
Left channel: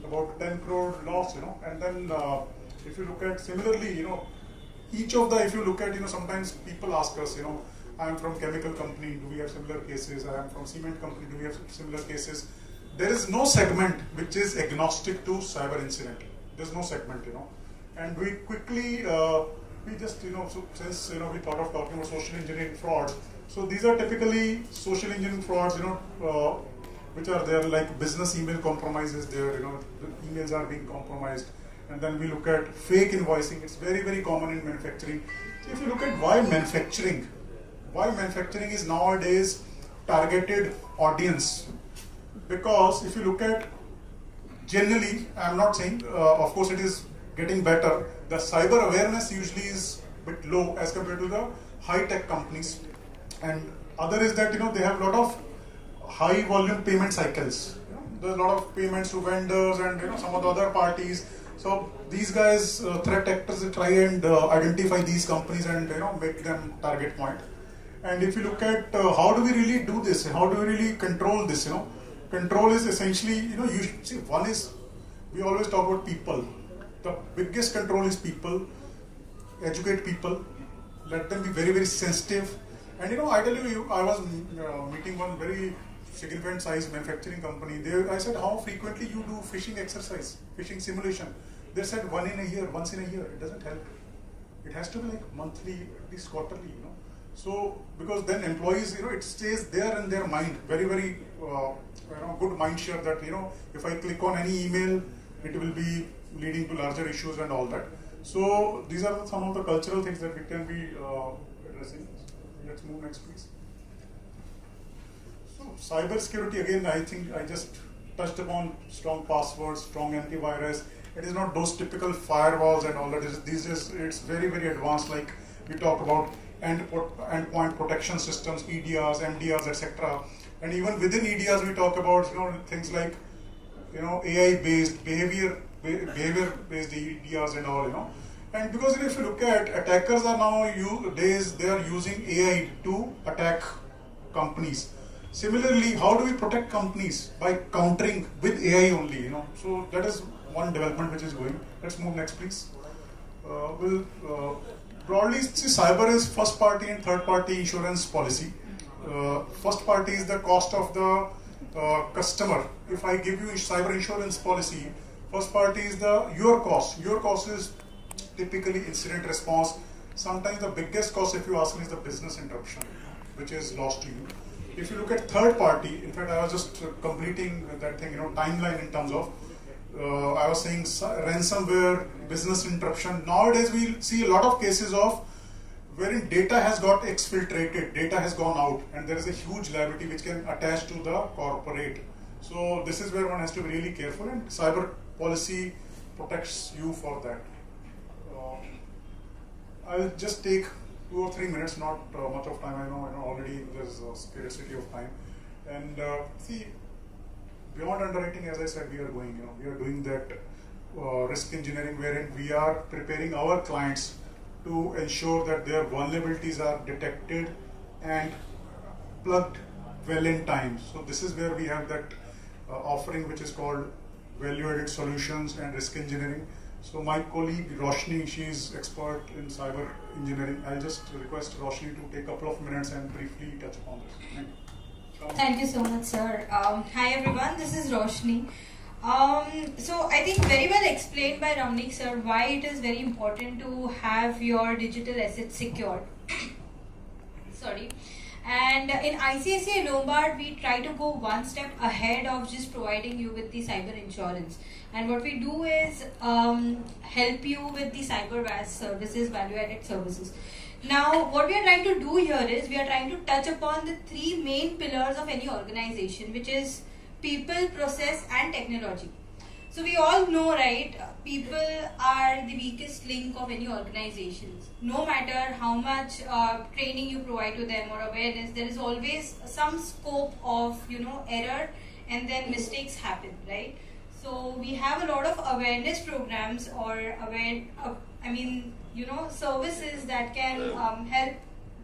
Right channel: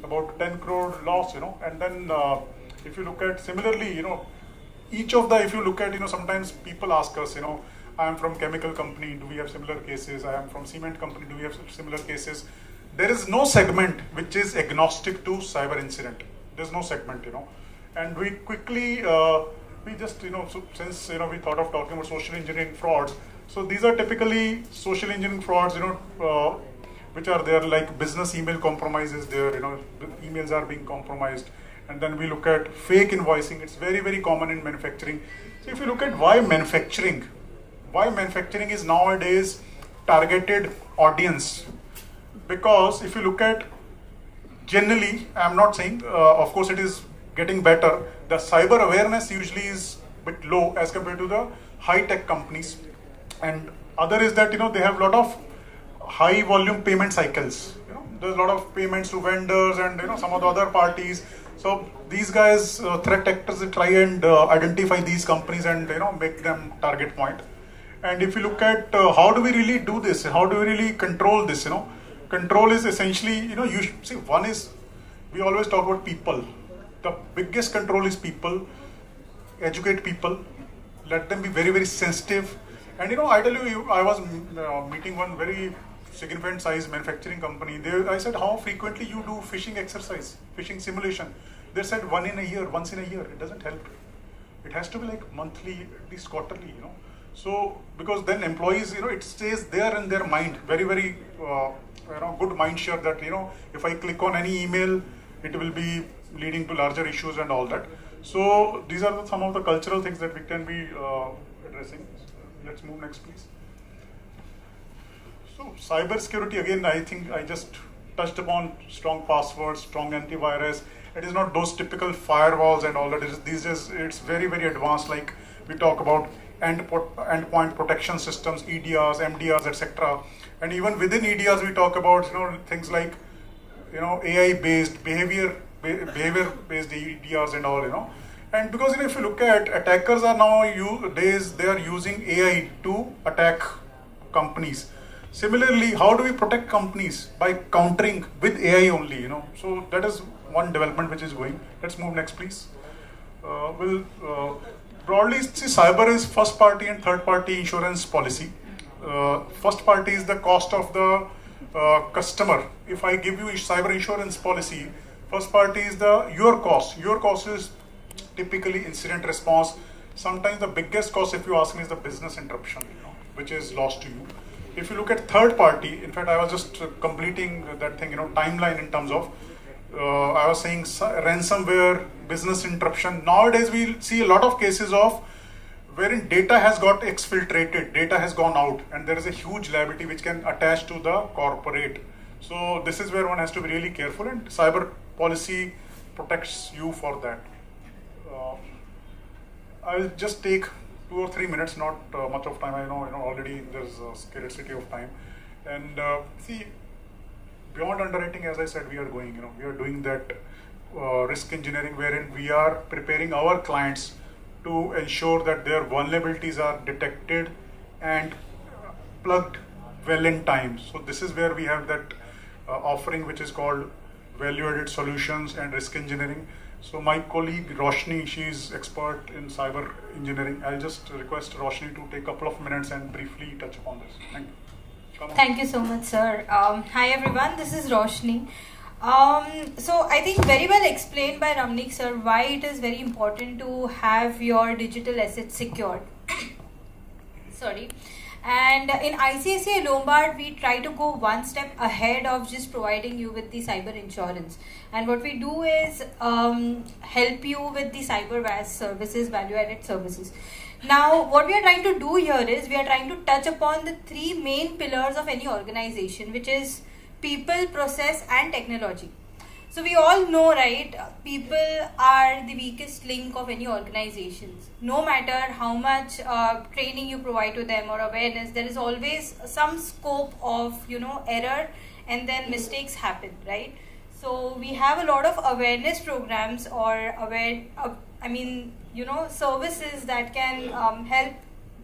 about 10 crore loss, and then if you look at similarly, each of the, if you look at, sometimes people ask us, I am from chemical company, do we have similar cases? I am from cement company, do we have similar cases? There is no segment which is agnostic to cyber incident. There's no segment, and we quickly, we just, so since, we thought of talking about social engineering frauds, so these are typically social engineering frauds, which are there, like business email compromises there, the emails are being compromised. And then we look at fake invoicing. It's very, very common in manufacturing. So if you look at why manufacturing is nowadays targeted audience. Because if you look at, generally, I'm not saying, of course it is getting better. The cyber awareness usually is a bit low as compared to the high-tech companies. And other is that, they have a lot of high volume payment cycles. There's a lot of payments to vendors and, some of the other parties. So these guys, threat actors, they try and identify these companies and make them target point. And if you look at how do we really do this, how do we really control this, control is essentially, you should see, one is, we always talk about people. The biggest control is people, educate people, let them be very, very sensitive. And I tell you, I was meeting one very significant size manufacturing company. I said, how frequently you do phishing exercise, phishing simulation? They said once in a year. It doesn't help. It has to be like monthly, at least quarterly, So, because then employees, it stays there in their mind, very, very good mind share that if I click on any email, it will be leading to larger issues and all that. So these are some of the cultural things that we can be addressing. Let's move next, please. So cyber security, again, I think I just touched upon strong passwords, strong antivirus. It is not those typical firewalls and all that. These days it's very, very advanced. Like we talk about endpoint protection systems, EDRs, MDRs, etc. And even within EDRs, we talk about things like AI-based behavior-based EDRs and all. And because if you look at attackers are nowadays they are using AI to attack companies. Similarly, how do we protect companies? By countering with AI only. So that is one development which is going. Let's move next, please. Broadly, see, cyber is first party and third party insurance policy. First party is the cost of the customer. If I give you a cyber insurance policy, first party is your cost. Your cost is typically incident response. Sometimes the biggest cost, if you ask me, is the business interruption, which is lost to you. If you look at third party, in fact, I was just completing that thing, timeline in terms of, I was saying ransomware, business interruption. Nowadays, we see a lot of cases of wherein data has got exfiltrated, data has gone out, and there is a huge liability which can attach to the corporate. So this is where one has to be really careful, and cyber policy protects you for that. I'll just take 2 or 3 minutes, not much of time. I know, already there's a scarcity of time. And see, beyond underwriting, as I said, we are going, we are doing that risk engineering wherein we are preparing our clients to ensure that their vulnerabilities are detected and plugged well in time. So this is where we have that offering which is called value-added solutions and risk engineering. So my colleague Roshni, she's expert in cyber engineering. I'll just request Roshni to take a couple of minutes and briefly touch upon this. Thank you. Thank you so much, sir. Hi everyone, this is Roshni. So I think very well explained by Ramnik sir why it is very important to have your digital assets secured. Sorry. And in ICICI Lombard, we try to go one step ahead of just providing you with the cyber insurance. And what we do is help you with the cyber services, value-added services. Now, what we are trying to do here is we are trying to touch upon the 3 main pillars of any organization, which is people, process, and technology. So we all know, right, people are the weakest link of any organizations. No matter how much training you provide to them or awareness, there is always some scope of, error, and then mistakes happen, right? So we have a lot of awareness programs or services that can help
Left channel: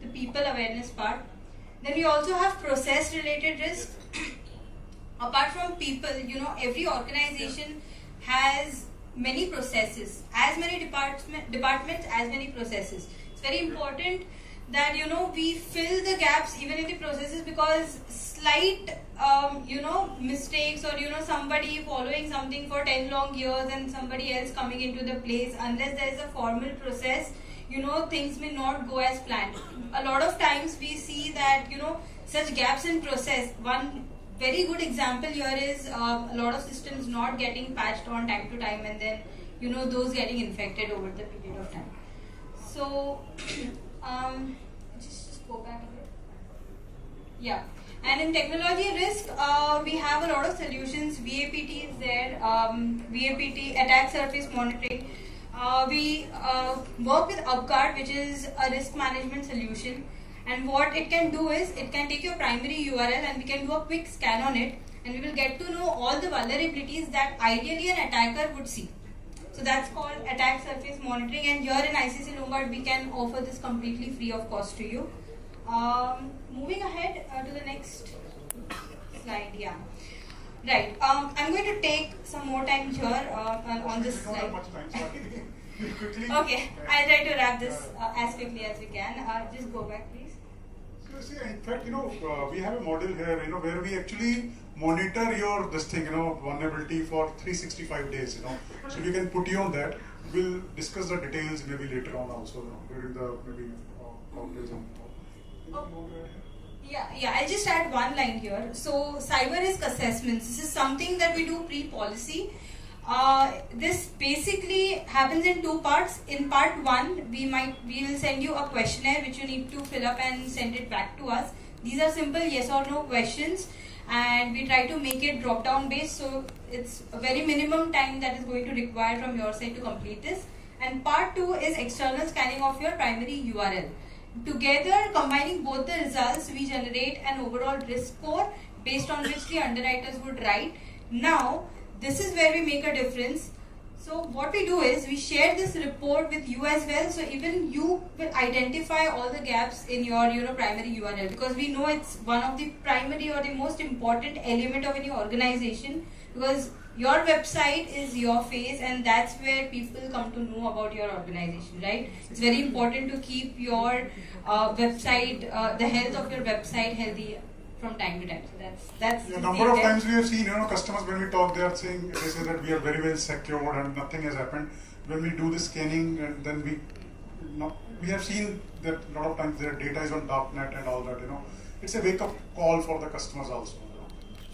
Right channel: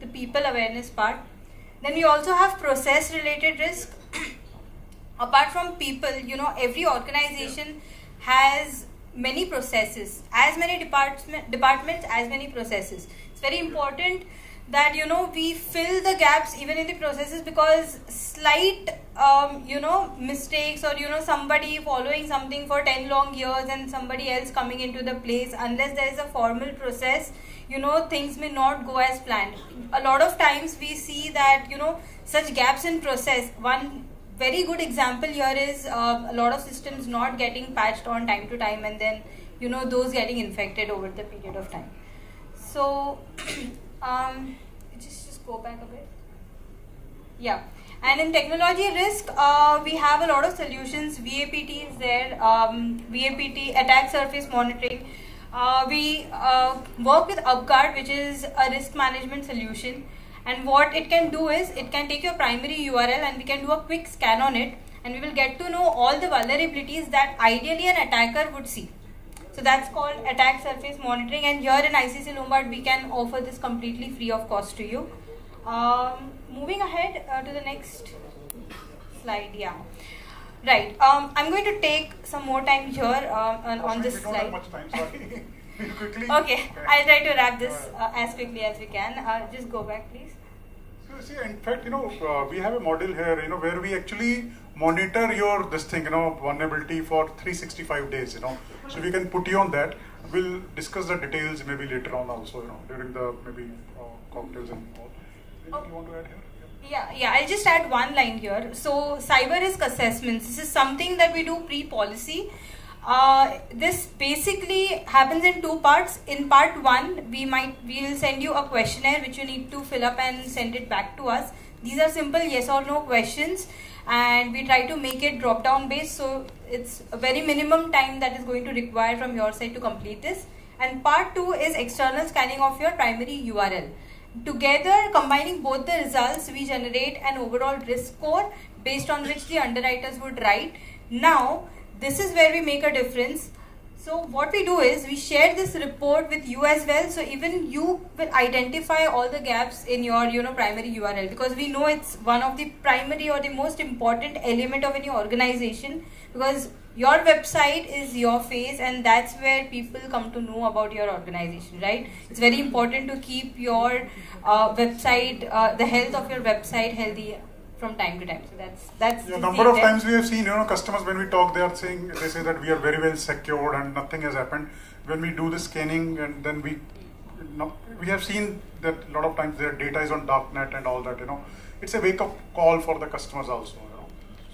the people awareness part. Then we also have process related risk. Apart from people, every organization has many processes, as many departments, as many processes. It's very important that, we fill the gaps even in the processes, because slight, mistakes or, somebody following something for 10 long years and somebody else coming into the place, unless there is a formal process, things may not go as planned. A lot of times we see that, such gaps in process. One very good example here is a lot of systems not getting patched on time to time, and then those getting infected over the period of time. So just go back a bit. Yeah. And in technology risk, we have a lot of solutions. VAPT is there. VAPT, attack surface monitoring. We work with UpGuard, which is a risk management solution. And what it can do is, it can take your primary URL and we can do a quick scan on it, and we will get to know all the vulnerabilities that ideally an attacker would see. So that's called attack surface monitoring, and here in ICICI Lombard we can offer this completely free of cost to you. Moving ahead to the next slide, yeah. Right, I'm going to take some more time here on this slide. We don't have much time, sorry. Quickly. Okay, I'll try to wrap this as quickly as we can. Just go back, please. See, in fact, we have a model here, where we actually monitor your vulnerability for 365 days, So we can put you on that. We'll discuss the details maybe later on also, during the maybe cocktails and all. Anything you want to add here? Yeah, I'll just add one line here. So, cyber risk assessments. This is something that we do pre-policy. This basically happens in two parts. In part one, we will send you a questionnaire which you need to fill up and send it back to us. These are simple yes or no questions, and we try to make it drop down based. So it's a very minimum time that is going to require from your side to complete this. And part two is external scanning of your primary URL. Together, combining both the results, we generate an overall risk score based on which the underwriters would write. Now, this is where we make a difference. So what we do is we share this report with you as well. So even you will identify all the gaps in your primary URL, because we know it's one of the primary or the most important element of any organization, because your website is your face and that's where people come to know about your organization, right? It's very important to keep your website, the health of your website healthy from time to time. So that's a number of times we have seen, customers when we talk, they say that we are very well secured and nothing has happened. When we do the scanning, and then we have seen that a lot of times their data is on darknet and all that. It's a wake up call for the customers also.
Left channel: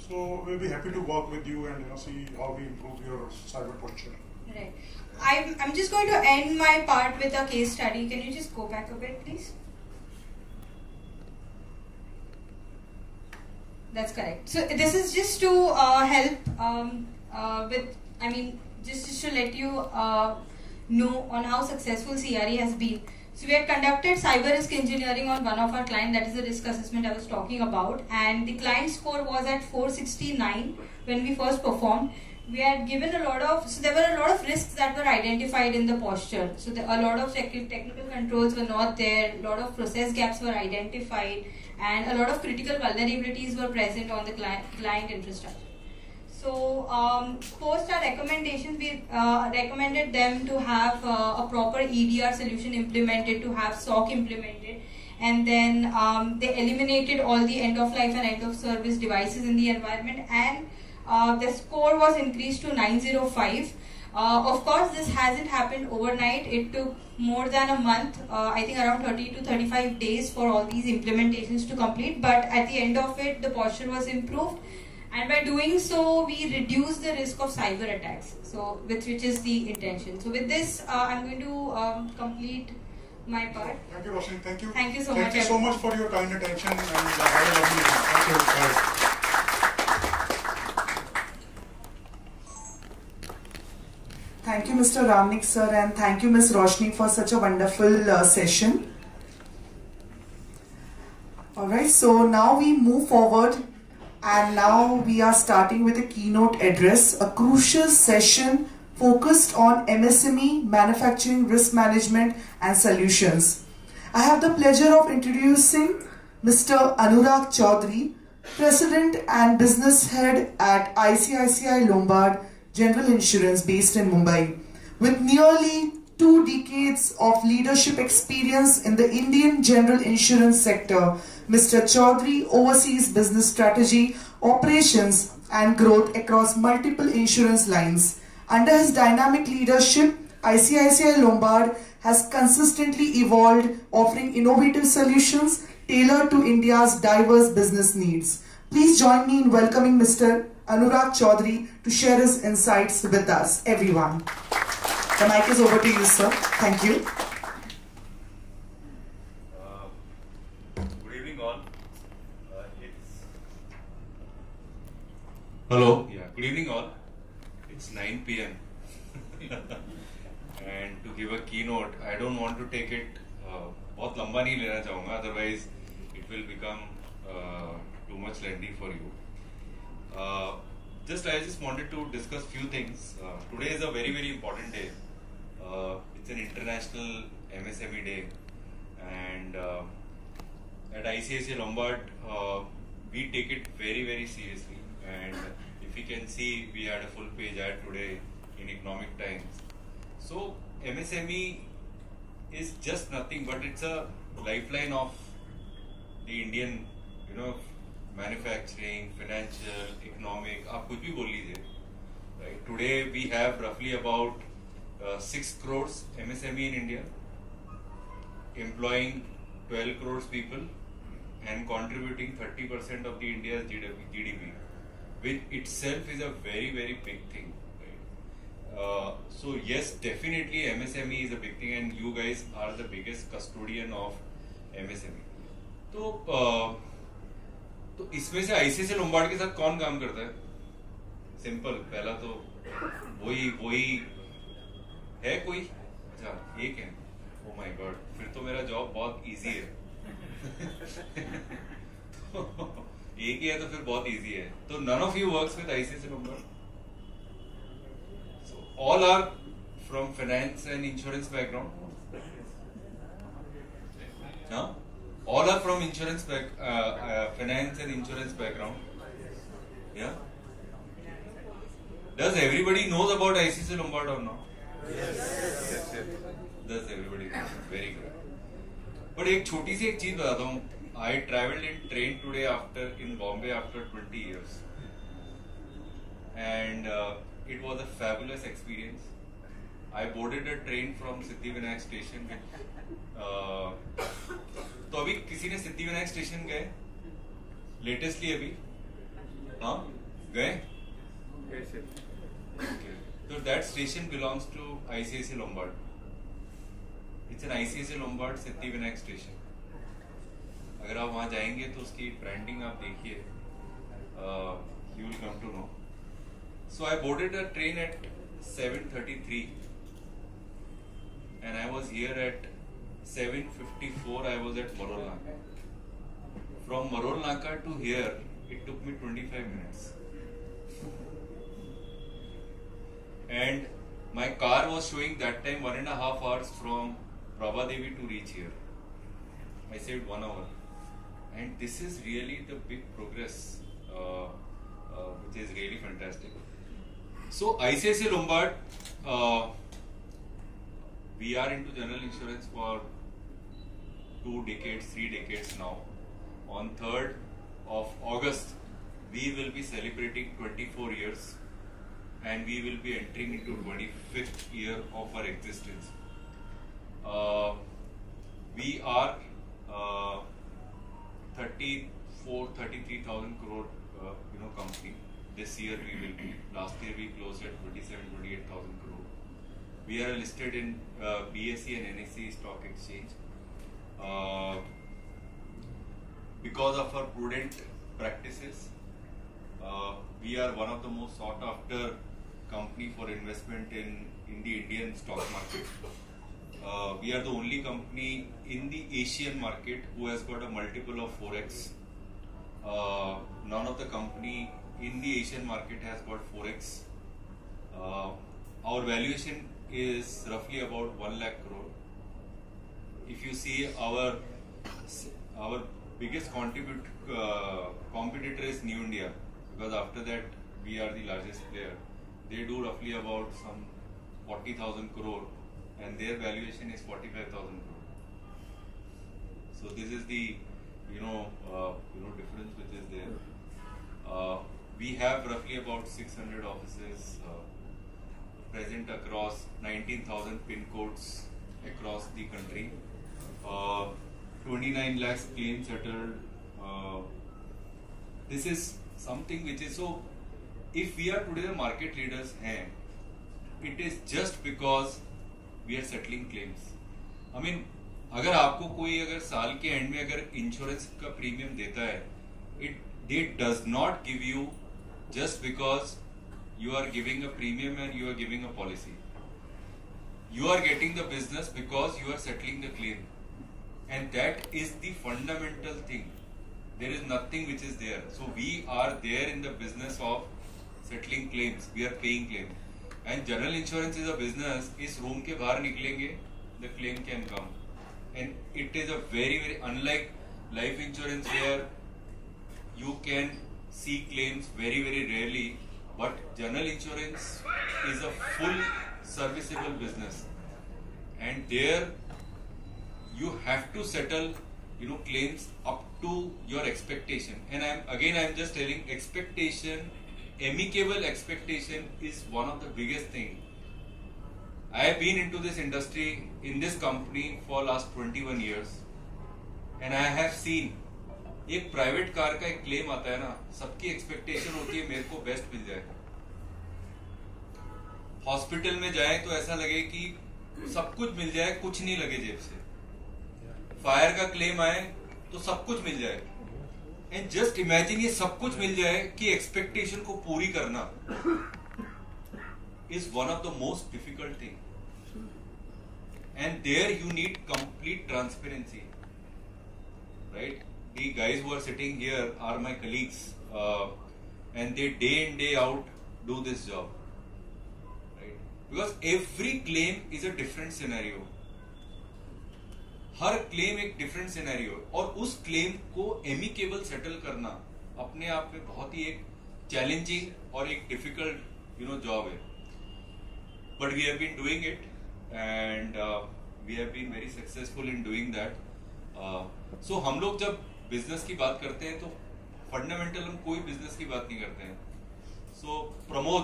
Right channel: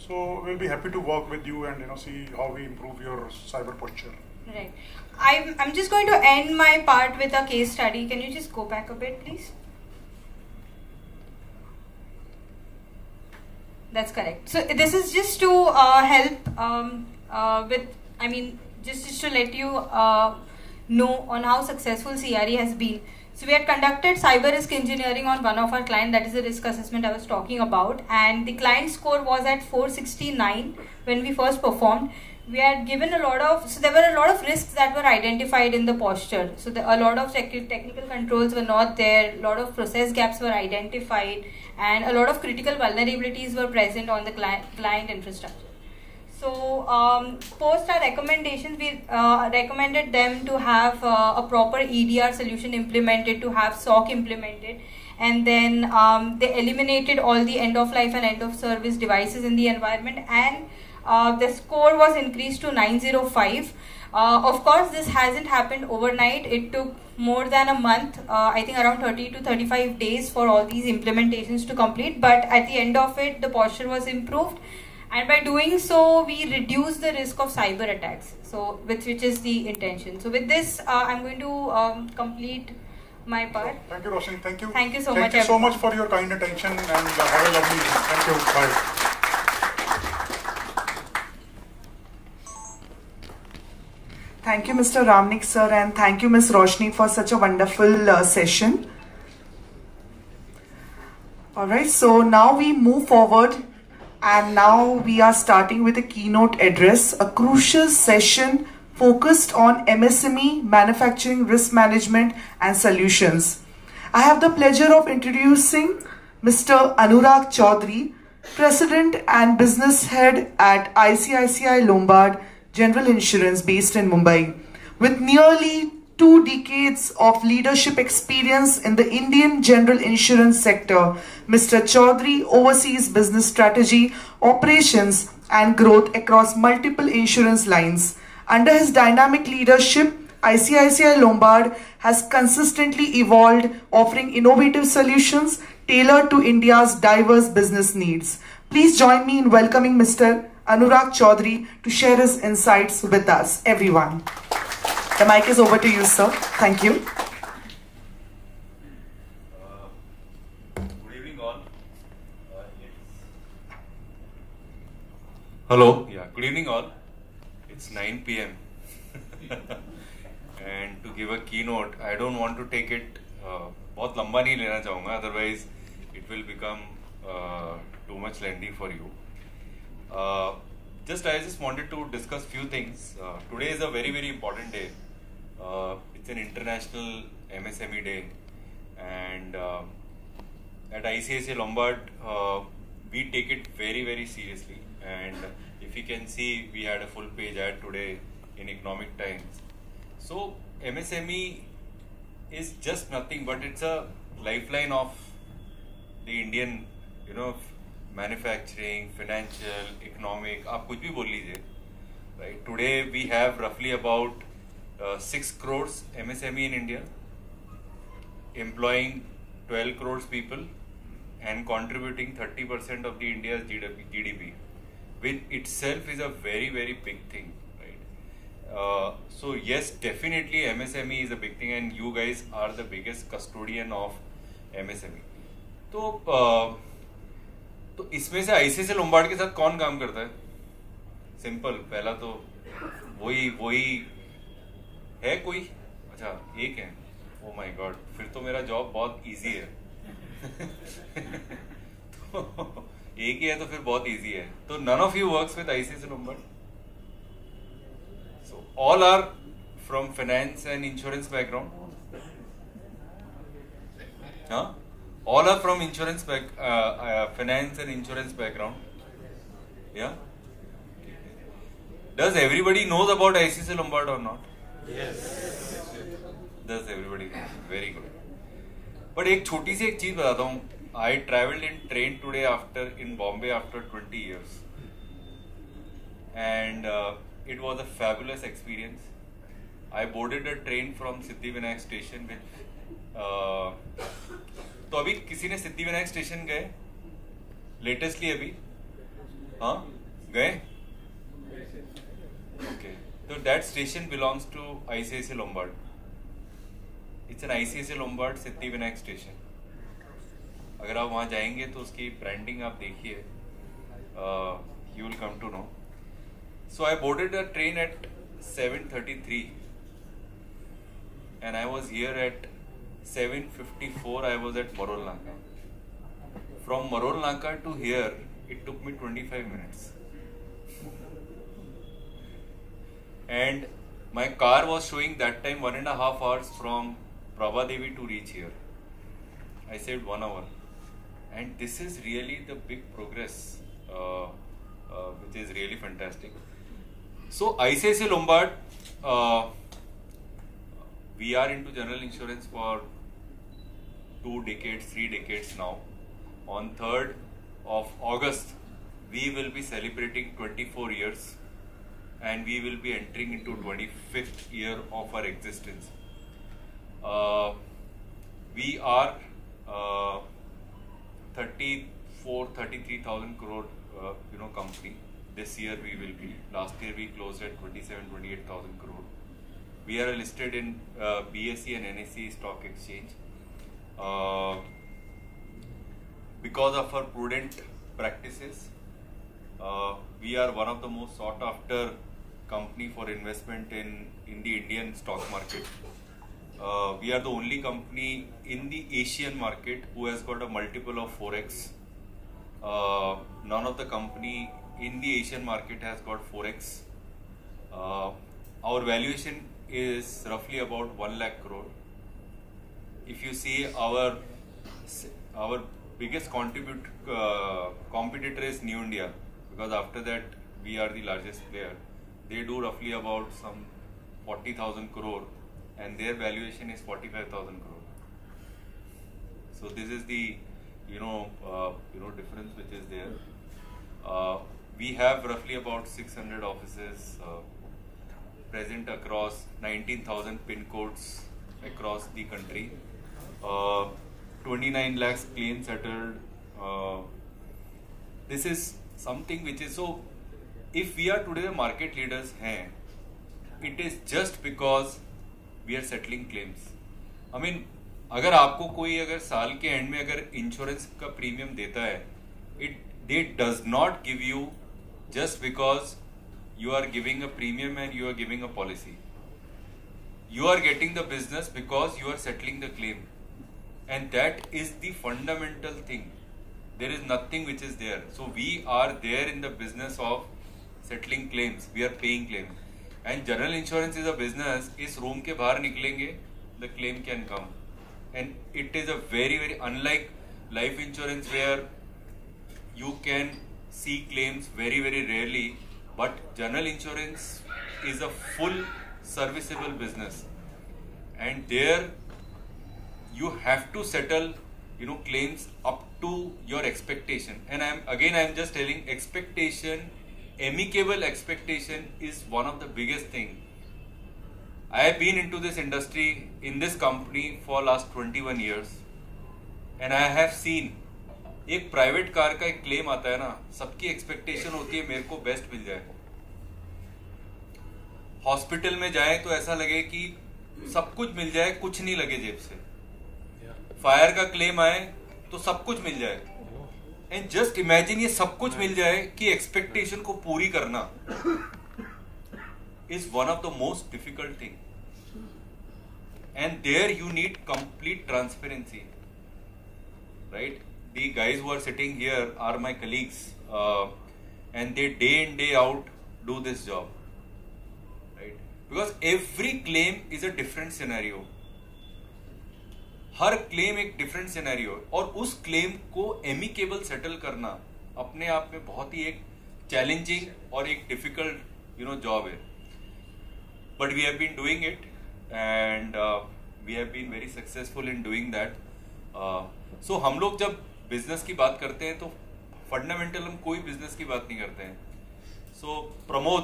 So we'll be happy to work with you and see how we improve your cyber posture. Right. I'm just going to end my part with a case study. Can you just go back a bit, please? That's correct. So this is just to help just to let you know on how successful CRE has been. So we had conducted cyber risk engineering on one of our clients, that is the risk assessment I was talking about, and the client score was at 469 when we first performed. We had given there were a lot of risks that were identified in the posture. So a lot of technical controls were not there, a lot of process gaps were identified, and a lot of critical vulnerabilities were present on the client infrastructure. So post our recommendations, we recommended them to have a proper EDR solution implemented, to have SOC implemented, and then they eliminated all the end of life and end of service devices in the environment, and the score was increased to 905. Of course, this hasn't happened overnight. It took more than a month, I think around 30 to 35 days for all these implementations to complete, but at the end of it, the posture was improved. And by doing so, we reduce the risk of cyber attacks. So, which is the intention. So, with this, I'm going to complete my part. Thank you, Roshni. Thank you. Thank you so much. Thank you so much for your kind attention and have a lovely day. Thank you. Bye. Thank you, Mr. Ramnik sir, and thank you, Ms. Roshni, for such a wonderful session. Alright, so now we move forward. And now we are starting with a keynote address, a crucial session focused on MSME, manufacturing, risk management and solutions. I have the pleasure of introducing Mr. Anurag Chaudhary, President and Business Head at ICICI Lombard General Insurance based in Mumbai. With nearly 2 decades of leadership experience in the Indian general insurance sector, Mr. Chaudhary oversees business strategy, operations and growth across multiple insurance lines. Under his dynamic leadership, ICICI Lombard has consistently evolved, offering innovative solutions tailored to India's diverse business needs. Please join me in welcoming Mr. Anurag Chaudhary to share his insights with us, everyone. The mic is over to you, sir. Thank you. Good evening, all. Hello. Yeah. Good evening, all. It's 9 p.m. And to give a keynote, I don't want to take it. बहुत लंबा नहीं लेना चाहूँगा. Otherwise, it will become too much lengthy for you. I just wanted to discuss few things. Today is a very, very important day. It's an international MSME day, and at ICICI Lombard, we take it very, very seriously. And if you can see, we had a full page ad today in Economic Times. So MSME is just nothing, but it's a lifeline of the Indian, manufacturing, financial, economic, आप कुछ भी बोल लीजिए, right? Today we have roughly about 6 crores MSME in India, employing 12 crores people, and contributing 30% of the India's GDP, which itself is a very, very big thing, right? So yes, definitely MSME is a big thing, and you guys are the biggest custodian of MSME. तो इसमें से ICICI Lombard के साथ कौन काम करता है? Simple, पहला तो वही है कोई? अच्छा, एक है. ओ माय गॉड, फिर तो मेरा जॉब बहुत इजी है. तो एक ही है तो फिर बहुत इजी है. तो none of you works with ICICI Lombard. So all are from finance and insurance background. Huh? All are from finance and insurance background. Yeah. Does everybody knows about ICICI Lombard or not? Yes. Does everybody know? Very good. But एक छोटी सी एक चीज बताता हूँ. I traveled in train today in Bombay after 20 years, and it was a fabulous experience. I boarded a train from Siddhivinayak station with. तो अभी किसी ने सिद्धिविनायक स्टेशन गए लेटेस्टली अभी? हाँ, गए? Okay. So that station belongs to ICICI Lombard. It's an ICICI Lombard Siddhivinayak station. अगर आप वहाँ जाएंगे तो उसकी ब्रांडिंग आप देखिए. You will come to know. So I boarded a train at 7:33, and I was here at 7:54. I was at Marol Naka. From Marol Naka to here, it took me 25 minutes. And my car was showing that time 1.5 hours from Prabhadevi to reach here. I saved 1 hour. And this is really the big progress, which is really fantastic. So ICICI Lombard, we are into general insurance for 2 decades, 3 decades now. On 3rd of August, we will be celebrating 24 years, and we will be entering into 25th year of our existence. We are 33,000 crore company. This year we will be. Last year we closed at 28,000 crore. We are listed in BSE and NSE stock exchange. Because of our prudent practices, we are one of the most sought after company for investment in the Indian stock market. We are the only company in the Asian market who has got a multiple of 4x. None of the company in the Asian market has got 4x. Our valuation is roughly about 1 lakh crore. If you see our biggest competitor is New India, because after that we are the largest player. They do roughly about some 40,000 crore, and their valuation is 45,000 crore. So this is the difference which is there. We have roughly about 600 offices present across 19,000 pin codes across the country. 29 lakhs claims settled. This is something which is so. If we are today the market leaders, it is just because we are settling claims. I mean, अगर आपको कोई अगर साल के and में अगर insurance का premium देता है, they does not give you just because you are giving a premium and you are giving a policy. You are getting the business because you are settling the claim, and that is the fundamental thing. There is nothing which is there. So we are there in the business of settling claims. We are paying claim, and general insurance is a business. इस room के बाहर निकलेंगे, the claim can come, and it is a very very unlike life insurance where you can see claims very very rarely, but general insurance is a full serviceable business, and there you have to settle claims up to your expectation. And I'm just telling, expectation, amicable expectation is one of the biggest thing. I have been into this industry in this company for last 21 years, and I have seen एक private car का एक claim आता है ना, सबकी expectation होती है मेरे को बेस्ट मिल जाए। हॉस्पिटल में जाए तो ऐसा लगे कि सब कुछ मिल जाए, कुछ नहीं लगे जेब से। फायर का क्लेम आए तो सब कुछ मिल जाए। एंड जस्ट इमेजिन ये सब कुछ मिल जाए कि एक्सपेक्टेशन को पूरी करना is one of the most difficult thing. And there you need complete transparency, right? The guys who are sitting here are my colleagues, and they day in day out do this job, right? Because every claim is a different scenario. Her claim एक different scenario, और उस claim को amicable settle करना अपने आप में बहुत ही एक चैलेंजिंग और एक डिफिकल्ट जॉब है। But we have been doing it and we have been very successful in doing that. So हम लोग जब बिजनेस की बात करते हैं तो फंडामेंटल हम कोई बिजनेस की बात नहीं करते हैं। सो प्रमोद,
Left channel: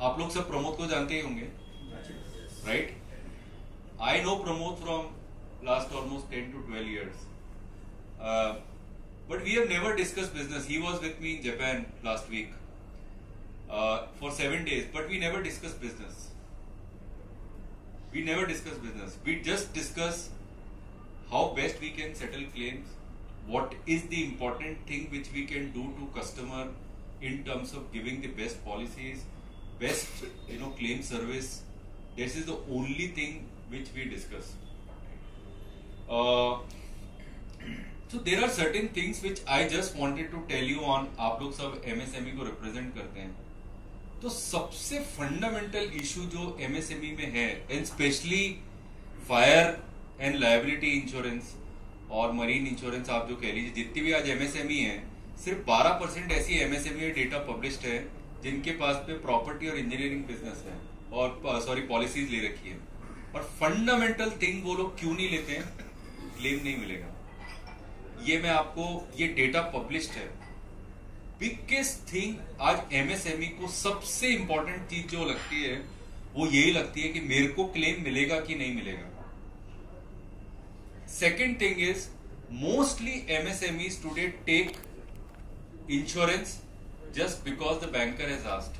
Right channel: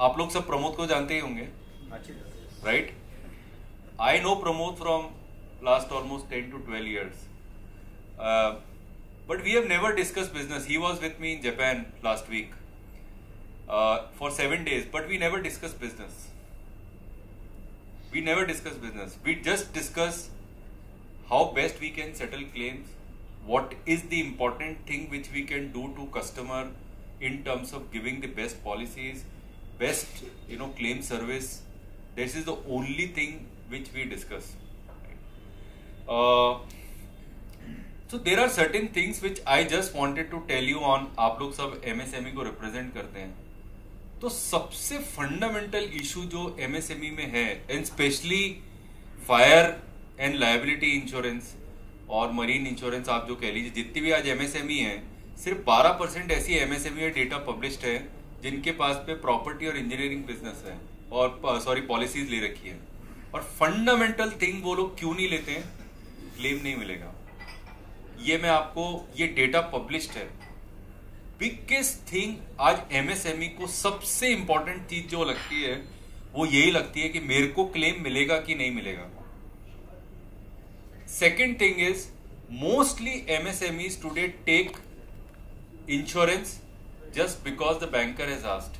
आप लोग सब प्रमोद को जानते ही होंगे, right? I know Pramod from last almost 10 to 12 years, but we have never discussed business. He was with me in Japan last week for 7 days, but we never discussed business. We never discussed business. We just discuss how best we can settle claims, what is the important thing which we can do to customer in terms of giving the best policies, best claim service. This is the only thing which we discuss. So there are certain things which I just wanted to tell you on. आप लोग सब MSME को represent करते हैं, तो सबसे fundamental issue जो MSME में है, and specially fire and liability insurance और मरीन इंश्योरेंस, आप जो कह लीजिए, जितनी भी आज MSME है, सिर्फ 12% ऐसी MSME डेटा पब्लिश्ड है जिनके पास पे प्रॉपर्टी और इंजीनियरिंग बिजनेस है और पॉलिसीज ले रखी है। और फंडामेंटल थिंग वो लोग क्यों नहीं लेते हैं? क्लेम नहीं मिलेगा। ये मैं आपको, ये डेटा पब्लिश्ड है। बिगेस्ट थिंग आज MSME को सबसे इंपॉर्टेंट चीज जो लगती है वो यही लगती है कि मेरे को क्लेम मिलेगा कि नहीं मिलेगा। Second thing is, mostly MSMEs today take insurance just because the banker has asked.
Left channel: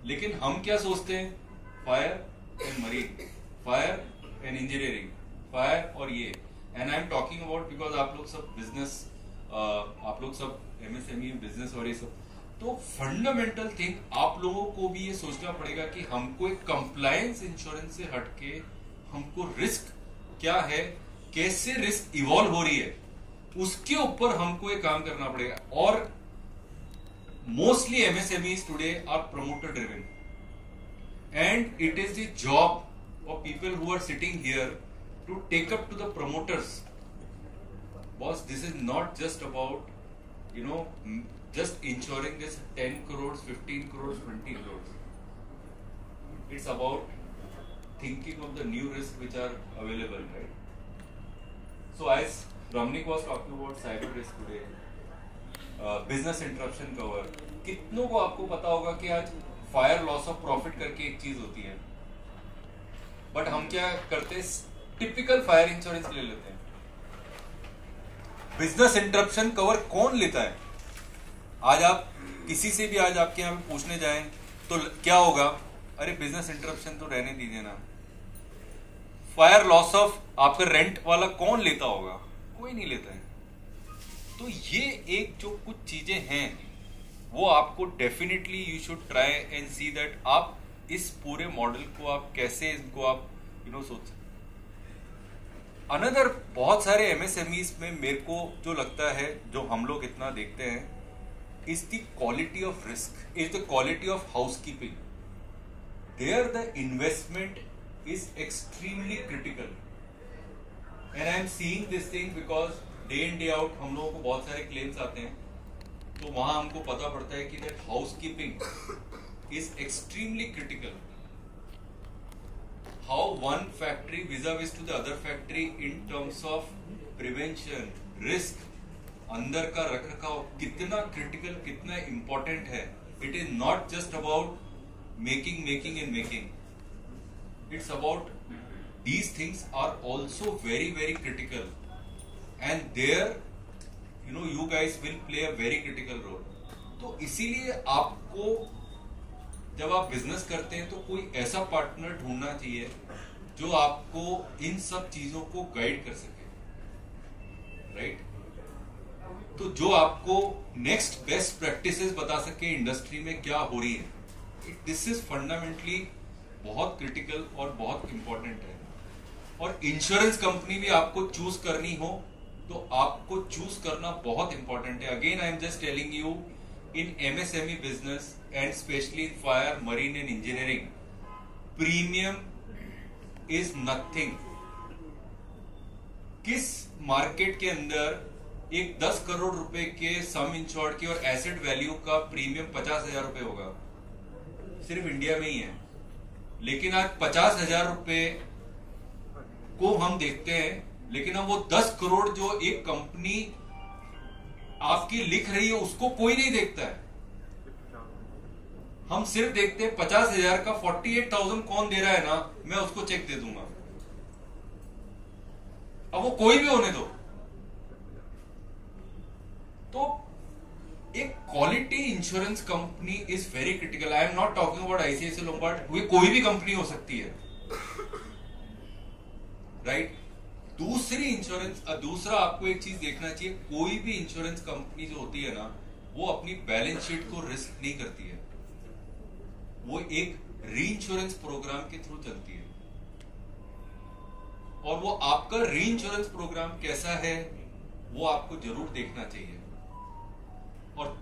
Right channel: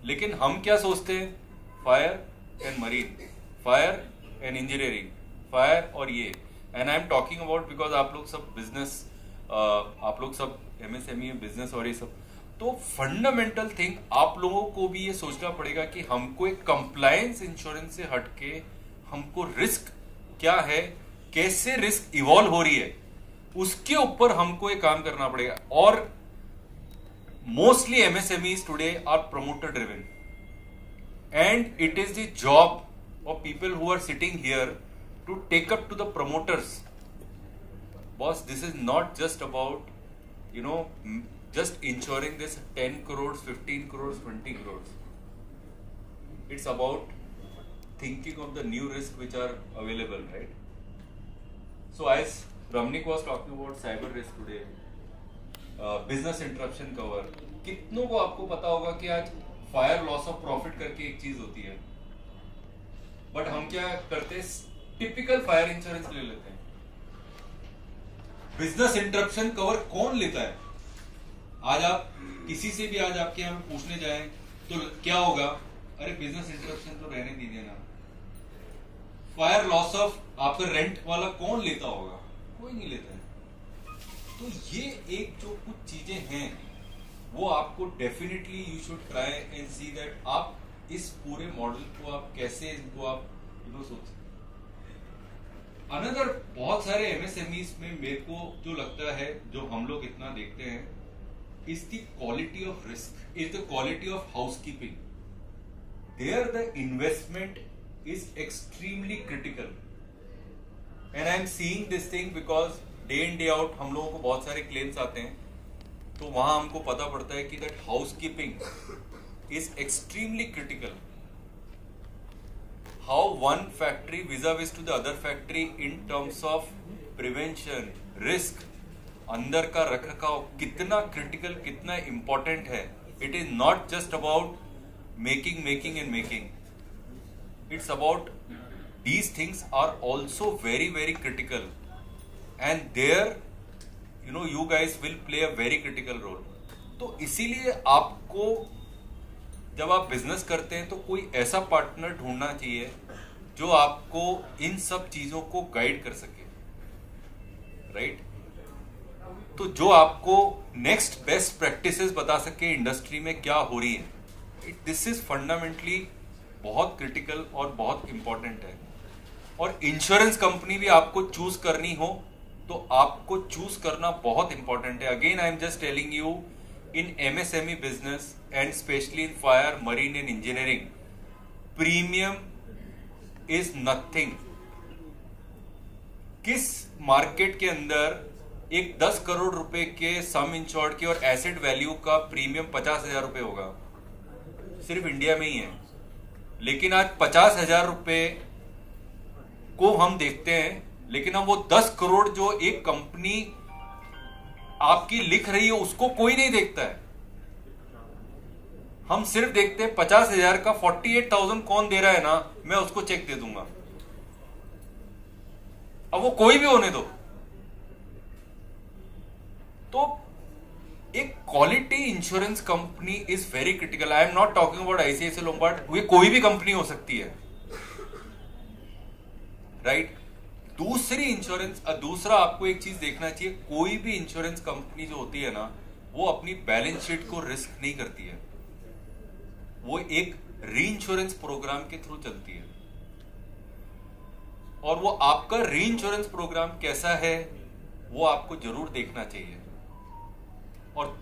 लेकिन हम क्या सोचते हैं? Fire and marine, fire and engineering, fire और ये, and I am talking about because आप लोग सब बिजनेस, आप लोग सब MSME बिजनेस और ये सब, तो फंडामेंटल थिंग आप लोगों को भी ये सोचना पड़ेगा कि हमको एक कंप्लायंस इंश्योरेंस से हटके हमको रिस्क क्या है, कैसे रिस्क इवॉल्व हो रही है, उसके ऊपर हमको एक काम करना पड़ेगा। और mostly MSMEs today are promoter driven, and it is the job of people who are sitting here to take up to the promoters. Boss, this is not just about just insuring this 10 crores, 15 crores, 20 crores. It's about thinking of the new risks which are available, right? So as Ramnik was talking about cyber risk today, business interruption cover, कितनों को आपको पता होगा कि आज fire loss of profit करके एक चीज होती है, बट हम क्या करते हैं? टिपिकल फायर इंश्योरेंस ले लेते हैं। बिजनेस इंटरप्शन कवर कौन लेता है? आज आप किसी से भी आज आपके यहाँ पूछने जाएं तो क्या होगा? अरे बिजनेस इंटरप्शन तो रहने दीजिए ना। फायर लॉस ऑफ आपका रेंट वाला कौन लेता होगा? कोई नहीं लेता है। तो ये एक जो कुछ चीजें हैं वो आपको definitely you should try and see that आप इस पूरे मॉडल को आप कैसे इसको आप सोच। अनदर बहुत सारे MSMEs में मेरे को जो लगता है, जो हम लोग इतना देखते हैं, is the quality of risk, is the quality of housekeeping. There the investment is extremely critical, and I am seeing this thing because day in day out हम लोगों को बहुत सारे क्लेम्स आते हैं, तो वहां हमको पता पड़ता है कि that housekeeping is extremely critical. How one factory vis-a-vis to the other factory in terms of prevention, risk, अंदर का रख रखाव कितना क्रिटिकल, कितना इंपॉर्टेंट है. It is not just about making and making. It's about these things are also very very critical, and there you guys will play a very critical role. तो इसीलिए आपको जब आप बिजनेस करते हैं तो कोई ऐसा पार्टनर ढूंढना चाहिए जो आपको इन सब चीजों को गाइड कर सके, राइट? तो जो आपको नेक्स्ट बेस्ट प्रैक्टिसेस बता सके इंडस्ट्री में क्या हो रही है. दिस इज फंडामेंटली बहुत क्रिटिकल और बहुत इंपॉर्टेंट है. और इंश्योरेंस कंपनी भी आपको चूज करनी हो तो आपको चूज करना बहुत इंपॉर्टेंट है. Again I am just telling you, in MSME business and specially in fire, marine and engineering, premium is nothing. किस मार्केट के अंदर एक 10 करोड़ रुपए के सम इंश्योर्ड के और एसेट वैल्यू का प्रीमियम 50,000 रुपए होगा? सिर्फ इंडिया में ही है. लेकिन आज 50,000 रुपए को हम देखते हैं, लेकिन हम वो 10 करोड़ जो एक कंपनी आपकी लिख रही है उसको कोई नहीं देखता है. हम सिर्फ देखते हैं 50,000 का 48,000 कौन दे रहा है ना, मैं उसको चेक दे दूंगा. अब वो कोई भी होने दो. तो एक quality insurance company is very critical. I am not talking about ICICI Lombard, ये कोई भी कंपनी हो सकती है, राइट? दूसरा आपको एक चीज देखना चाहिए, कोई भी इंश्योरेंस कंपनी जो होती है ना, वो अपनी बैलेंस शीट को रिस्क नहीं करती है. वो एक री इंश्योरेंस प्रोग्राम के थ्रू चलती है. और वो आपका री इंश्योरेंस प्रोग्राम कैसा है वो आपको जरूर देखना चाहिए. और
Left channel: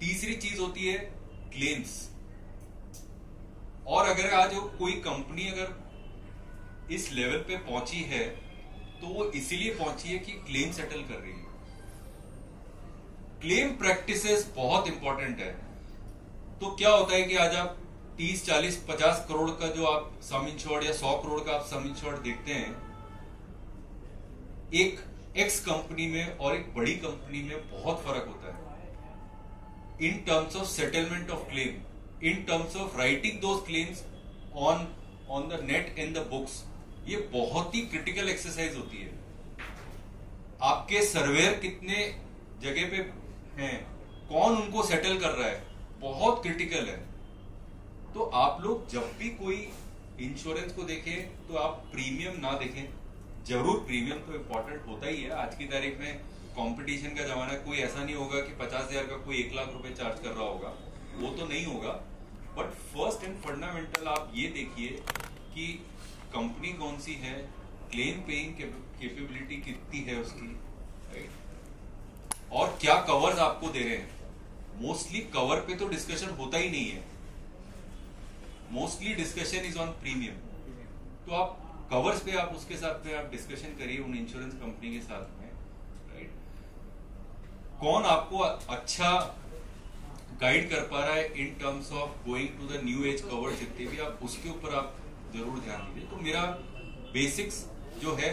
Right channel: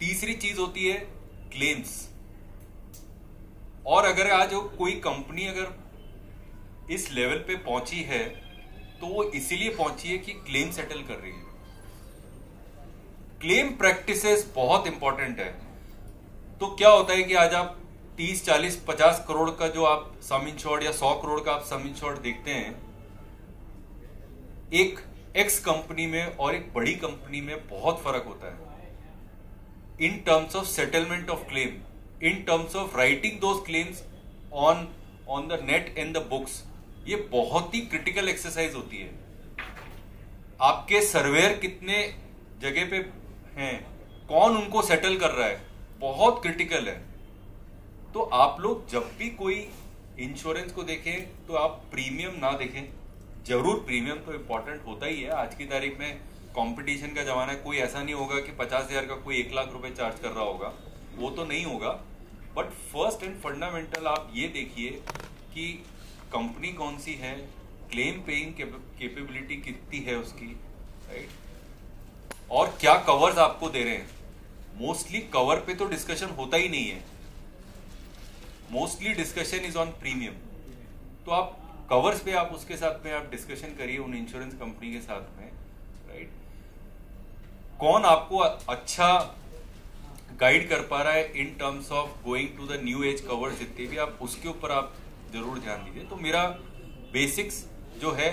तीसरी चीज होती है क्लेम्स. और अगर आज कोई कंपनी अगर इस लेवल पे पहुंची है तो वो इसीलिए पहुंची है कि क्लेम सेटल कर रही है. क्लेम प्रैक्टिसेस बहुत इंपॉर्टेंट है. तो क्या होता है कि आज आप 30, 40, 50 करोड़ का जो आप सम इंश्योर्ड या 100 करोड़ का आप सम इंश्योर्ड देखते हैं, एक एक्स कंपनी में और एक बड़ी कंपनी में बहुत फर्क होता है. In terms of settlement of claim, in terms of writing those claims on the net and the books, ये बहुत ही क्रिटिकल एक्सरसाइज होती है. आपके सर्वेयर कितने जगह पे हैं, कौन उनको सेटल कर रहा है, बहुत क्रिटिकल है. तो आप लोग जब भी कोई इंश्योरेंस को देखें तो आप प्रीमियम ना देखें. जरूर प्रीमियम तो इंपॉर्टेंट होता ही है. आज की तारीख में कंपटीशन का जमाना है. कोई ऐसा नहीं होगा कि 50,000 का कोई 1 लाख रुपए चार्ज कर रहा होगा, वो तो नहीं होगा. बट फर्स्ट एंड फंडामेंटल आप ये देखिए कि कंपनी कौन सी है, क्लेम पेइंग कैपेबिलिटी कितनी है उसकी, राइट? और क्या कवर्स आपको दे रहे हैं. मोस्टली कवर पे तो डिस्कशन होता ही नहीं है. Mostly discussion is on premium. तो आप कवर्स पे आप उसके साथ में आप डिस्कशन करिए उन इंश्योरेंस कंपनी के साथ में, राइट? कौन आपको अच्छा गाइड कर पा रहा है in terms of going to the new age covers, जितने भी आप उसके ऊपर आप जरूर ध्यान दीजिए. तो मेरा बेसिक्स जो है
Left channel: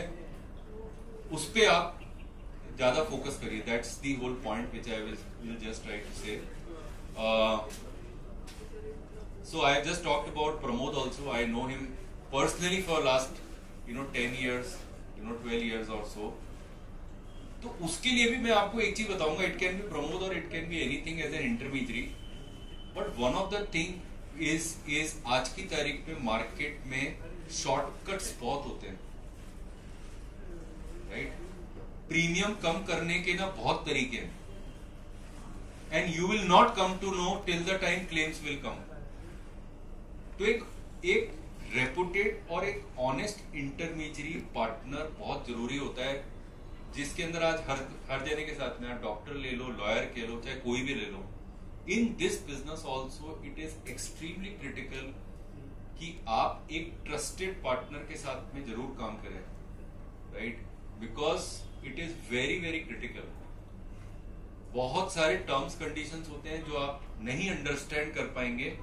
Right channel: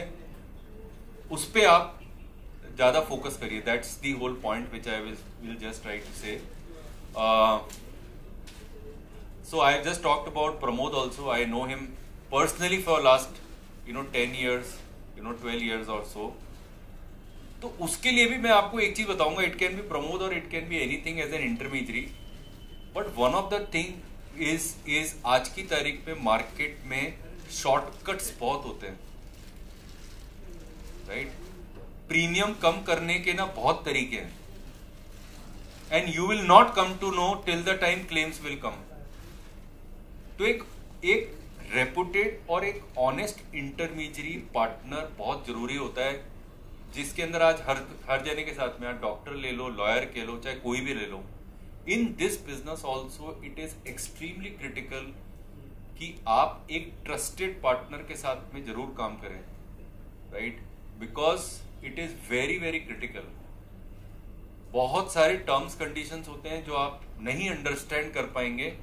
उस पे आप ज्यादा फोकस करिए. That's the whole point which I will just try to say. So I just talked about Pramod also. I know him personally for last 10 years, 12 years or so. तो उसके लिए भी मैं आपको एक चीज बताऊंगा. इट कैन बी प्रमोद और it can be anything as an intermediary. But one of the thing is आज की तारीख में मार्केट में शॉर्टकट्स बहुत होते हैं, राइट? प्रीमियम कम करने के ना बहुत तरीके हैं. And you will not come to know till the time claims will come. तो एक रेपुटेड और एक ऑनेस्ट इंटरमीडियरी पार्टनर बहुत जरूरी होता है, जिसके अंदर आज हर जने के साथ में आप डॉक्टर ले लो, लॉयर के लो, चाहे कोई भी ले लो. In this business also it is extremely critical कि आप एक ट्रस्टेड पार्टनर के साथ में जरूर काम करें, right? Because it is very very critical. बहुत सारे टर्म्स कंडीशंस होते हैं जो आप नहीं अंडरस्टैंड कर पाएंगे,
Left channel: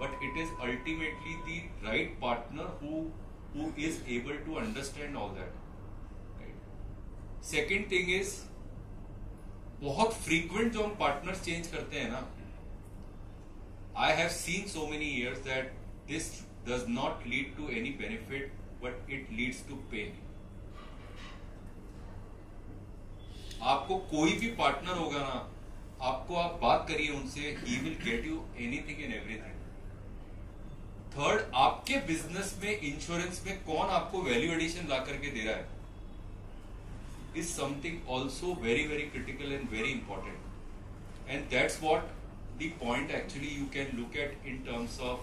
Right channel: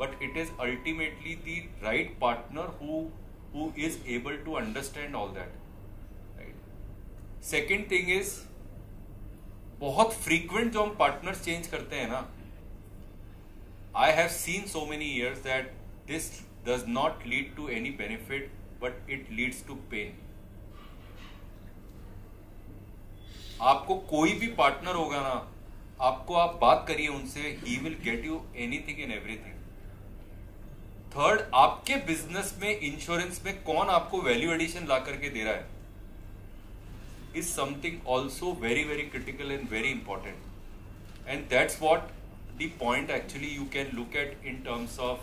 but it is ultimately the right partner who is able to understand all that, right? Second thing is बहुत फ्रीक्वेंट जो हम पार्टनर्स चेंज करते हैं ना, I have seen so many years that this does not lead to any benefit but it leads to pain. आपको कोई भी partner होगा ना, आपको आप बात करिए उनसे, he will get you anything and everything. Third, आपके बिजनेस में इंश्योरेंस में कौन आपको वैल्यू एडिशन ला करके दे रहा है is something also very very critical and very important. And that's what the point actually you can look at in terms of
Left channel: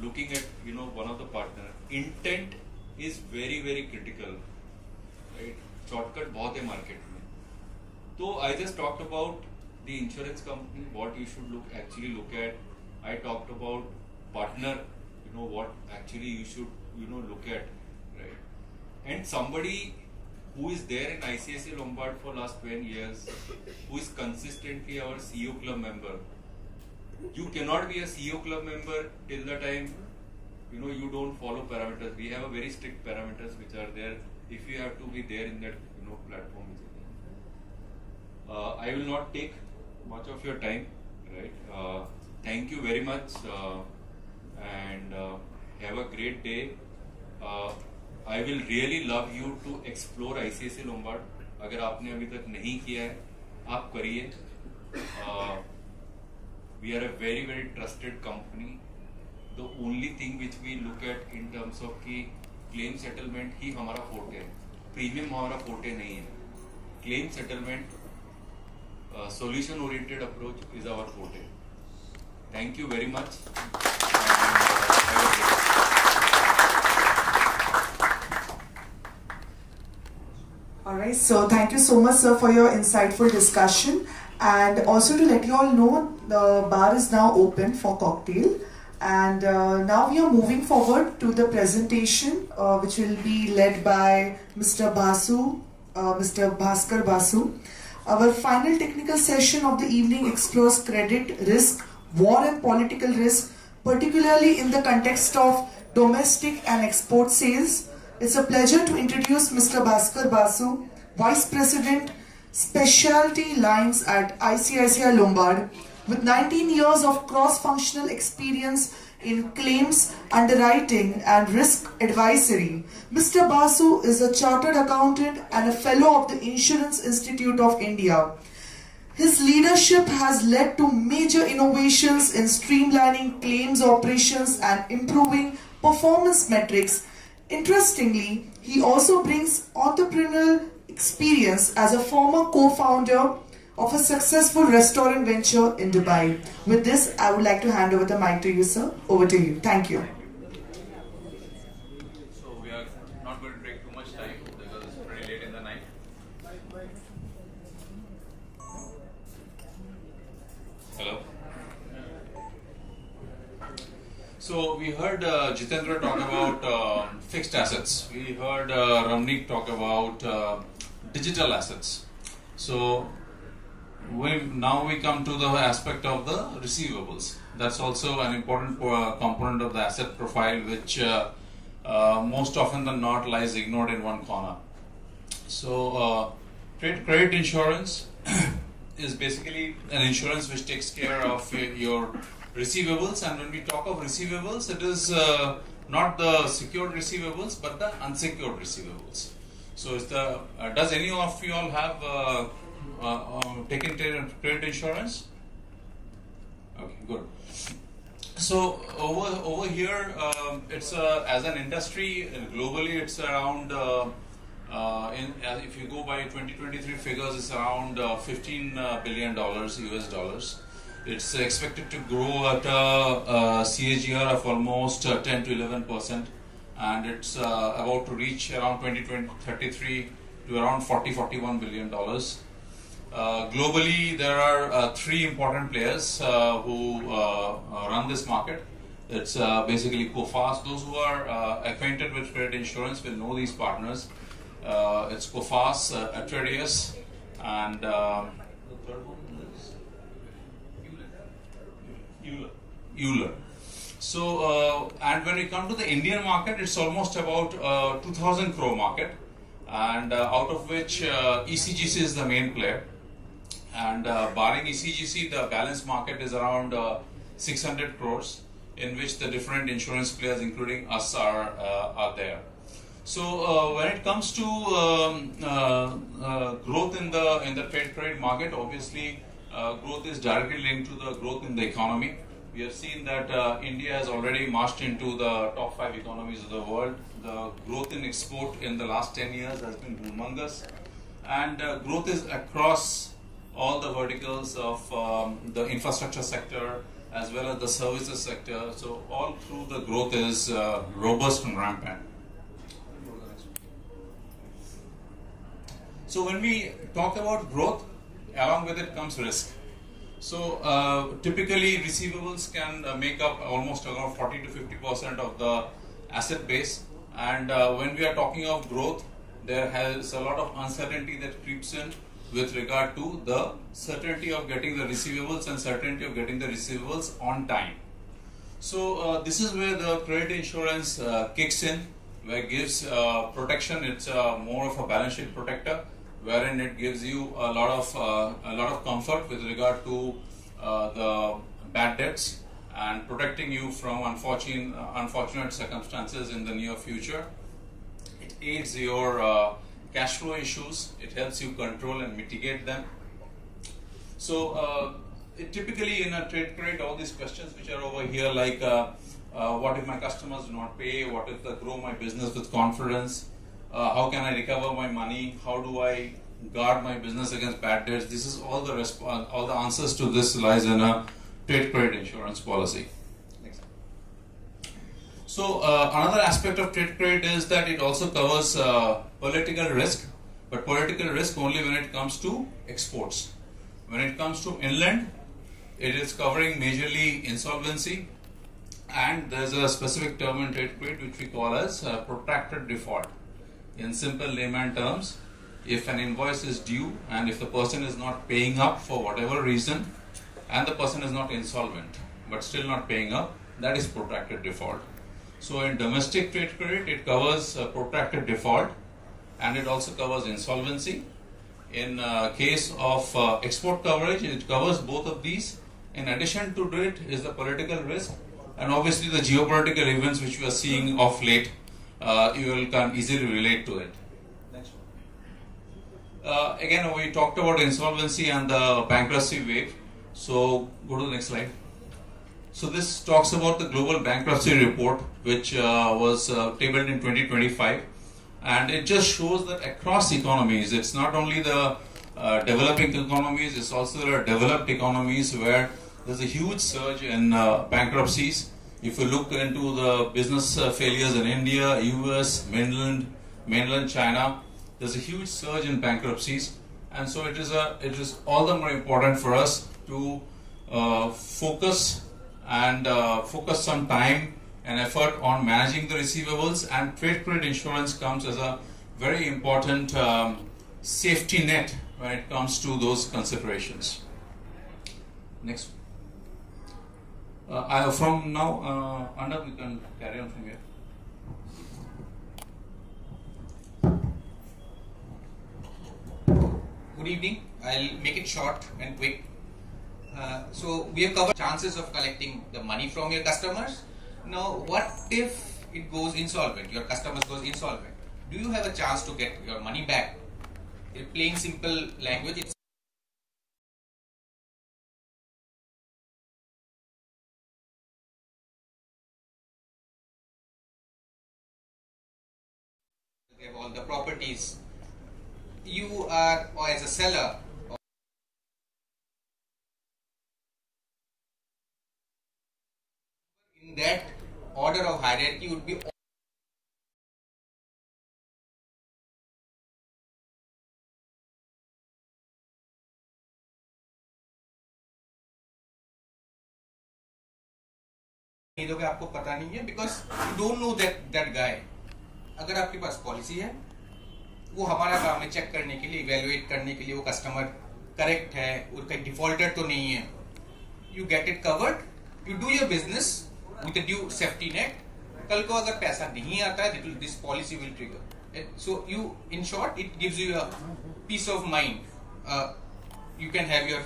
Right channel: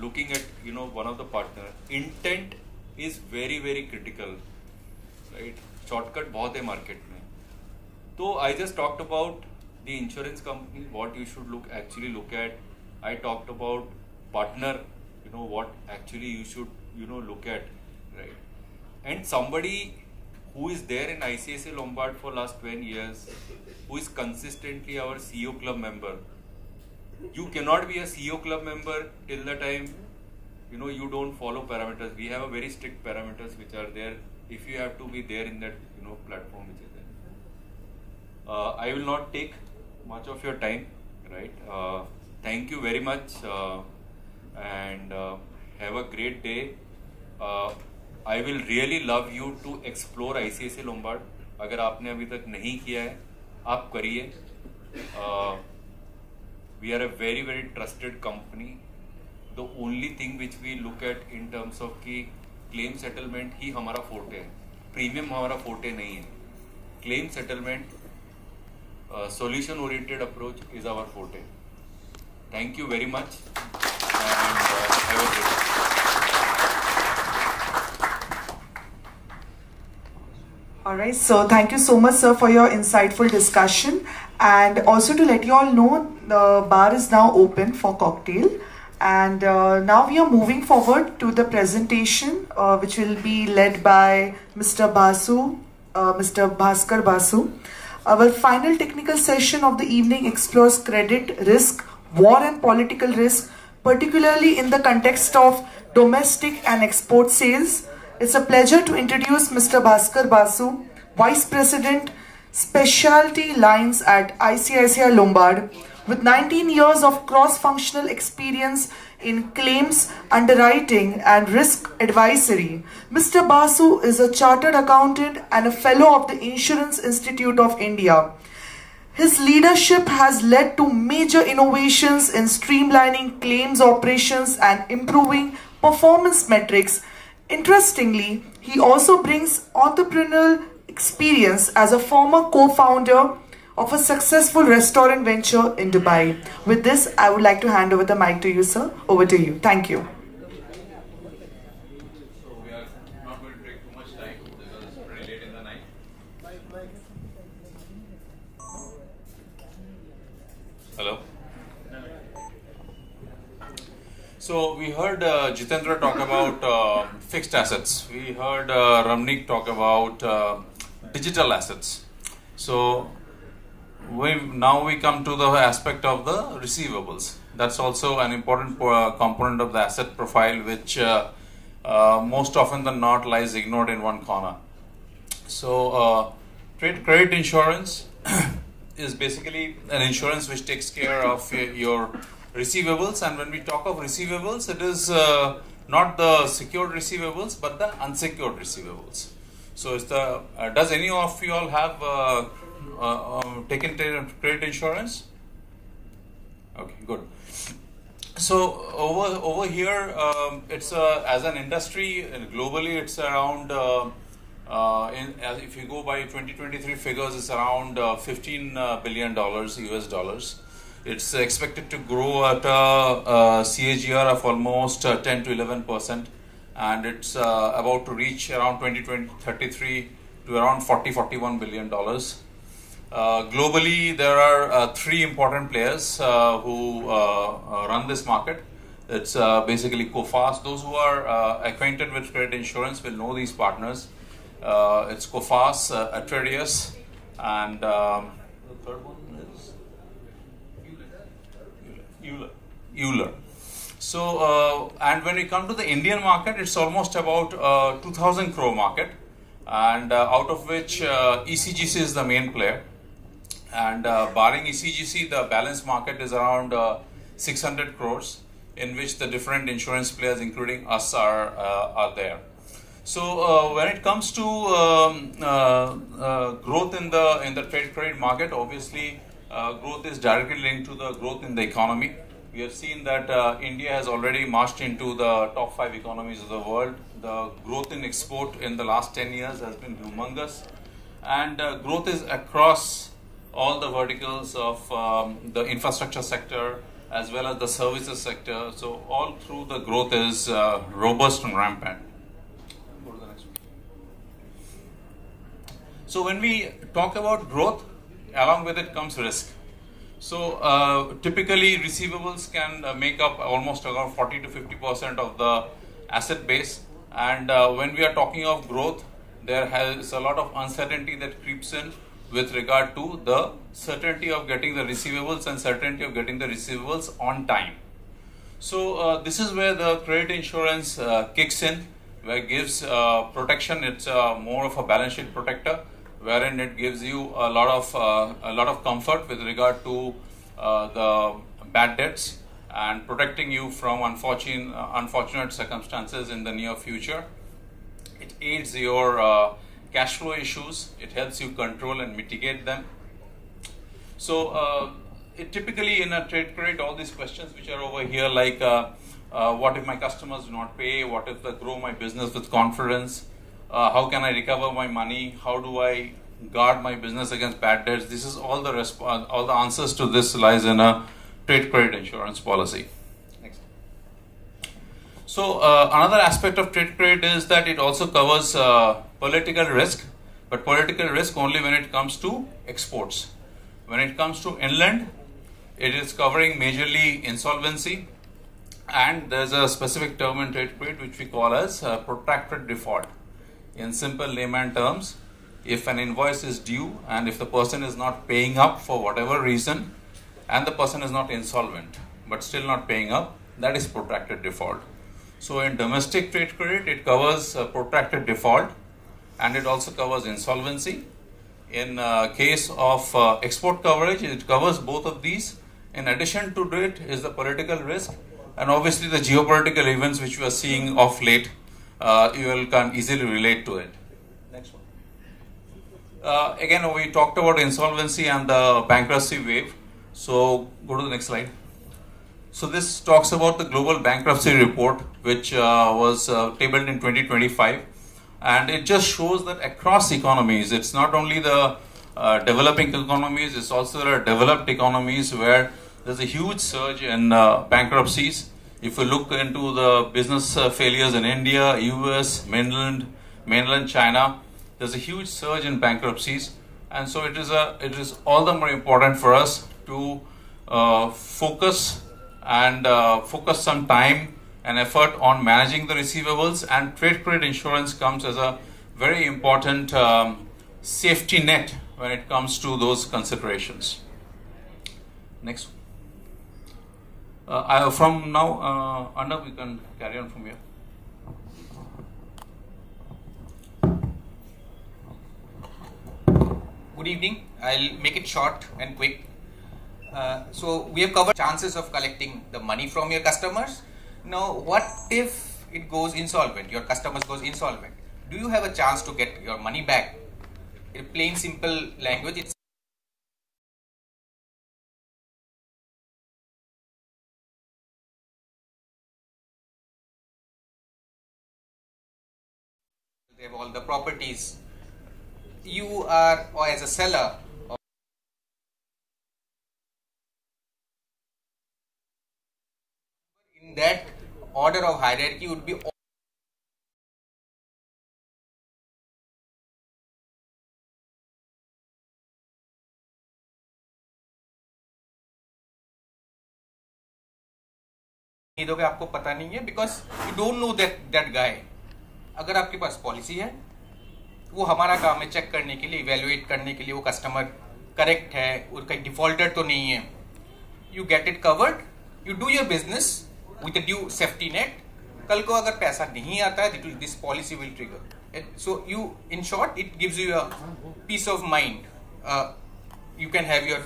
looking at one of the partner. Intent is very very critical, right? Shortcut बहुत है market में. So I just talked about the insurance company, what you should actually look at. I talked about partner, what actually you should look at, right? And somebody who is there in ICICI Lombard for last 10 years, who is consistently our CEO club member. You cannot be a CEO club member till the time you don't follow parameters. We have a very strict parameters which are there. If you have to be there in that platform which is there. I will not take much of your time, right? Thank you very much and have a great day. I will really love you to explore ICICI Lombard. अगर आपने अभी तक नहीं किया है, आप करिए. We are a very very trusted company. The only thing which we look at in terms of कि claim settlement ही हमारा forte है, premium हमारा forte नहीं है. Claim settlement, solution oriented approach is our forte. Thank you very much and have a great day. Alright, so thank you so much sir for your insightful discussion, and also to let you all know the bar is now open for cocktail. And now we are moving forward to the presentation which will be led by Mr. Basu, Mr. Bhaskar Basu. Our final technical session of the evening explores credit risk, war and political risk, particularly in the context of domestic and export sales. It's a pleasure to introduce Mr. Bhaskar Basu, Vice President, Specialty Lines at ICICI Lombard. With 19 years of cross-functional experience in claims, underwriting and risk advisory, Mr. Basu is a chartered accountant and a fellow of the Insurance Institute of India. His leadership has led to major innovations in streamlining claims operations and improving performance metrics. Interestingly, he also brings entrepreneurial experience as a former co-founder of a successful restaurant venture in Dubai. With this, I would like to hand over the mic to you, sir. Over to you. Thank you. So we are not going to take too much time because it's pretty late in the night. Hello. So we heard Jitendra talk about fixed assets. We heard Ramnik talk about digital assets. So now we come to the aspect of the receivables. That's also an important component of the asset profile, which most often than not lies ignored in one corner. So trade credit insurance is basically an insurance which takes care of your receivables, and when we talk of receivables, it is not the secured receivables but the unsecured receivables. So it's the does any of you all have taken credit insurance? Okay, good. So over here, it's as an industry globally, it's around if you go by 2023 figures, it's around $15 billion US dollars. It's expected to grow at a CAGR of almost 10 to 11%, and it's about to reach around 2033 to around $41 billion. Globally, there are three important players who run this market. It's basically Coface. Those who are acquainted with credit insurance will know these partners. It's Coface, Atradius, and the third one is Euler. So, and when we come to the Indian market, it's almost about 2000 crore market. and out of which ECGC is the main player. And barring ECGC, the balance market is around 600 crores, in which the different insurance players, including us, are there. So when it comes to growth in the trade credit market, obviously growth is directly linked to the growth in the economy. We have seen that India has already marched into the top 5 economies of the world. The growth in export in the last 10 years has been humongous, and growth is across all the verticals of the infrastructure sector as well as the services sector. So all through the growth is robust and rampant. So when we talk about growth, along with it comes risk. So typically receivables can make up almost around 40 to 50% of the asset base. And when we are talking of growth, there has a lot of uncertainty that creeps in with regard to the certainty of getting the receivables and certainty of getting the receivables on time. So this is where the credit insurance kicks in, where it gives protection. It's more of a balance sheet protector, wherein it gives you a lot of comfort with regard to the bad debts and protecting you from unfortunate circumstances in the near future. It aids your cash flow issues. It helps you control and mitigate them. So it typically in a trade credit, all these questions which are over here, like what if my customers do not pay? What if I grow my business with confidence? How can I recover my money? How do I guard my business against bad debts? This is all the answers to this lies in a trade credit insurance policy. Next. So another aspect of trade credit is that it also covers political risk, but political risk only when it comes to exports. When it comes to inland, it is covering majorly insolvency, and there's a specific term in trade credit which we call as protracted default. In simple layman terms, if an invoice is due and if the person is not paying up for whatever reason, and the person is not insolvent but still not paying up, that is protracted default. So in domestic trade credit, it covers protracted default, and it also covers insolvency. In case of export coverage, it covers both of these. In addition to it is the political risk, and obviously the geopolitical events which we are seeing of late. You can easily relate to it. Next one. Again, we talked about insolvency and the bankruptcy wave. So go to the next slide. So this talks about the global bankruptcy report, which was tabled in 2025, and it just shows that across economies, it's not only the developing economies, it's also the developed economies where there's a huge surge in bankruptcies. If you look into the business failures in India, US, mainland China, there's a huge surge in bankruptcies, and so it is all the more important for us to focus some time and effort on managing the receivables, and trade credit insurance comes as a very important safety net when it comes to those considerations. Next. From now, Arnav, we can carry on from here. Good evening. I'll make it short and quick. So we have covered chances of collecting the money from your customers. Now, what if it goes insolvent? Your customers goes insolvent. Do you have a chance to get your money back? In plain, simple language, it's they have all the properties. You are, or as a seller, in that order of hierarchy would be दोगे आपको पता नहीं है, because you don't know that guy. अगर आपके पास policy है, वो हमारा काम है चेक करने के लिए, इवेल्युएट करने के लिए वो कस्टमर करेक्ट है, उसका डिफॉल्टर तो नहीं है. You get it covered, you do your business with a due safety net. कल को अगर पैसा नहीं आता है, this policy will trigger. So you, in short, it gives you a peace of mind. You can have your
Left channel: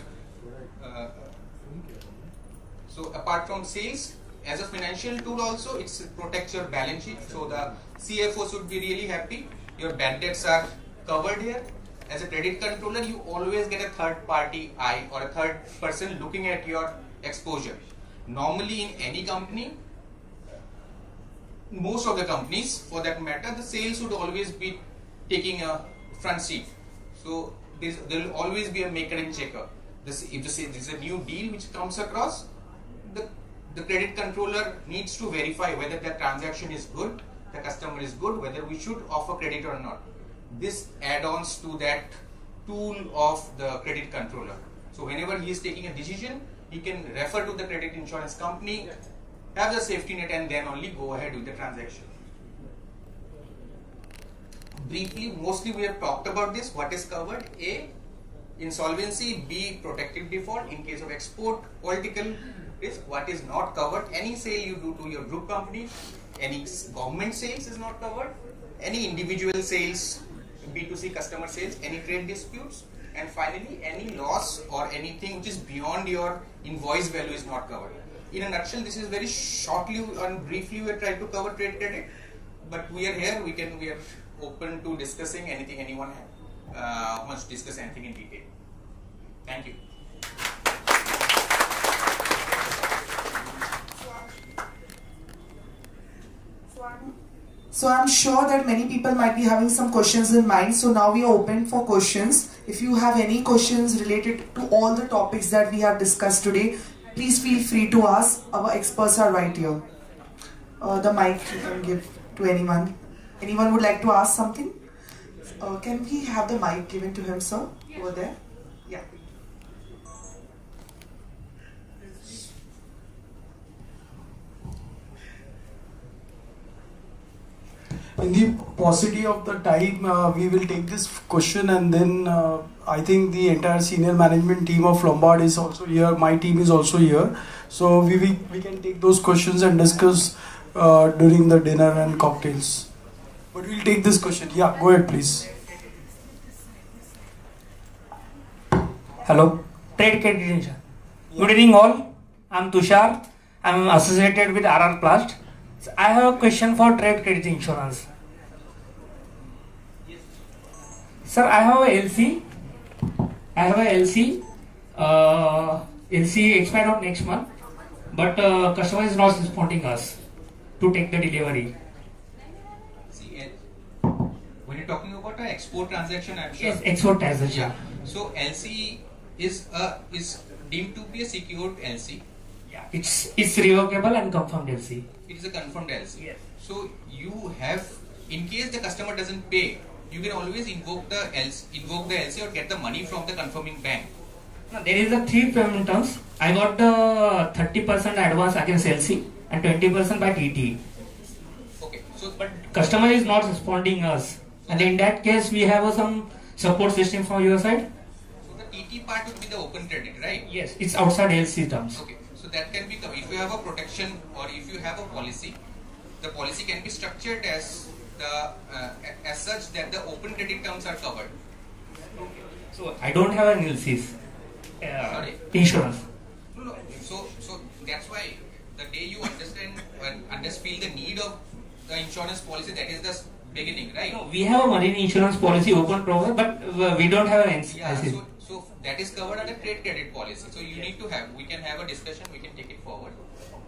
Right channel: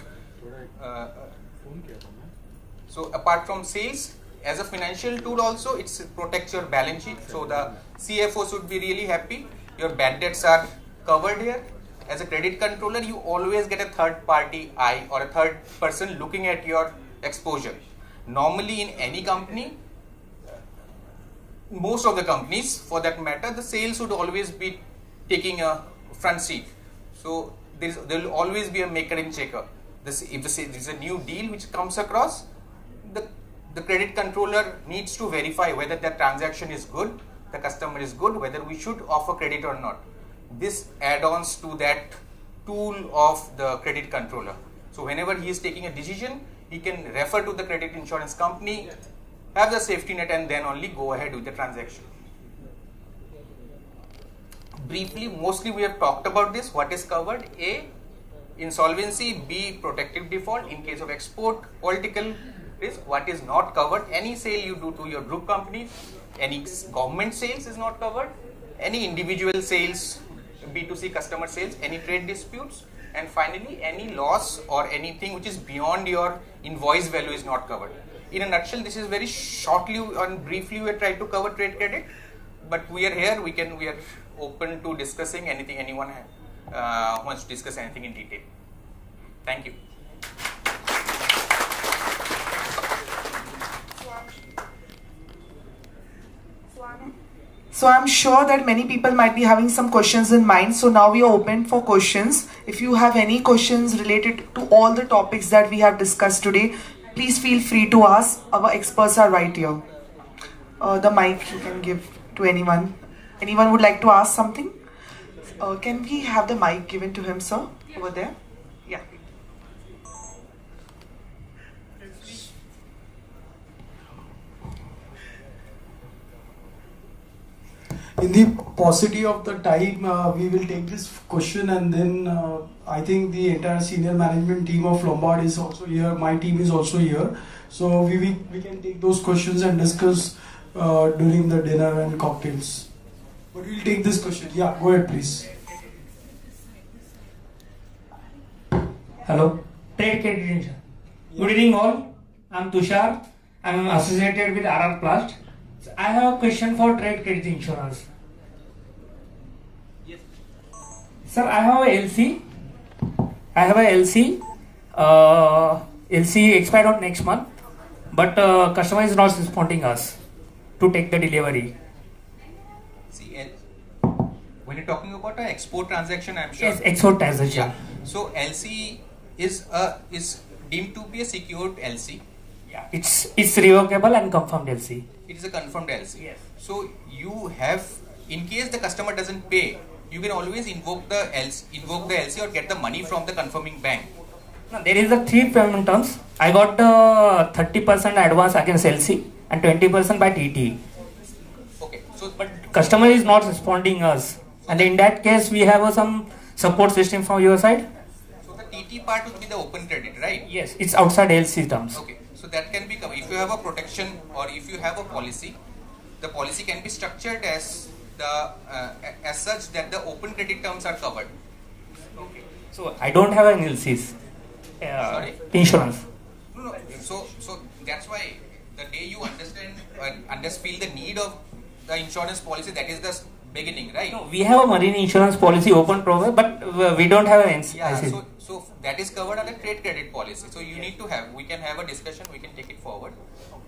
so apart from sales, as a financial tool also, it protects your balance sheet. So the CFO should be really happy. Your bad debts are covered here. As a credit controller, you always get a third party eye or a third person looking at your exposure. Normally in any company, most of the companies for that matter, the sales would always be taking a front seat. So there will always be a maker and checker. If there's a new deal which comes across, the credit controller needs to verify whether that transaction is good, the customer is good, whether we should offer credit or not. This adds to that tool of the credit controller. So whenever he is taking a decision, he can refer to the credit insurance company, have the safety net, and then only go ahead with the transaction. Briefly, mostly we have talked about this. What is covered? A, insolvency. B, protective default in case of export, political risk. What is not covered? Any sale you do to your group company, any government sales is not covered, any individual sales, B2C customer sales, any trade disputes, and finally any loss or anything which is beyond your invoice value is not covered. In a nutshell, this is very shortly and briefly we are trying to cover trade credit, but we are here, we are open to discussing anything anyone wants to discuss anything in detail. Thank you. So I'm sure that many people might be having some questions in mind. So now we are open for questions. If you have any questions related to all the topics that we have discussed today, please feel free to ask. Our experts are right here. The mic you can give to anyone. Anyone would like to ask something? Can we have the mic given to him, sir? Over there? Yeah. In the paucity of the time, we will take this question, and then I think the entire senior management team of Lombard is also here. My team is also here, so we can take those questions and discuss during the dinner and cocktails. But we'll take this question. Yeah, go ahead, please. Hello, Trade Credit Insurance. Good evening, all. I'm Tushar. I'm associated with RR Plast. I have a question for Trade Credit Insurance. Sir, I have a LC. LC expired on next month, but customer is not responding us to take the delivery. See, when you're talking about an export transaction, I'm sure. Yes, export transaction. Yeah. So LC is deemed to be a secured LC. Yeah. It's revocable and confirmed LC. It is a confirmed LC. Yes. So you have, in case the customer doesn't pay, you can always invoke the LC or get the money from the confirming bank. Now, there is a 3 payment terms. I got 30% advance against LC and 20% by TT. Okay. So, but customer is not responding us, and in that case, we have some support system from your side. So the TT part would be the open credit, right? Yes, it's outside LC terms. Okay. So that can be covered. If you have a protection or if you have a policy, the policy can be structured as such that the open credit terms are covered. Okay. So I don't have an LC's insurance. No. So that's why the day you understand feel the need of the insurance policy, that is the beginning, right? No, we have a marine insurance policy open program, but we don't have an NC. Yeah. So that is covered under trade credit policy. So you need to have. We can have a discussion. We can take it forward.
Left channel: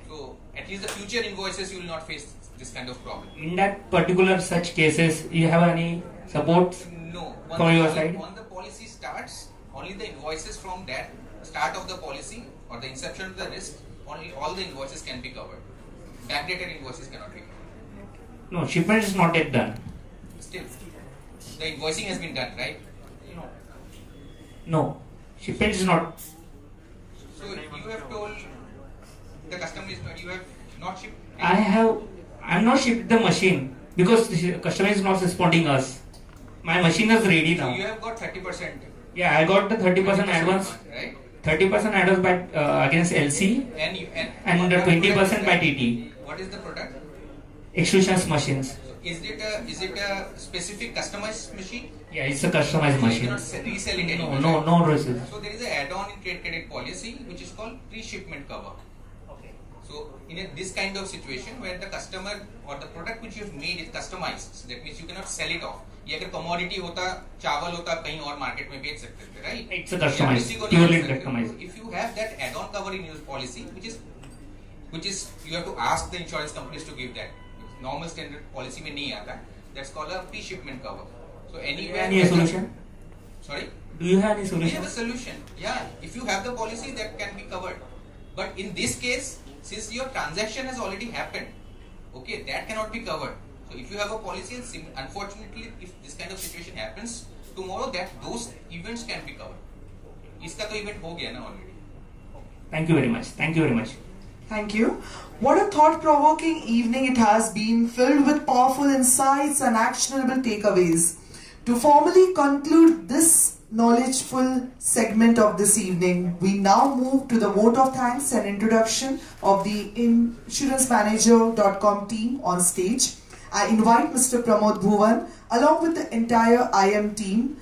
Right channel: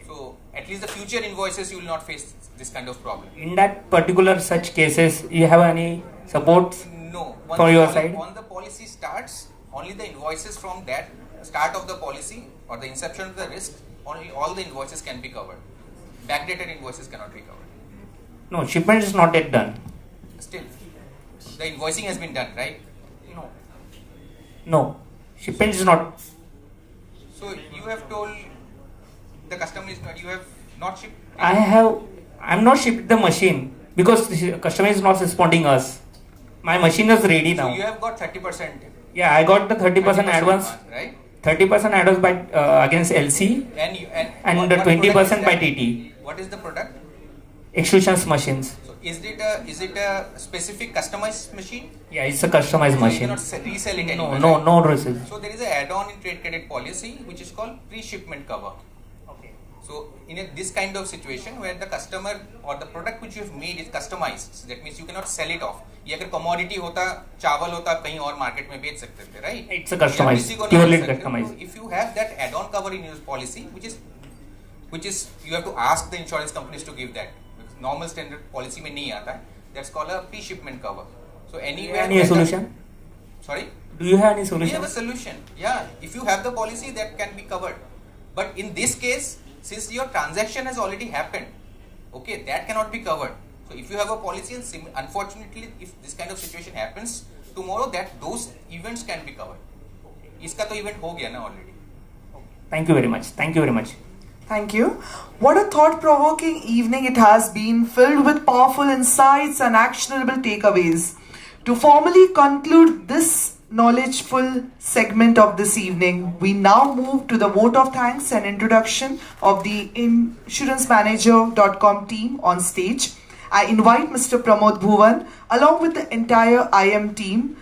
So at least the future invoices you will not face this kind of problem. In that particular such cases, you have any support? No. From your side? Once the policy starts, only the invoices from that start of the policy or the inception of the risk, only all the invoices can be covered. Backdated invoices cannot be covered. No, shipment is not yet done. Still, the invoicing has been done, right? No, shipment is not. So you have told the customer is not. You have not shipped. I'm not shipped the machine because the customer is not responding us. My machine is ready now. So you have got 30%. Yeah, I got the 30% advance. Right. 30% advance by against LC and the 20% by TT. What is the product? extrusions machines. So is it a specific customized machine? Yeah, it's a customized So machine. You cannot resell it anywhere. No resell. So there is an add-on in trade credit policy which is called pre-shipment cover. Okay. So in this kind of situation where the customer or the product which you have made is customized, that means you cannot sell it off. ये अगर commodity होता, चावल होता, कहीं और market में बेच सकते थे, right? It's a customized, purely customized. If you have that add-on cover in your policy, which is you have to ask the insurance companies to give that. Normal standard policy में नहीं आता. That's called a pre-shipment cover. So anywhere. Any solution? Sorry? Do you have any solution? We have a solution. Yeah, if you have the policy, that can be covered. But in this case, since your transaction has already happened, okay, that cannot be covered. So if you have a policy, and unfortunately, if this kind of situation happens tomorrow, those events can be covered. इसका तो event हो गया ना already. Thank you very much. Thank you very much. Thank you. What a thought-provoking evening it has been, filled with powerful insights and actionable takeaways. To formally conclude this knowledgeful segment of this evening, we now move to the vote of thanks and introduction of the insurancemanager.com team on stage. I invite Mr. Pramod Bhuvan along with the entire IM team,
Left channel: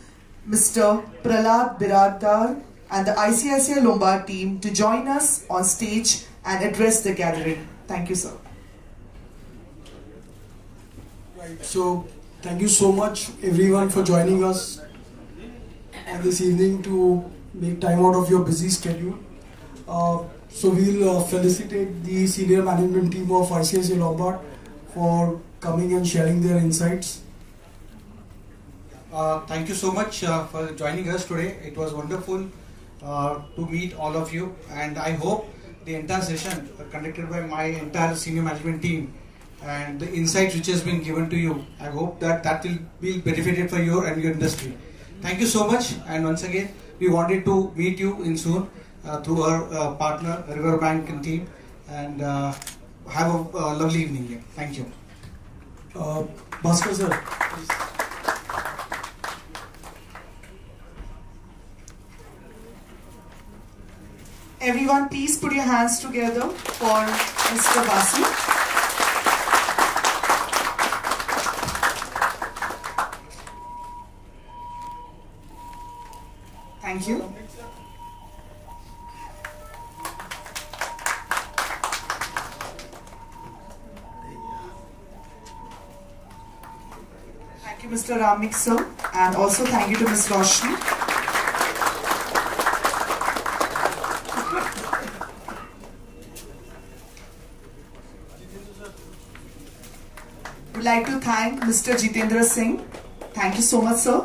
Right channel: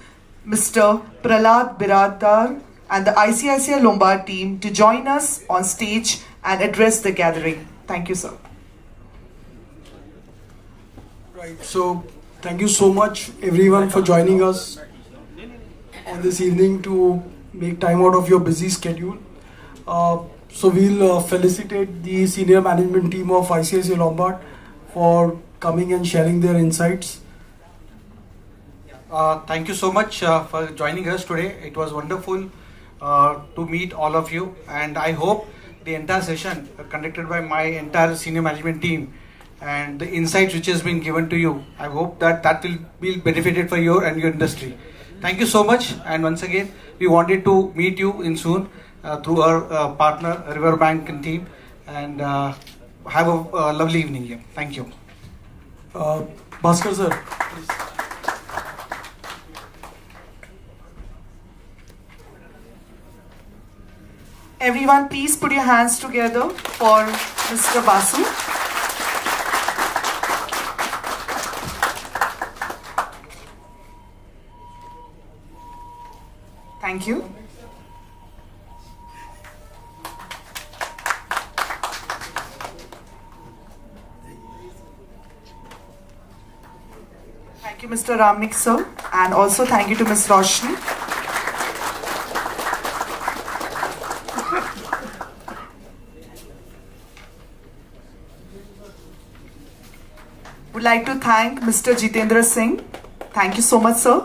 Mr. Prahlad Biradar and the ICICI Lombard team to join us on stage and address the gathering. Thank you, sir. Right, so thank you so much everyone for joining us on this evening to make time out of your busy schedule. So we'll felicitate the senior management team of ICICI Lombard for coming and sharing their insights. Thank you so much for joining us today. It was wonderful to meet all of you, and I hope the entire session conducted by my entire senior management team and the insights which has been given to you, I hope that will be benefited for you and your industry. Thank you so much, and once again we wanted to meet you in soon through our partner Riverbank and team, and have a lovely evening here. Thank you. Bhaskar sir, please. Everyone, please put your hands together for Mr. Basu. Thank you. Thank you, Mr. Ramnik sir, and also thank you to Ms. Roshni. Would like to thank Mr. Jitendra Singh. Thank you so much, sir.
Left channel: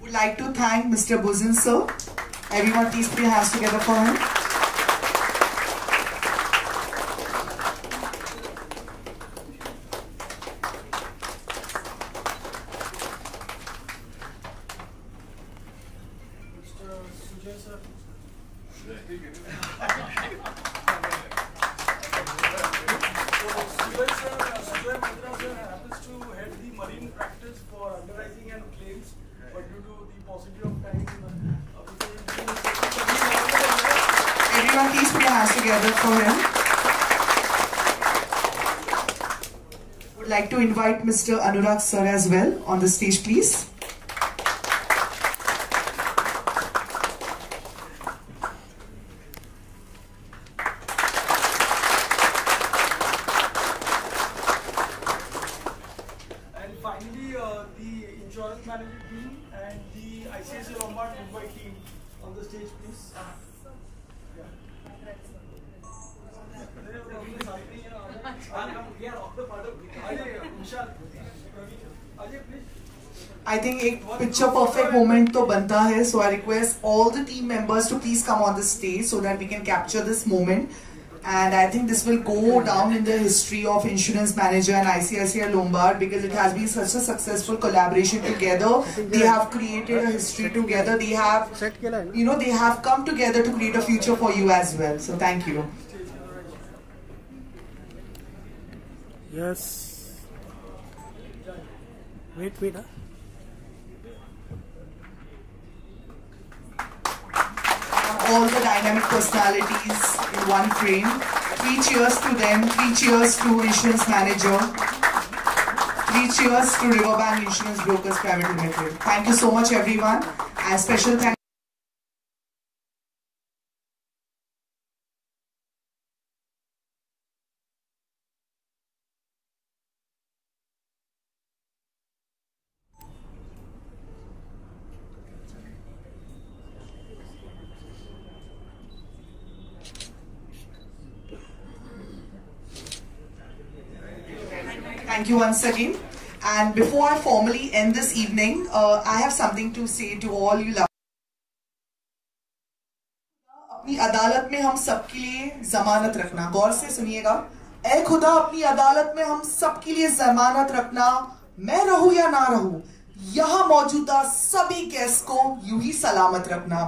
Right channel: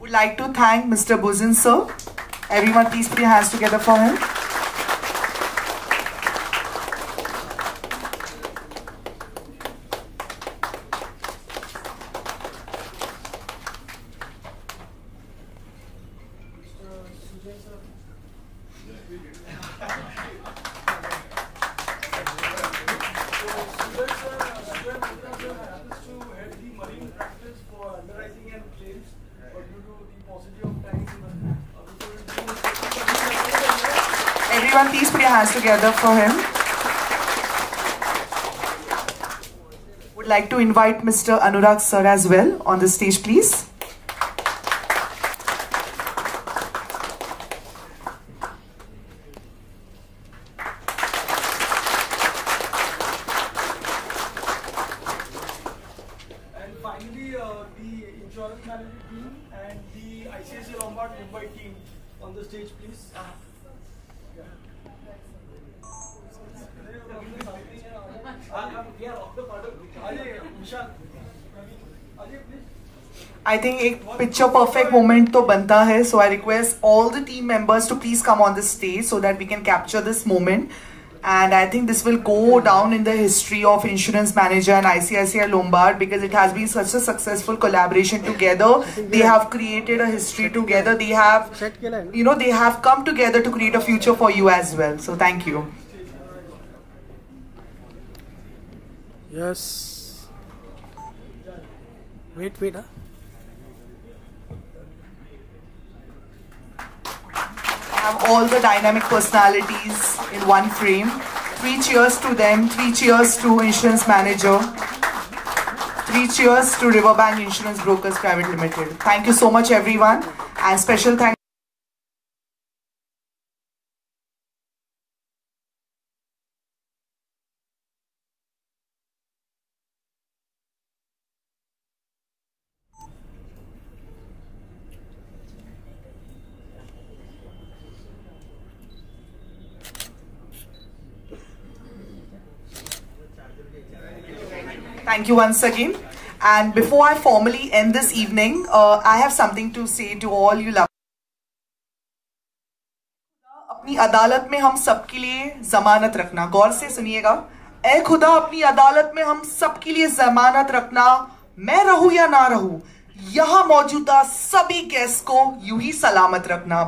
Would like to thank Mr. Buzin, sir. Everyone, please put your hands together for him. Everyone, please put your hands together for him. Would like to invite Mr. Anurag sir as well on the stage, please. And finally, the insurance management team and the ICICI Lombard Mumbai team on the stage, please. I think a picture perfect moment to banta hai, so I request all the team members to please come on the stage so that we can capture this moment. And I think this will go down in the history of Insurance Manager and ICICI Lombard because it has been such a successful collaboration together. They have created a history together. They have, they have come together to create a future for you as well. So thank you. Yes. Wait. Have all the dynamic personalities in one frame. 3 cheers to them. 3 cheers to insurance manager. 3 cheers to Riverbank Insurance Brokers Private Limited. Thank you so much, everyone, and special thanks. Thank you once again. And before I formally end this evening, I have something to say to all you love. अपनी अदालत में हम सबके लिए जमानत रखना, गौर से सुनिएगा। ऐ खुदा अपनी अदालत में हम सबके लिए जमानत रखना, मैं रहूं या ना रहूं, यहाँ मौजूदा सभी केस को यूं ही सलामत रखना।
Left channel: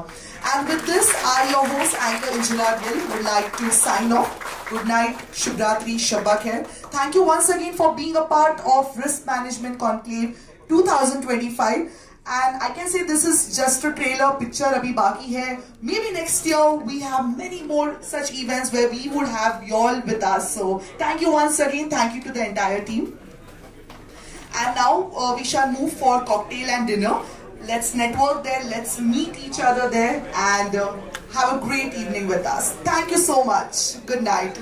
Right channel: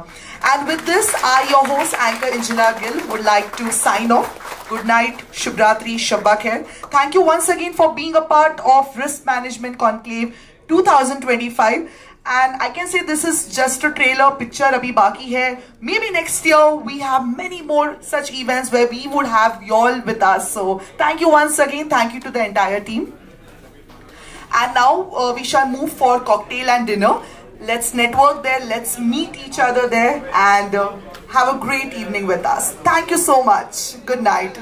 And with this, I, your host, Anchor Engineer Gill, would like to sign off. Good night, Shubhratri, Shabba Khair. Thank you once again for being a part of Risk Management Conclave 2025. And I can say this is just a trailer picture abhi baki hai. Maybe next year we have many more such events where we would have y'all with us. So thank you once again. Thank you to the entire team. And now we shall move for cocktail and dinner. Let's network there. Let's meet each other there and have a great evening with us. Thank you so much. Good night.